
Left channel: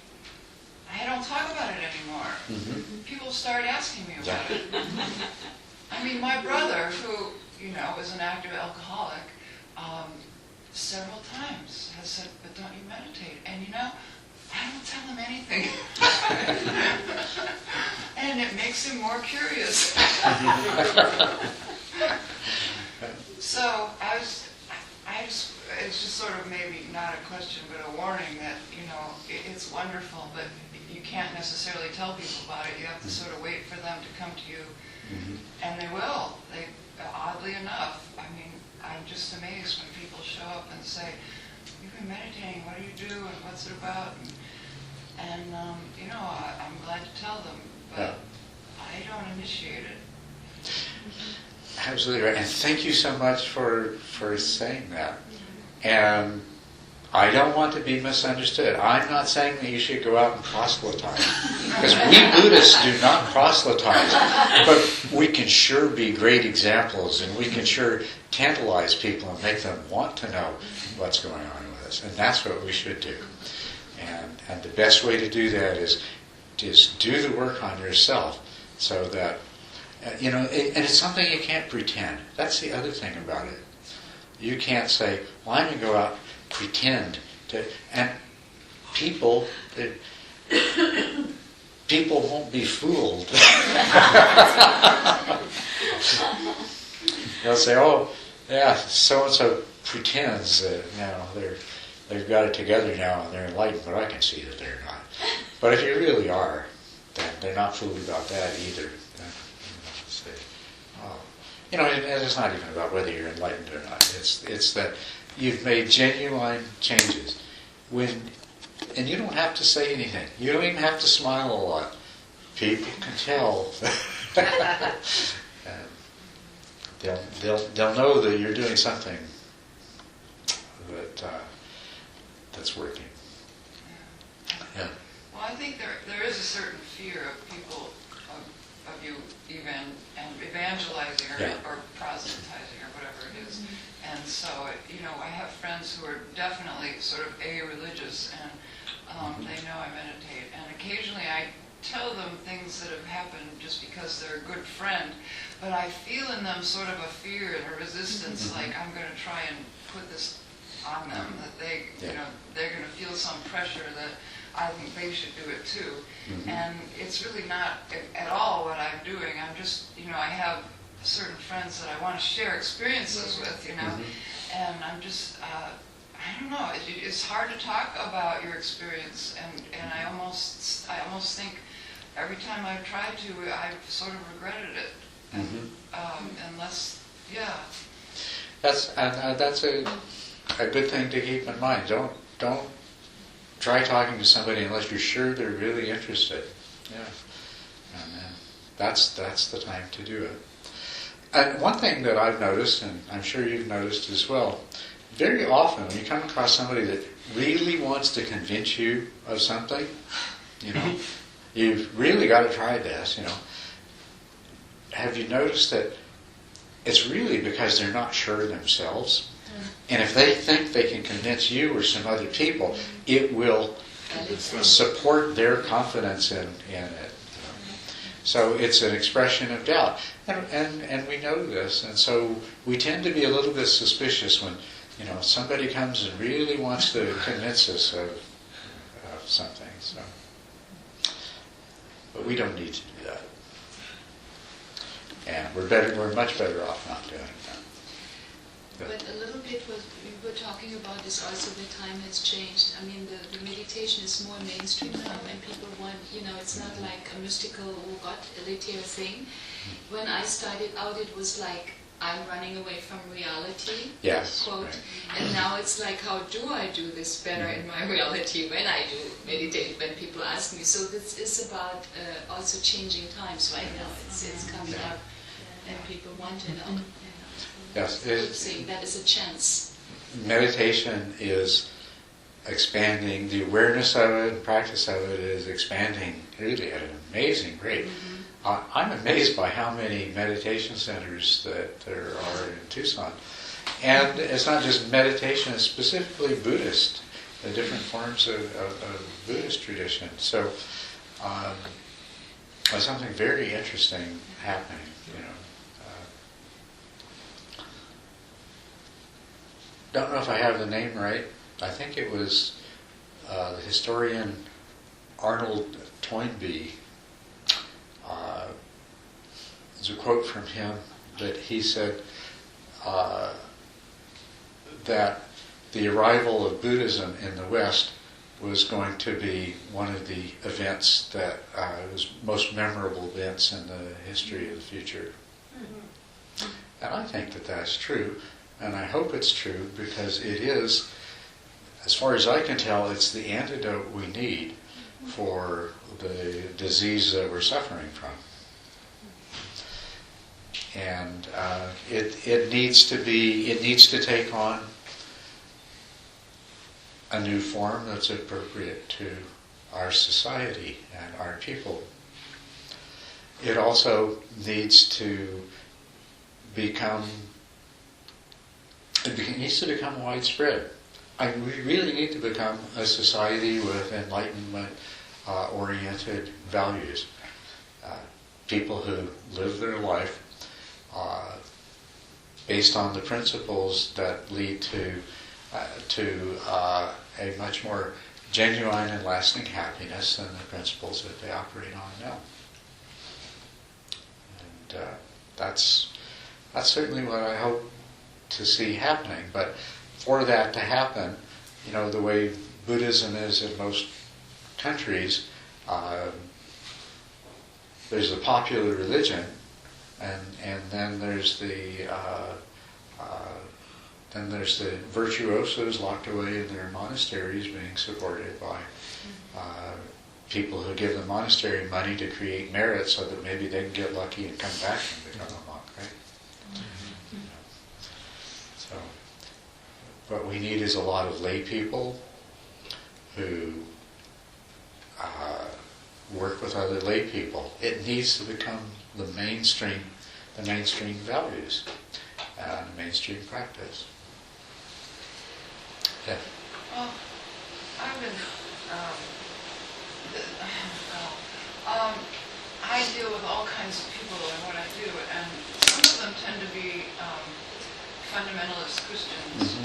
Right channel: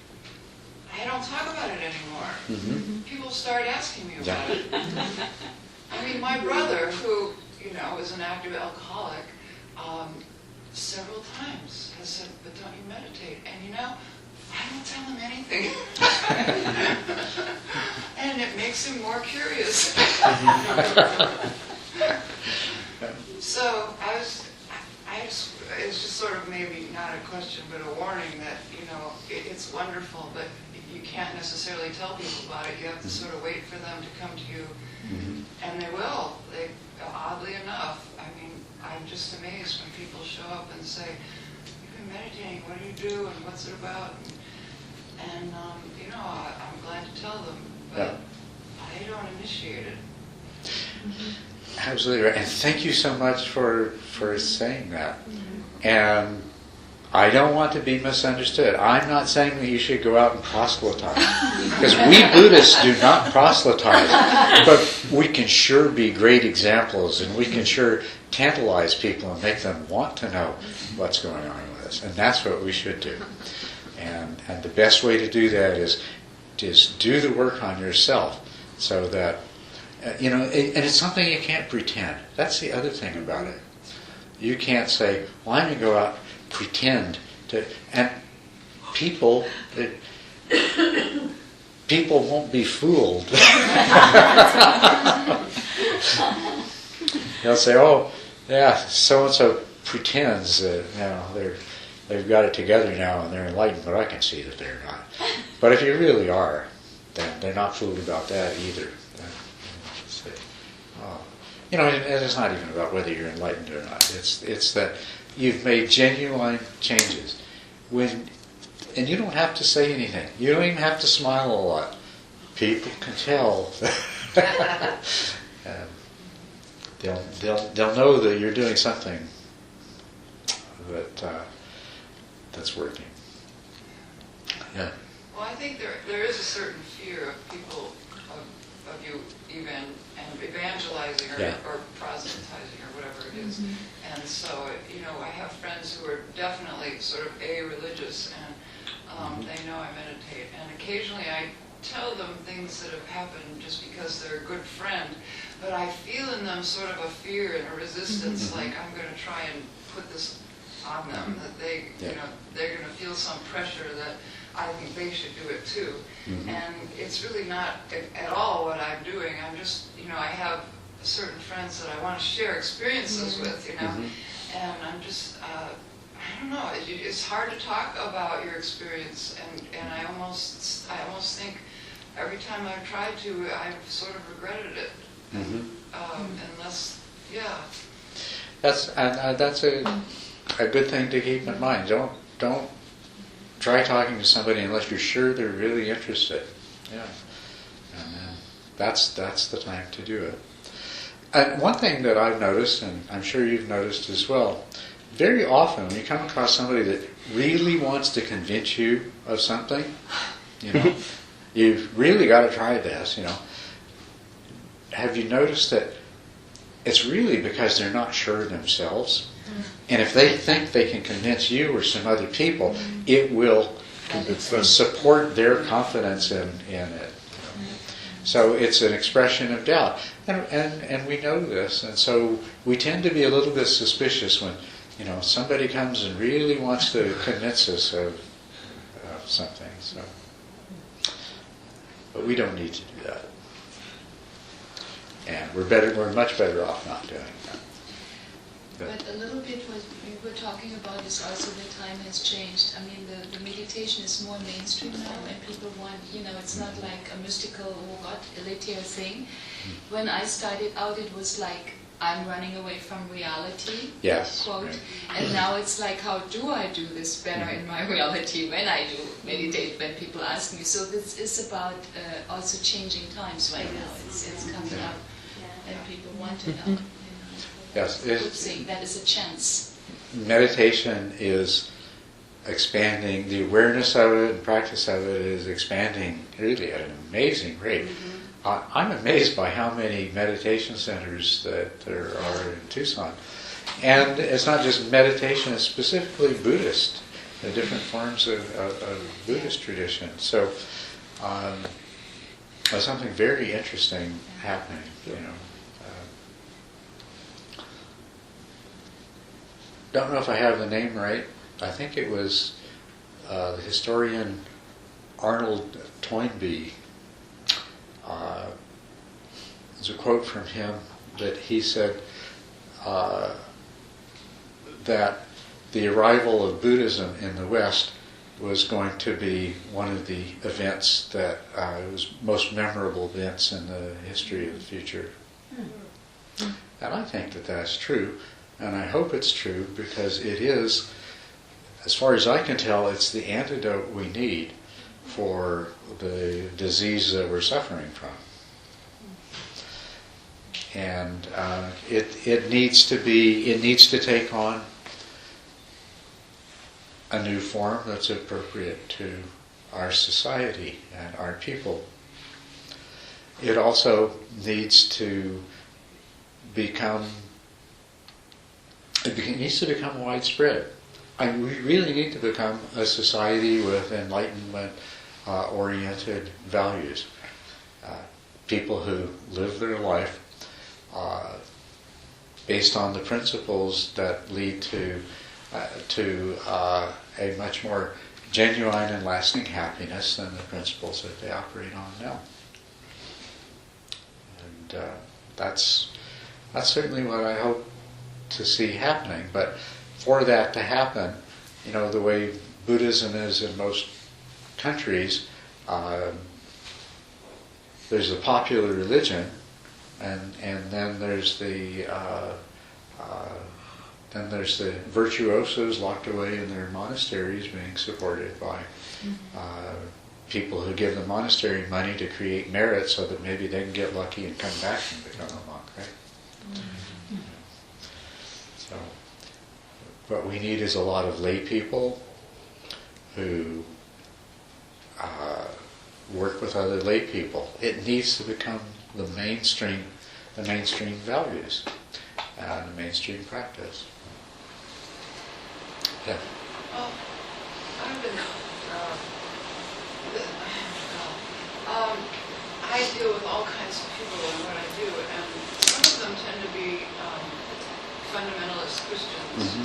I don't talk about it anymore. Mm-hmm. People start asking me about it. I mean, my brother, who, is an active alcoholic, several times has said, but don't you meditate? And I don't tell him anything. And it makes him more curious. So I it's just sort of maybe not a question, but a warning that, it's wonderful, but you can't necessarily tell people about it. You have to sort of wait for them to come to you, and they will. Oddly enough, I mean, I'm just amazed when people show up and say, "You've been meditating, what do you do, and what's it about?" And I'm glad to tell them, but I don't initiate it. Absolutely right. And thank you so much for saying that. And I don't want to be misunderstood. I'm not saying that you should go out and proselytize. Because we Buddhists do not proselytize. But we can sure be great examples, and we can sure tantalize people and make them want to know what's going on with us. And that's what we should do. And the best way to do that is do the work on yourself, so that, and it's something you can't pretend. That's the other thing about it. You can't say, well, I'm going to go out and pretend to, and people won't be fooled. They'll say, oh, yeah, so-and-so pretends that, they've got it together now and they're enlightened, but I can see that they're not. But if you really are, then they're not fooled about that either. And it's not even about whether you're enlightened or not. It's that you've made genuine changes. And you don't have to say anything. You don't even have to smile a lot. People can tell. They'll know that you're doing something that's working. Yeah. Well, I think there is a certain fear of people, of you evangelizing or proselytizing or whatever it is. And so, I have friends who are definitely sort of religious, and they know I meditate. And occasionally I tell them things that have happened just because they're a good friend, but I feel in them sort of a fear and a resistance, like I'm going to try and put this on them, that they're going to feel some pressure that I think they should do it too. And it's really not at all what I'm doing. I'm just, I have certain friends that I want to share experiences with, and I'm just, I don't know, it's hard to talk about your experience, and I almost think every time I've tried to, I've sort of regretted it. Unless, That's a good thing to keep in mind. Don't try talking to somebody unless you're sure they're really interested. Yeah, and that's the time to do it. And one thing that I've noticed, and I'm sure you've noticed as well, very often when you come across somebody that really wants to convince you of something, you've really got to try this. Have you noticed that it's really because they're not sure themselves? And if they think they can convince you or some other people, it will support their confidence in it. So it's an expression of doubt. And we know this, and so we tend to be a little bit suspicious when somebody comes and really wants to convince us of something. So, but we don't need to do that. And we're much better off not doing that. But a little bit what we were talking about is also the time has changed. I mean, the meditation is more mainstream now, and people want, it's not like a mystical, elitary thing. When I started out, it was like, I'm running away from reality, yes, quote. Right. And now it's like, how do I do this better in my reality when I do meditate, when people ask me? So this is about also changing times right now. It's coming up, and people want to know. Yes, good thing. That is a chance. Meditation is expanding. The awareness of it and practice of it is expanding really at an amazing rate. I'm amazed by how many meditation centers that there are in Tucson. And it's not just meditation, it's specifically Buddhist, the different forms of Buddhist tradition. So there's something very interesting happening, Don't know if I have the name right. I think it was the historian Arnold Toynbee. There's a quote from him that he said, that the arrival of Buddhism in the West was going to be one of the events that was most memorable events in the history of the future. And I think that that's true, and I hope it's true, because it is, as far as I can tell, it's the antidote we need for the disease that we're suffering from. And it needs to take on a new form that's appropriate to our society and our people. It also needs to become widespread. We really need to become a society with Enlightenment oriented values. People who live their life based on the principles that lead to a much more genuine and lasting happiness than the principles that they operate on now. And that's certainly what I hope to see happening. But for that to happen, the way Buddhism is in most countries, there's a popular religion, and then there's the virtuosos locked away in their monasteries, being supported by people who give the monastery money to create merit so that maybe they can get lucky and come back and become a monk, right? So, what we need is a lot of lay people who work with other lay people. It needs to become the mainstream values and the mainstream practice. Yeah. Well, I've been, I deal with all kinds of people in what I do, and some of them tend to be fundamentalist Christians,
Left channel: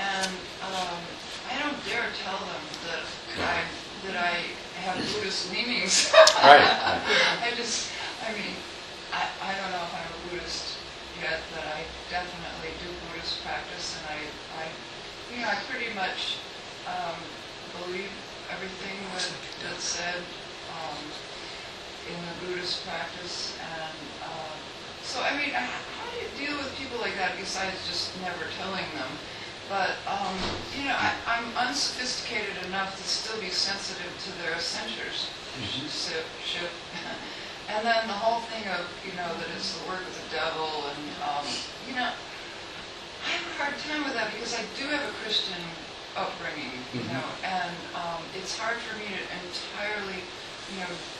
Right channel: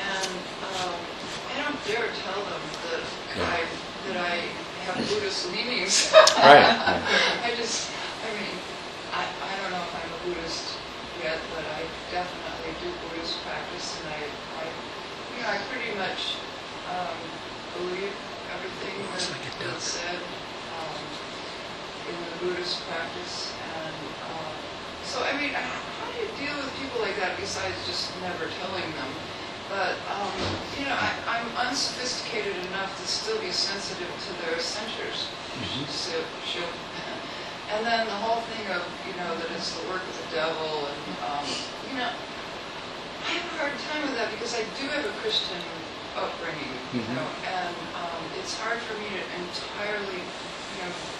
and I don't dare tell them that I have Buddhist leanings. Right. I don't know if I'm a Buddhist yet, but I definitely do Buddhist practice, and I pretty much believe everything that's said in the Buddhist practice. And so, how do you deal with people like that besides just never telling them? But, I'm unsophisticated enough to still be sensitive to their censors. And then the whole thing of, that it's the work of the devil, and, I have a hard time with that because I do have a Christian upbringing, and it's hard for me to entirely,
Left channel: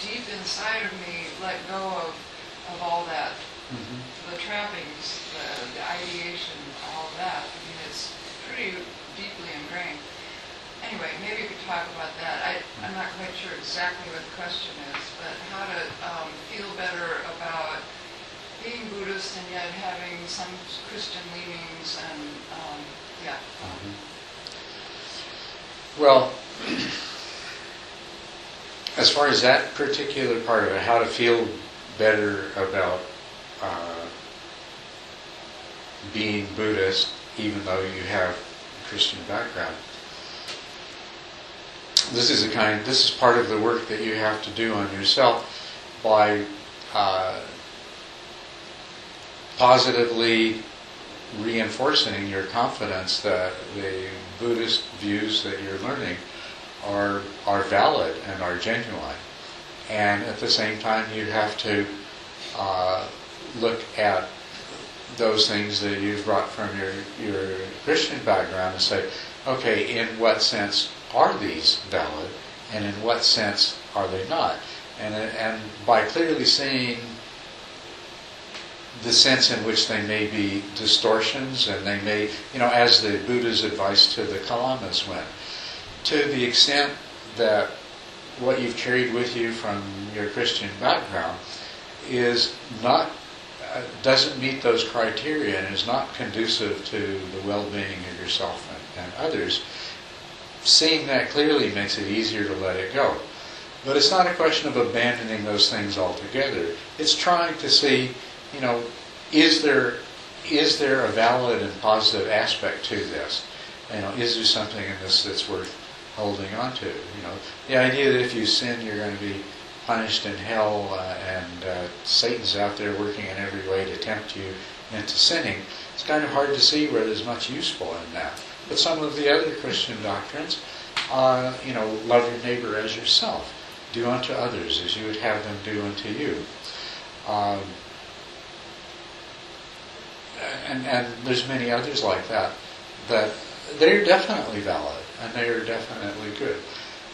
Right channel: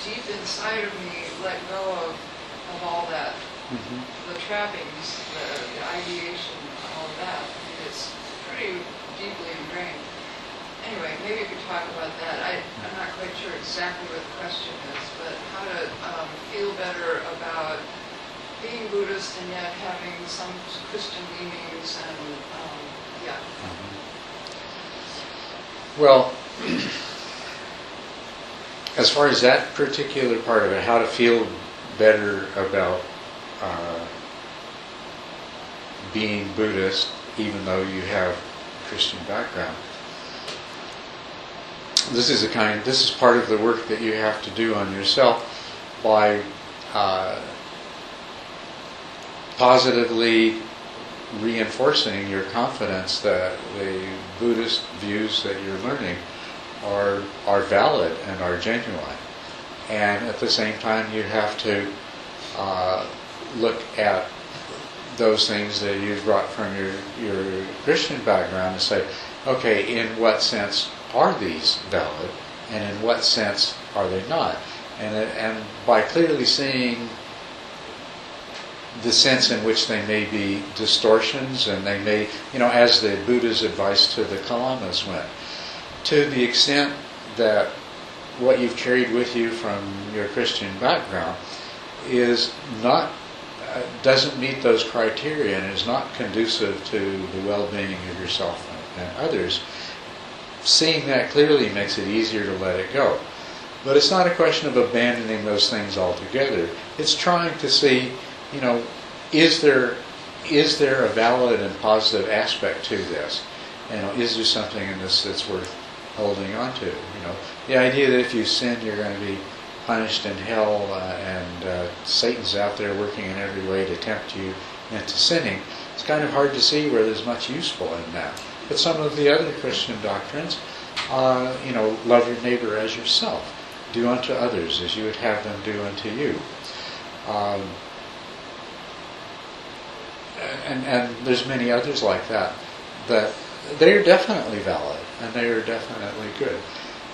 deep inside of me, let go of all that, the trappings, the ideation, all of that. It's pretty deeply ingrained. Anyway, maybe you could talk about that. I'm not quite sure exactly what the question is, but how to feel better about being Buddhist and yet having some Christian leanings, and Well, as far as that particular part of it, how to feel better about being Buddhist, even though you have a Christian background. This is part of the work that you have to do on yourself by positively reinforcing your confidence that the Buddhist views that you're learning are valid and are genuine. And at the same time, you have to look at those things that you've brought from your Christian background and say, okay, in what sense are these valid, and in what sense are they not? And by clearly seeing the sense in which they may be distortions, and they may, as the Buddha's advice to the Kalamas went, to the extent that what you've carried with you from your Christian background is not, doesn't meet those criteria and is not conducive to the well-being of yourself and others, seeing that clearly makes it easier to let it go. But it's not a question of abandoning those things altogether. It's trying to see, is there is there a valid and positive aspect to this? Is there something in this that's worth holding on to? The idea that if you sin, you're going to be punished in hell, and Satan's out there working in every way to tempt you into sinning. It's kind of hard to see where there's much useful in that. But some of the other Christian doctrines, love your neighbor as yourself. Do unto others as you would have them do unto you. And there's many others like that they are definitely valid and they are definitely good.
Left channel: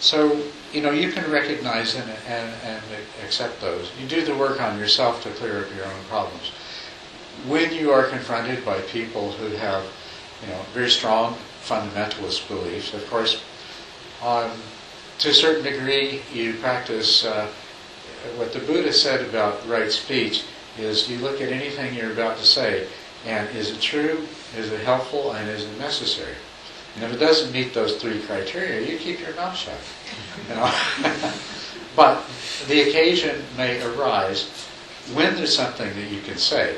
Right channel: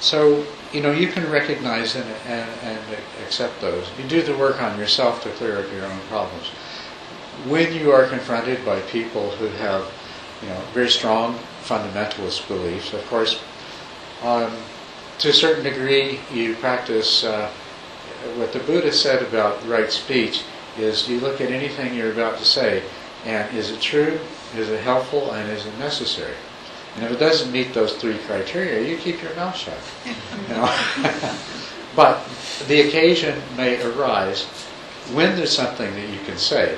So, you can recognize and accept those. You do the work on yourself to clear up your own problems. When you are confronted by people who have, very strong fundamentalist beliefs, of course, to a certain degree, you practice what the Buddha said about right speech is you look at anything you're about to say, and is it true, is it helpful, and is it necessary? And if it doesn't meet those three criteria, you keep your mouth shut. But the occasion may arise when there's something that you can say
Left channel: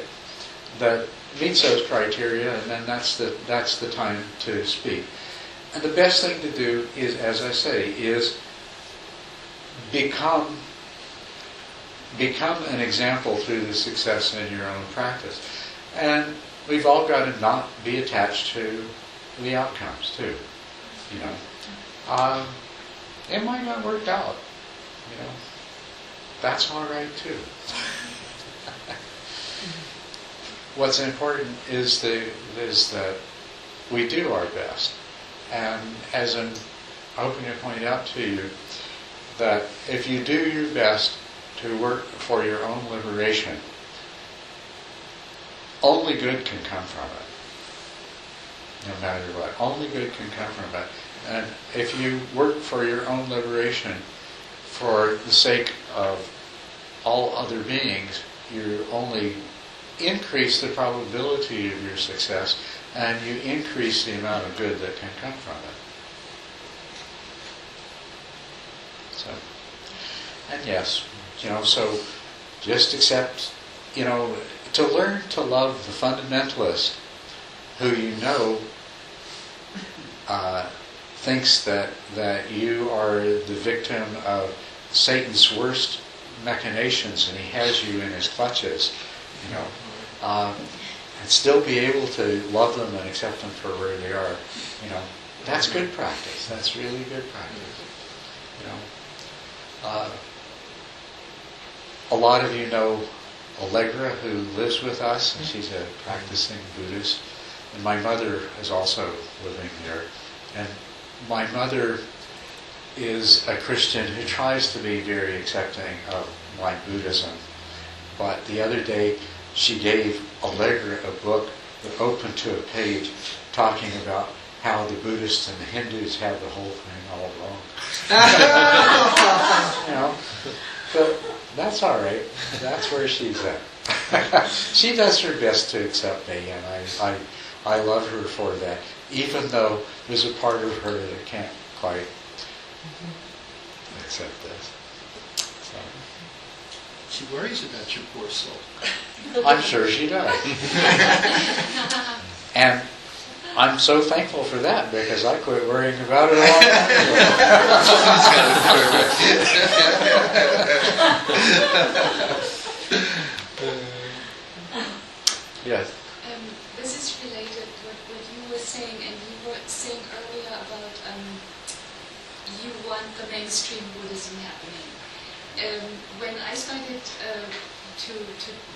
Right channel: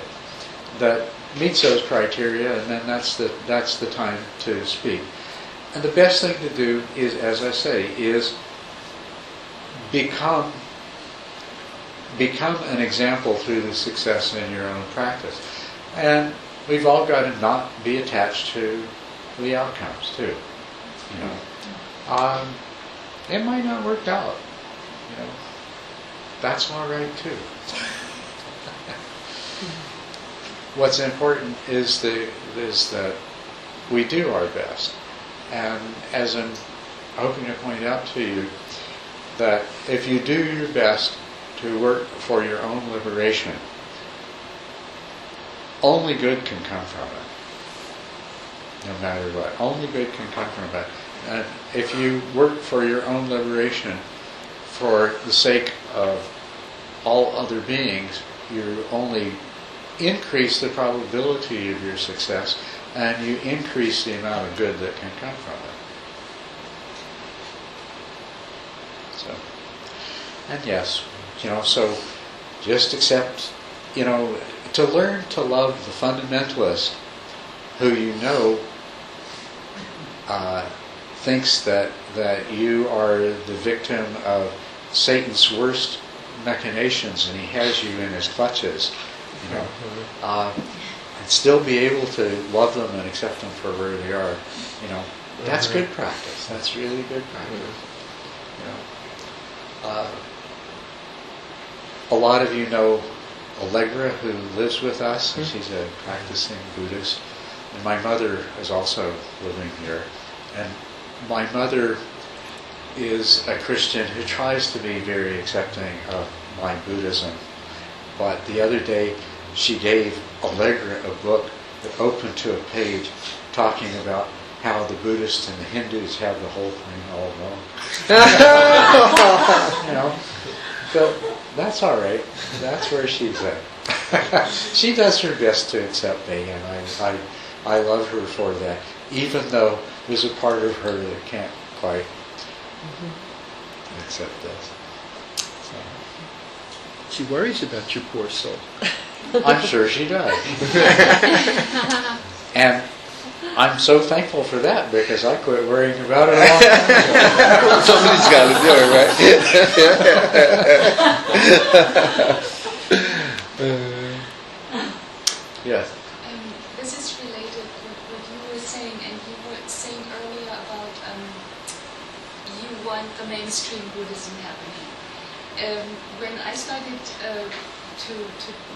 that meets those criteria, and then that's the time to speak. And the best thing to do is, as I say, is become an example through the success in your own practice. And we've all got to not be attached to the outcomes too. It might not work out. That's all right too. What's important is that we do our best. And as I'm hoping to point out to you, that if you do your best to work for your own liberation, only good can come from it. No matter what. Only good can come from it. And if you work for your own liberation for the sake of all other beings, you only increase the probability of your success, and you increase the amount of good that can come from it. So, and yes, so just accept, to learn to love the fundamentalist who thinks that you are the victim of Satan's worst machinations and he has you in his clutches, and still be able to love them and accept them for where they are, that's good practice. That's really good practice. A lot of you know Allegra, who lives with us, and she's a practicing Buddhist. And my mother is also living here. And my mother is a Christian who tries to be very accepting of my Buddhism. But the other day, she gave Allegra a book that opened to a page talking about how the Buddhists and the Hindus have the whole thing all wrong. But that's all right. That's where she's at. She does her best to accept me, and I love her for that, even though there's a part of her that can't quite accept this. So. She worries about your poor soul. I'm sure she does. And I'm so thankful for that, because I quit worrying about it a long time ago. Somebody's got to do it, right? Yes. This is related with what you were saying, and you were saying earlier about you want the mainstream Buddhism happening. When I started to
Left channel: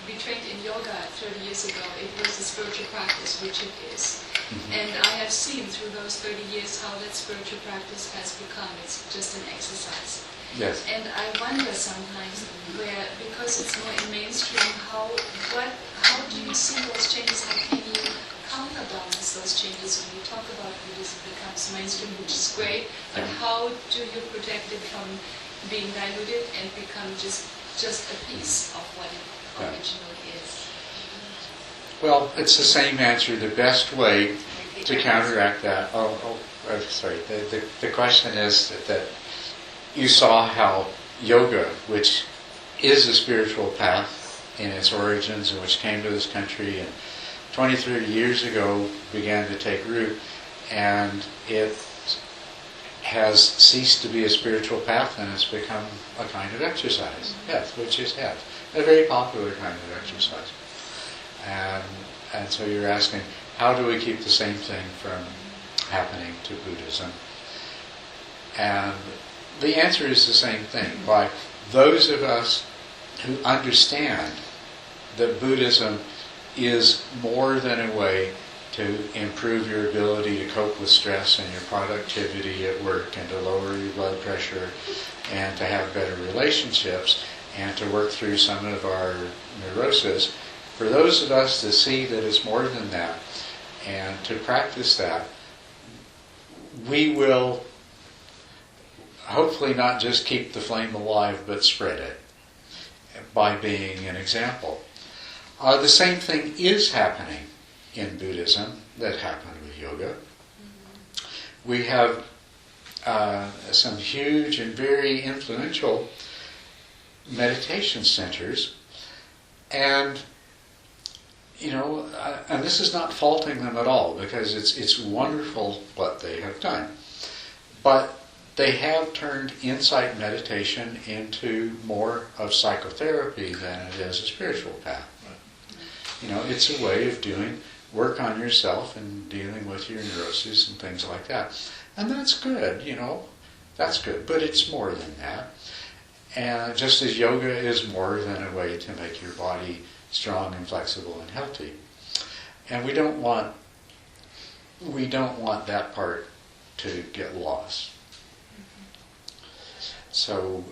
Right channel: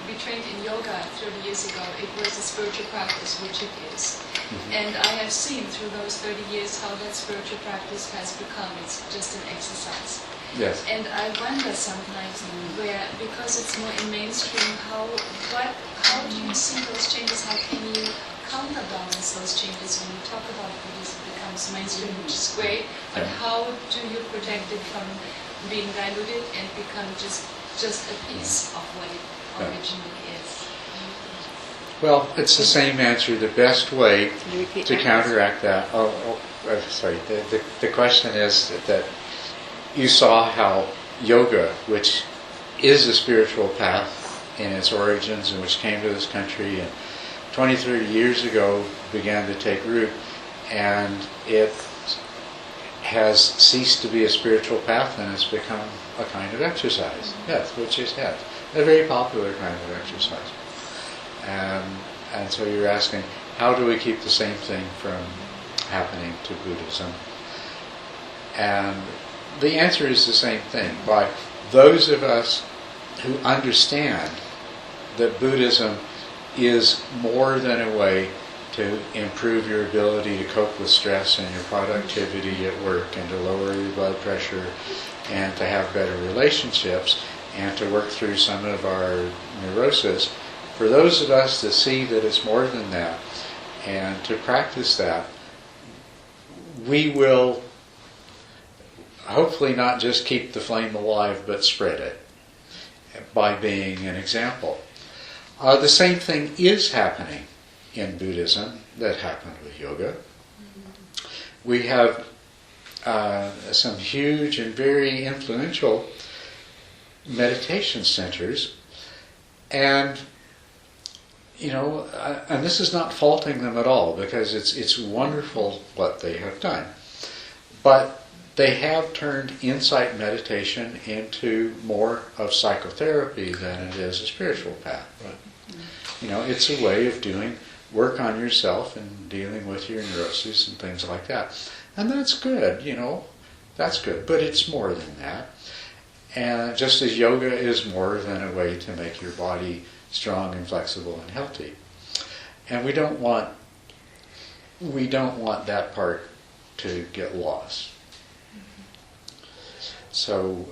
be trained in yoga 30 years ago, it was a spiritual practice, which it is. Mm-hmm. And I have seen through those 30 years how that spiritual practice has become. It's just an exercise. Yes. And I wonder sometimes because it's more in mainstream, how do you see those changes? How can you counterbalance those changes when you talk about Buddhism becomes mainstream, which is great, but how do you protect it from being diluted and become just a piece of what it originally is? Well, it's the same answer. The best way to counteract that. Sorry. The question is that you saw how yoga, which is a spiritual path in its origins and which came to this country and 20, 30 years ago began to take root, and it has ceased to be a spiritual path and it's become a kind of exercise. Yes, which it has. A very popular kind of exercise. And so you're asking, how do we keep the same thing from happening to Buddhism? And the answer is the same thing. By those of us who understand that Buddhism is more than a way to improve your ability to cope with stress and your productivity at work, and to lower your blood pressure, and to have better relationships, and to work through some of our neurosis. For those of us to see that it's more than that, and to practice that, we will hopefully not just keep the flame alive, but spread it by being an example. The same thing is happening in Buddhism that happened with yoga. We have some huge and very influential meditation centers, and and this is not faulting them at all, because it's wonderful what they have done, but they have turned insight meditation into more of psychotherapy than it is a spiritual path. Right. It's a way of doing work on yourself and dealing with your neuroses and things like that. And that's good, that's good, but it's more than that. And just as yoga is more than a way to make your body strong and flexible and healthy. And we don't want that part to get lost. So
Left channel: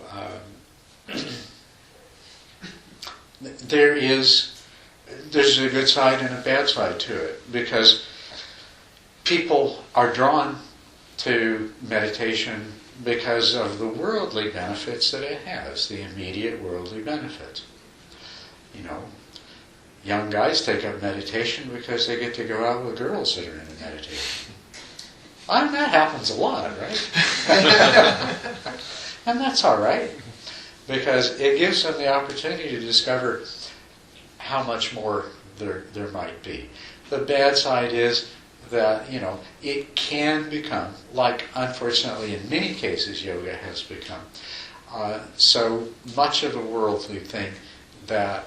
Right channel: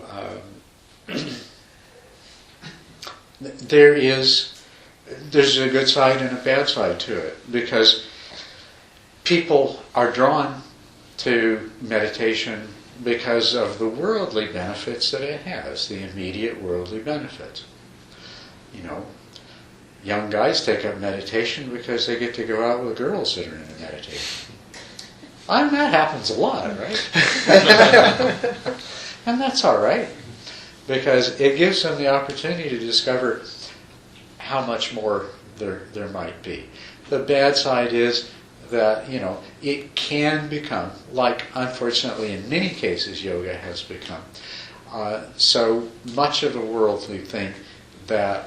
there's a good side and a bad side to it, because people are drawn to meditation because of the worldly benefits that it has, the immediate worldly benefits. Young guys take up meditation because they get to go out with girls that are into meditation. And that happens a lot, right? And that's all right, because it gives them the opportunity to discover how much more there might be. The bad side is that, it can become, like unfortunately in many cases yoga has become, so much of a worldly thing that,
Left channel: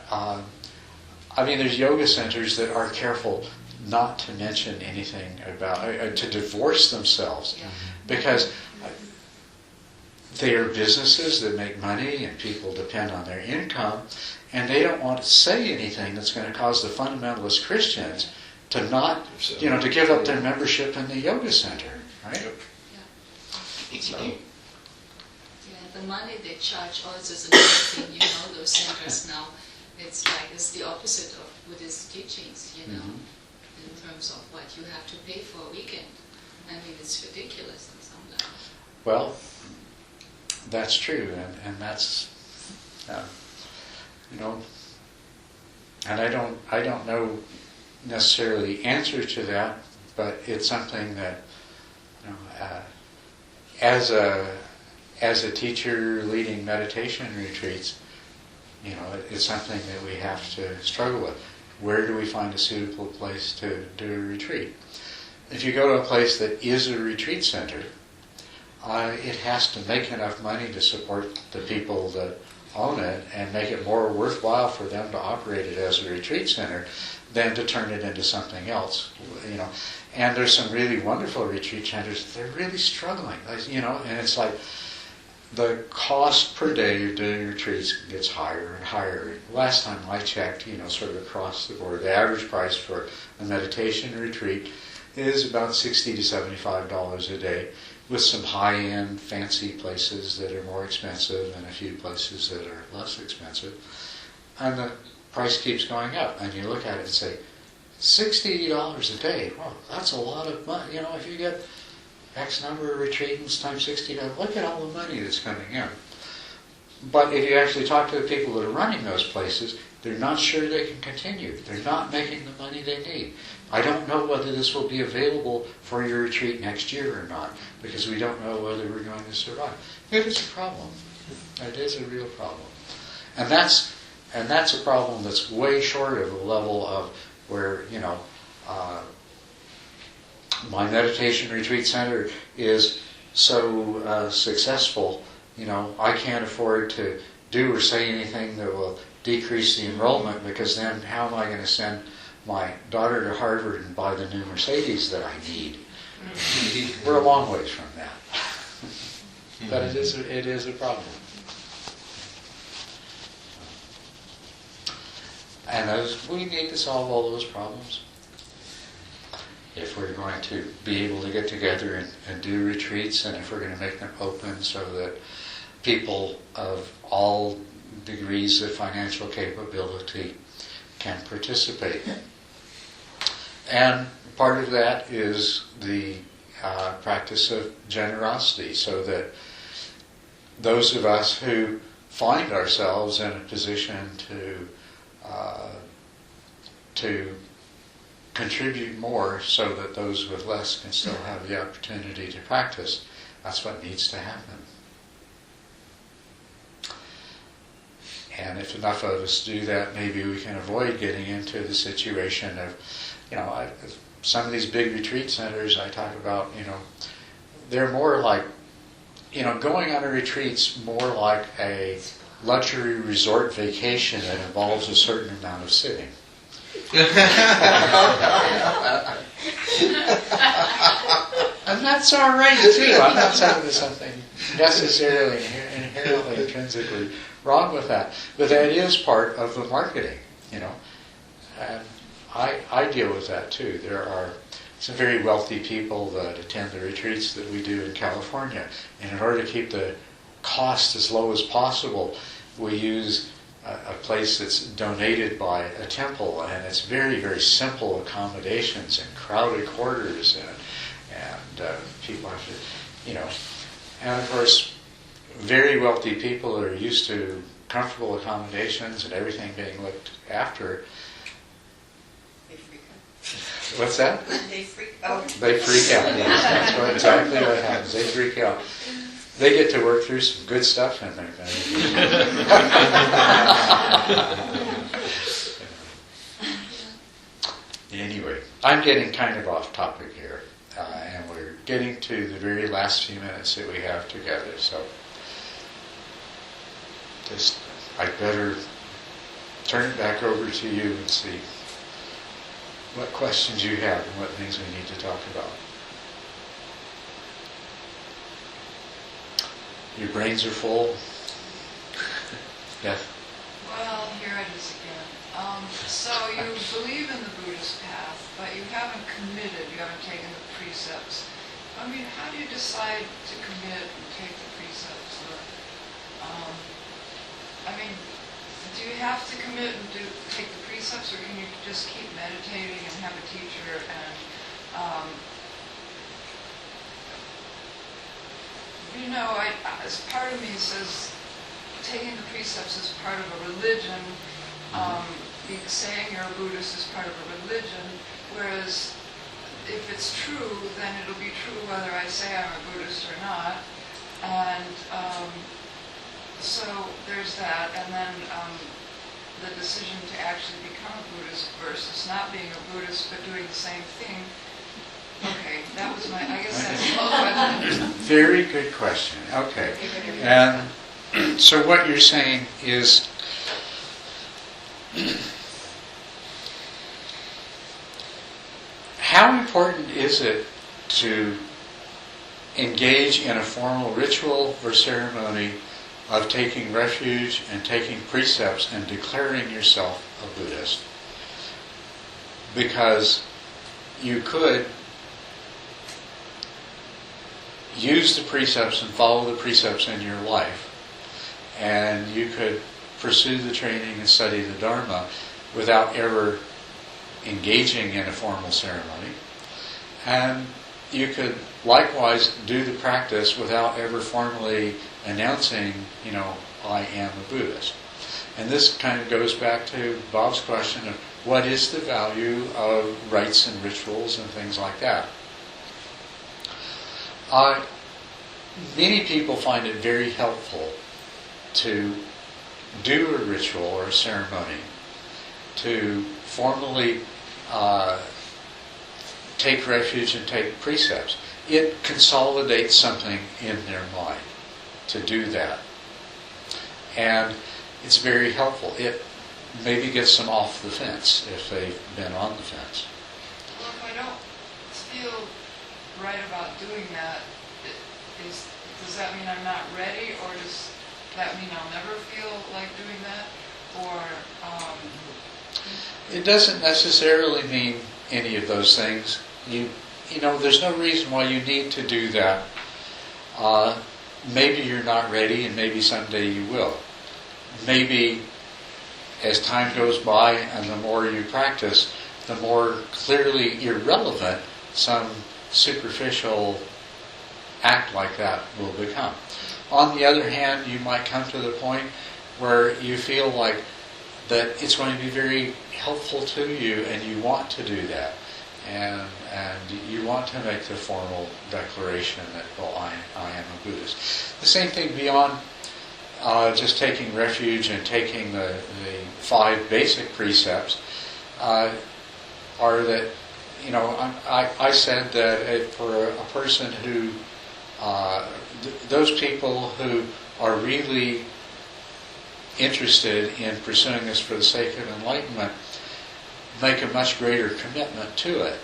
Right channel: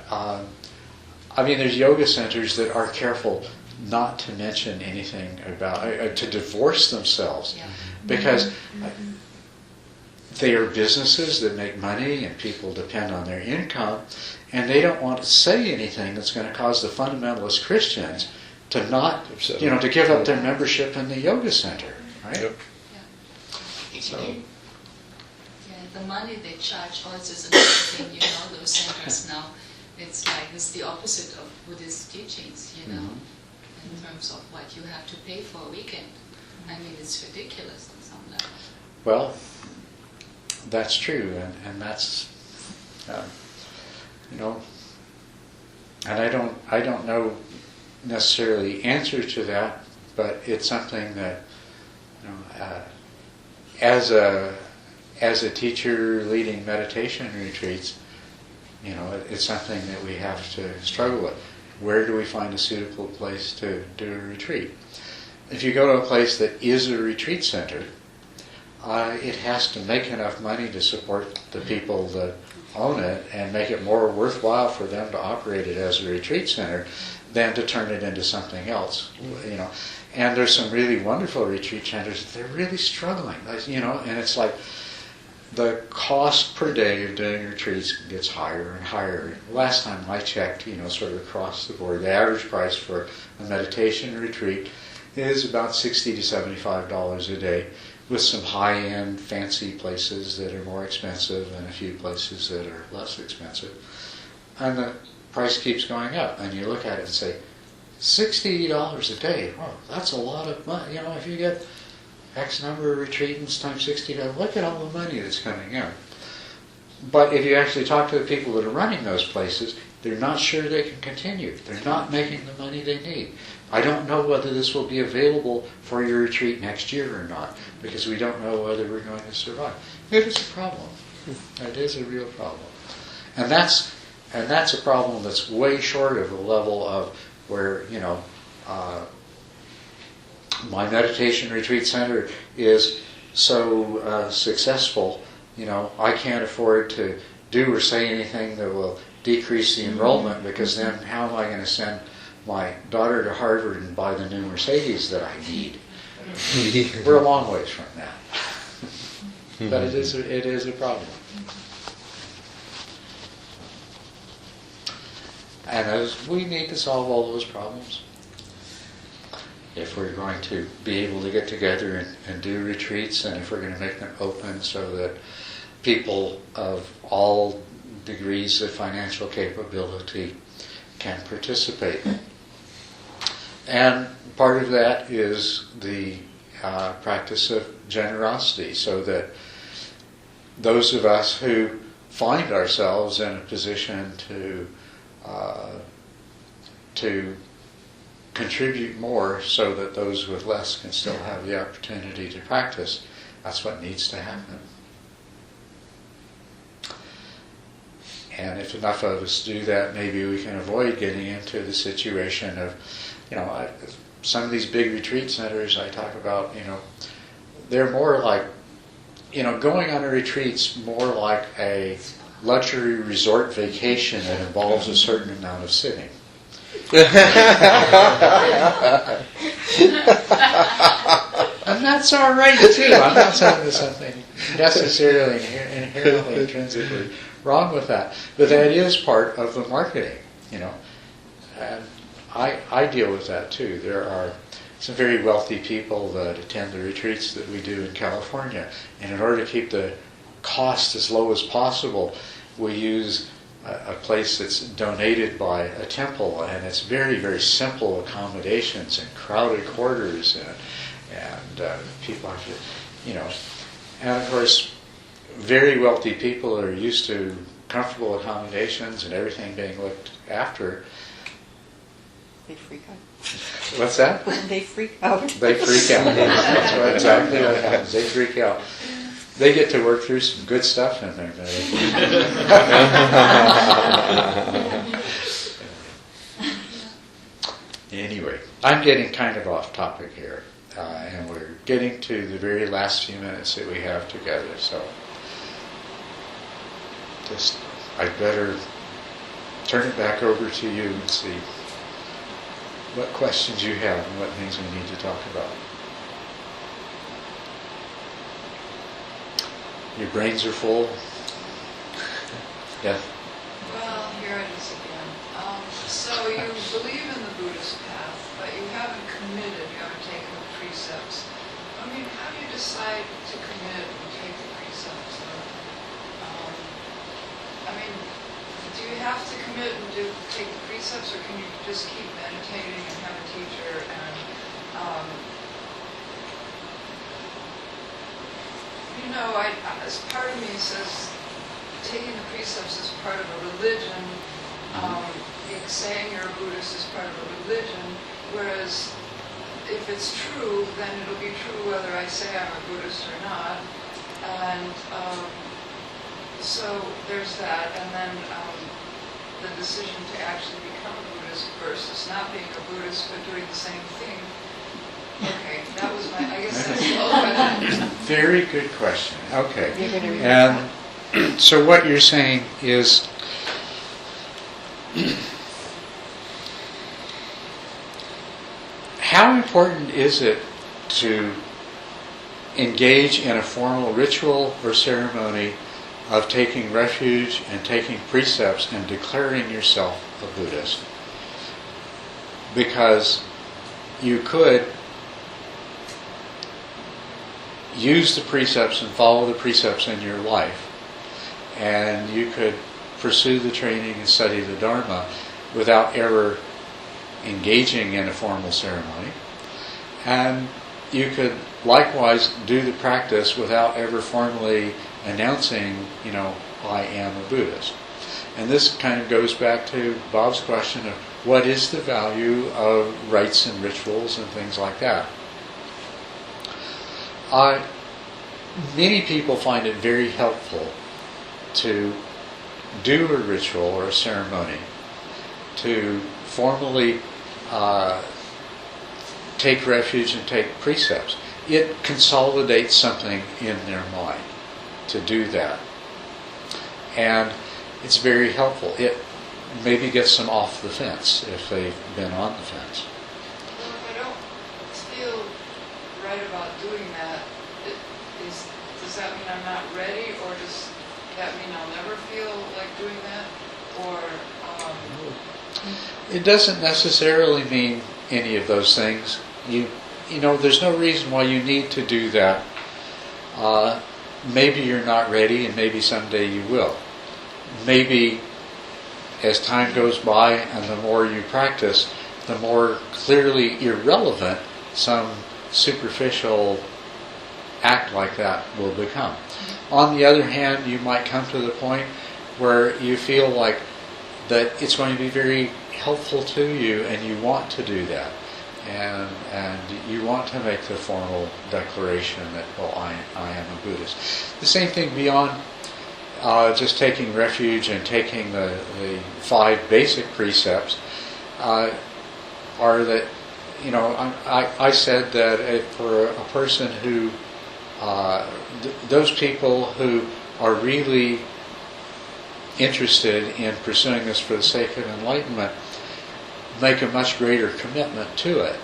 there's yoga centers that are careful not to mention anything about, to divorce themselves, because they are businesses that make money and people depend on their income, and they don't want to say anything that's going to cause the fundamentalist Christians to not, to give up their membership in the yoga center, right? Yep. Yeah. So, The money they charge also is another thing, those centers now, it's the opposite of Buddhist teachings, in terms of what you have to pay for a weekend. It's ridiculous on some level. well, that's true, and that's, and I don't know necessarily the answer to that, but it's something that, as a teacher leading meditation retreats, it's something that we have to struggle with. Where do we find a suitable place to do a retreat? If you go to a place that is a retreat center, it has to make enough money to support the people that own it and make it more worthwhile for them to operate it as a retreat center than to turn it into something else. And there's some really wonderful retreat centers that they're really struggling, and it's like the cost per day of doing retreats gets higher and higher. Last time I checked, sort of across the board, the average price for a meditation retreat is about $60 to $75 a day, with some high-end fancy places that are more expensive and a few places that are less expensive. And the price keeps going up. And you look at it and say, $60 a day, wow, that's a lot of money. If you get X number of retreatants times $60, look at all the money that's coming in. But if you actually talk to the people that are running those places, they're not sure they can continue. They're not making the money they need. I don't know whether this will be available for your retreat next year or not, because we don't know whether we're going to survive. It is a problem. It is a real problem. And that's a problem that's way short of a level of where, my meditation retreat center is so successful, I can't afford to do or say anything that will decrease the enrollment, because then how am I going to send my daughter to Harvard and buy the new Mercedes that I need? We're a long ways from that. But it is a problem. And we need to solve all those problems if we're going to be able to get together and do retreats, and if we're going to make them open so that people of all degrees of financial capability can participate. And part of that is the practice of generosity, so that those of us who find ourselves in a position to contribute more, so that those with less can still have the opportunity to practice. That's what needs to happen. And if enough of us do that, maybe we can avoid getting into the situation of, some of these big retreat centers I talk about, they're more like, going on a retreat's more like a luxury resort vacation that involves a certain amount of sitting. And that's all right too. I'm not saying there's something necessarily inherently, intrinsically wrong with that, but that is part of the marketing, And I deal with that too. There are some very wealthy people that attend the retreats that we do in California, and in order to keep the cost as low as possible, we use a place that's donated by a temple, and it's very, very simple accommodations and crowded quarters, and people have to, and of course, very wealthy people are used to comfortable accommodations and everything being looked after. They freak out. What's that? They freak out. They freak out. Yes, that's exactly what happens. They freak out. They get to work through some good stuff in there. Anyway, I'm getting kind of off topic here, and we're getting to the very last few minutes that we have together. So, I'd better turn it back over to you and see what questions you have and what things we need to talk about. Your brains are full? Yeah. Well, here it is again. So you believe in the Buddhist path, but you haven't committed, you haven't taken the precepts. How do you decide to commit and take the precepts? Do you have to commit and take the precepts, or can you just keep meditating and have a teacher and as part of me says taking the precepts is part of a religion, saying you're a Buddhist is part of a religion, whereas if it's true, then it'll be true whether I say I'm a Buddhist or not. And so there's that, and then the decision to actually become a Buddhist versus not being a Buddhist but doing the same thing. Okay, that was I guess that's the question. Very good question. Okay. And so what you're saying is, how important is it to engage in a formal ritual or ceremony of taking refuge and taking precepts and declaring yourself a Buddhist? Because you could use the precepts and follow the precepts in your life, and you could pursue the training and study the Dharma without ever engaging in a formal ceremony, and you could likewise do the practice without ever formally announcing, I am a Buddhist. And this kind of goes back to Bob's question of what is the value of rites and rituals and things like that. Many people find it very helpful to do a ritual or a ceremony, to formally take refuge and take precepts. It consolidates something in their mind to do that. And it's very helpful. It maybe gets them off the fence if they've been on the fence. Well, if I don't feel right about doing that, does that mean I'm not ready, or does that mean I'll never feel like doing that? Or It doesn't necessarily mean any of those things. You know, there's no reason why you need to do that. Maybe you're not ready, and maybe someday you will. Maybe as time goes by and the more you practice, the more clearly irrelevant some superficial act like that will become. On the other hand, you might come to the point where you feel like that it's going to be very helpful to you, and you want to do that. And you want to make the formal declaration that, well, I am a Buddhist. The same thing beyond just taking refuge and taking the 5 basic precepts are that, you know, I said that for a person who, those people who are really interested in pursuing this for the sake of enlightenment make a much greater commitment to it.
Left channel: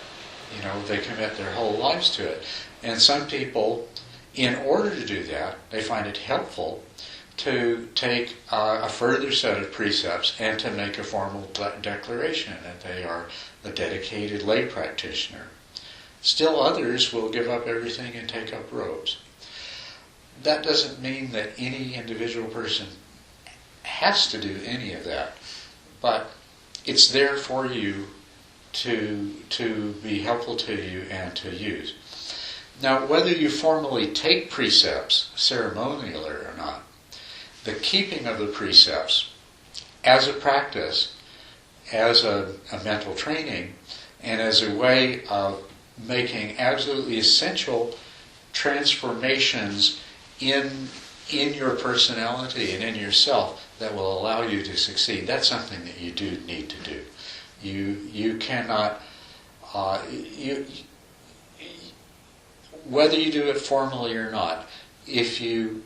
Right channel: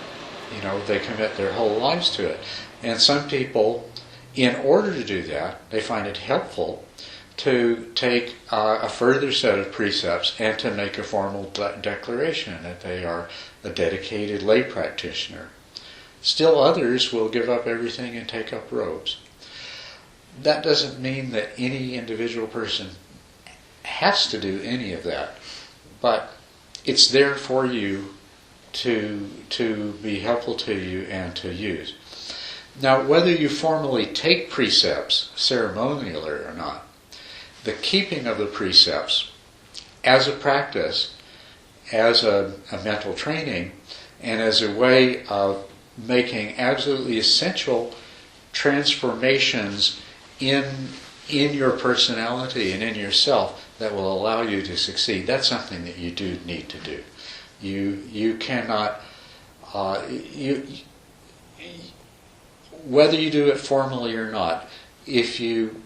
You know, they commit their whole lives to it. And some people, in order to do that, they find it helpful to take a further set of precepts and to make a formal declaration that they are a dedicated lay practitioner. Still others will give up everything and take up robes. That doesn't mean that any individual person has to do any of that, but it's there for you to be helpful to you and to use. Now, whether you formally take precepts ceremonially or not, the keeping of the precepts as a practice, as a mental training, and as a way of making absolutely essential transformations in your personality and in yourself that will allow you to succeed, that's something that you do need to do. You cannot, whether you do it formally or not, if you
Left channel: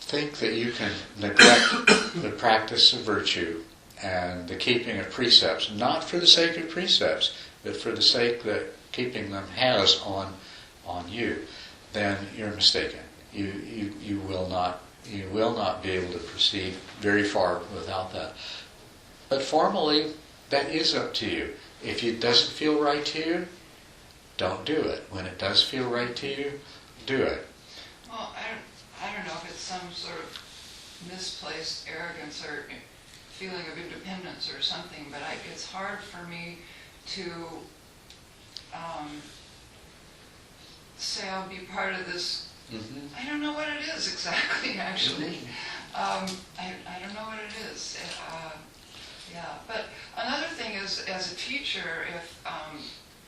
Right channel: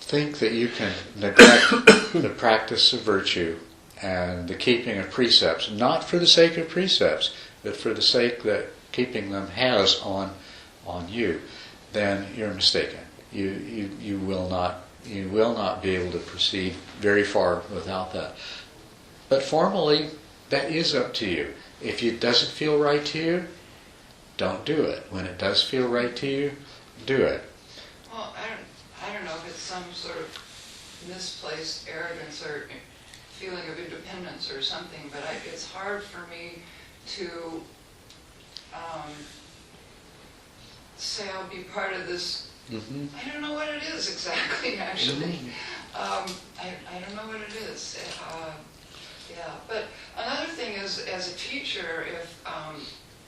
think that you can neglect the practice of virtue and the keeping of precepts, not for the sake of precepts, but for the sake that keeping them has on you, then you're mistaken. You will not be able to proceed very far without that. But formally, that is up to you. If it doesn't feel right to you, don't do it. When it does feel right to you, do it. well, I don't know if it's some sort of misplaced arrogance or feeling of independence or something, but it's hard for me to say I'll be part of this. Mm-hmm. I don't know what it is exactly, actually. I don't know what it is. Yeah, but another thing is, as a teacher,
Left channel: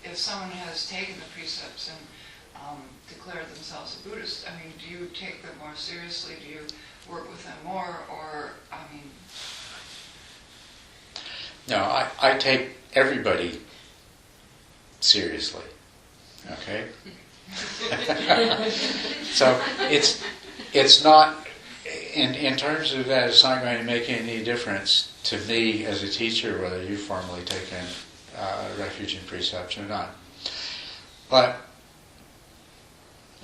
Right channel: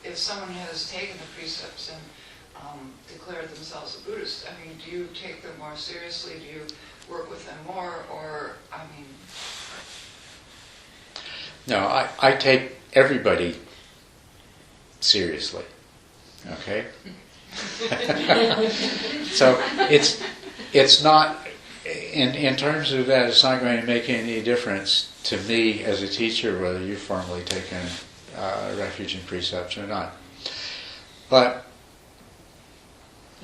if someone has taken the precepts and declared themselves a Buddhist, I mean, do you take them more seriously? Do you work with them more? Or, I mean... No, I take everybody seriously. Okay? So it's not, in terms of that, it's not going to make any difference to me as a teacher whether you've formally taken refuge in precepts or not. But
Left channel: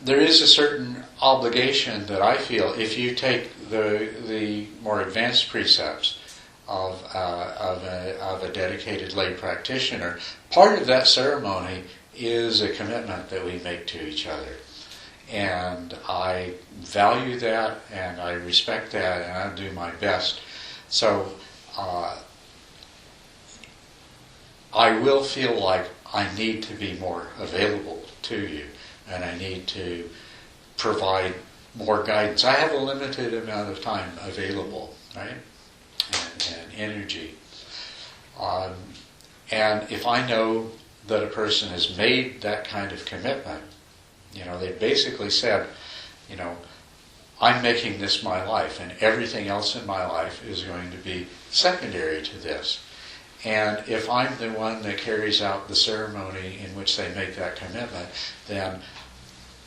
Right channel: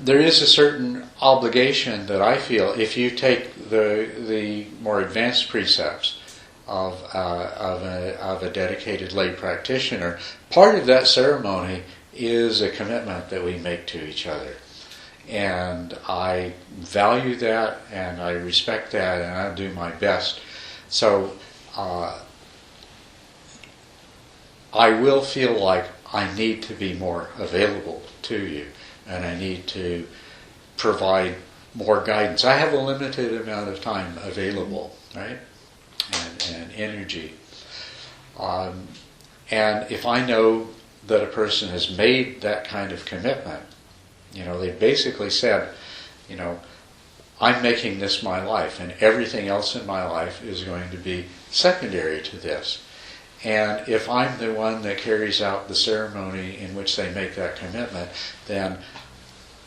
there is a certain obligation that I feel if you take the more advanced precepts of a dedicated lay practitioner. Part of that ceremony is a commitment that we make to each other. And I value that, and I respect that, and I'll do my best. So I will feel like I need to be more available to you, and I need to provide more guidance. I have a limited amount of time available, right? And energy. And if I know that a person has made that kind of commitment, you know, they basically said, you know, I'm making this my life, and everything else in my life is going to be secondary to this. And if I'm the one that carries out the ceremony in which they make that commitment, then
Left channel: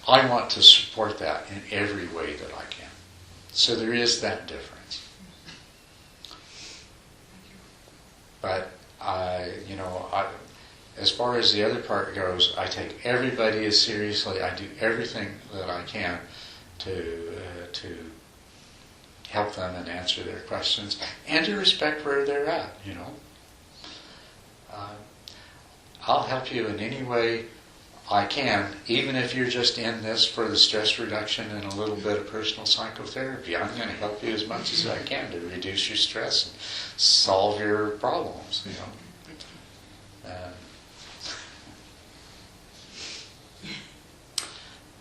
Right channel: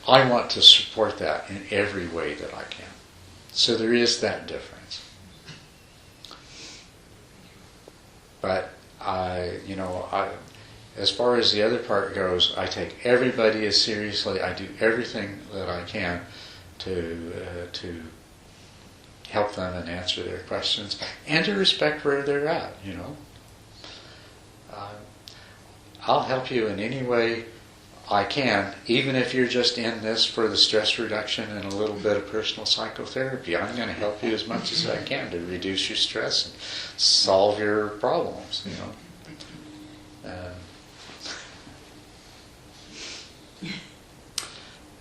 I want to support that in every way that I can. So there is that difference. But as far as the other part goes, I take everybody as seriously. I do everything that I can to help them and answer their questions, and to respect where they're at. I'll help you in any way I can, even if you're just in this for the stress reduction and a little bit of personal psychotherapy. I'm going to help you as much as I can to reduce your stress and solve your problems.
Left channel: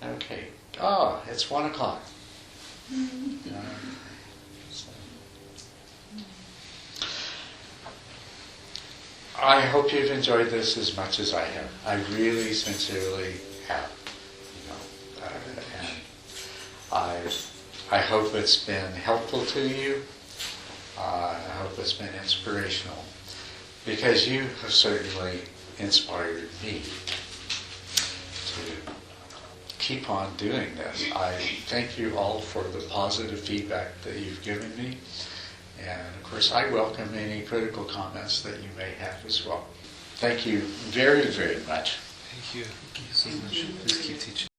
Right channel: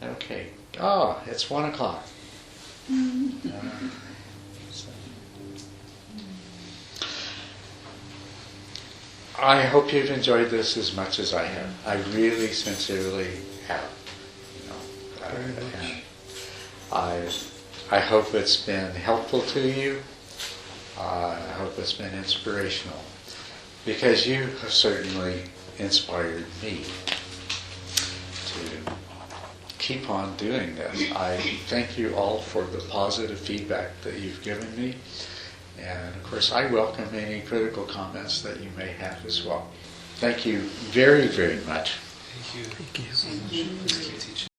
Okay. It's 1:00. I hope you've enjoyed this as much as I have. I really, sincerely have. And I hope it's been helpful to you. I hope it's been inspirational, because you have certainly inspired me to keep on doing this. I thank you all for the positive feedback that you've given me. And of course, I welcome any critical comments that you may have as well. Thank you very, very much. Thank you. Thank you so much. Please keep teaching.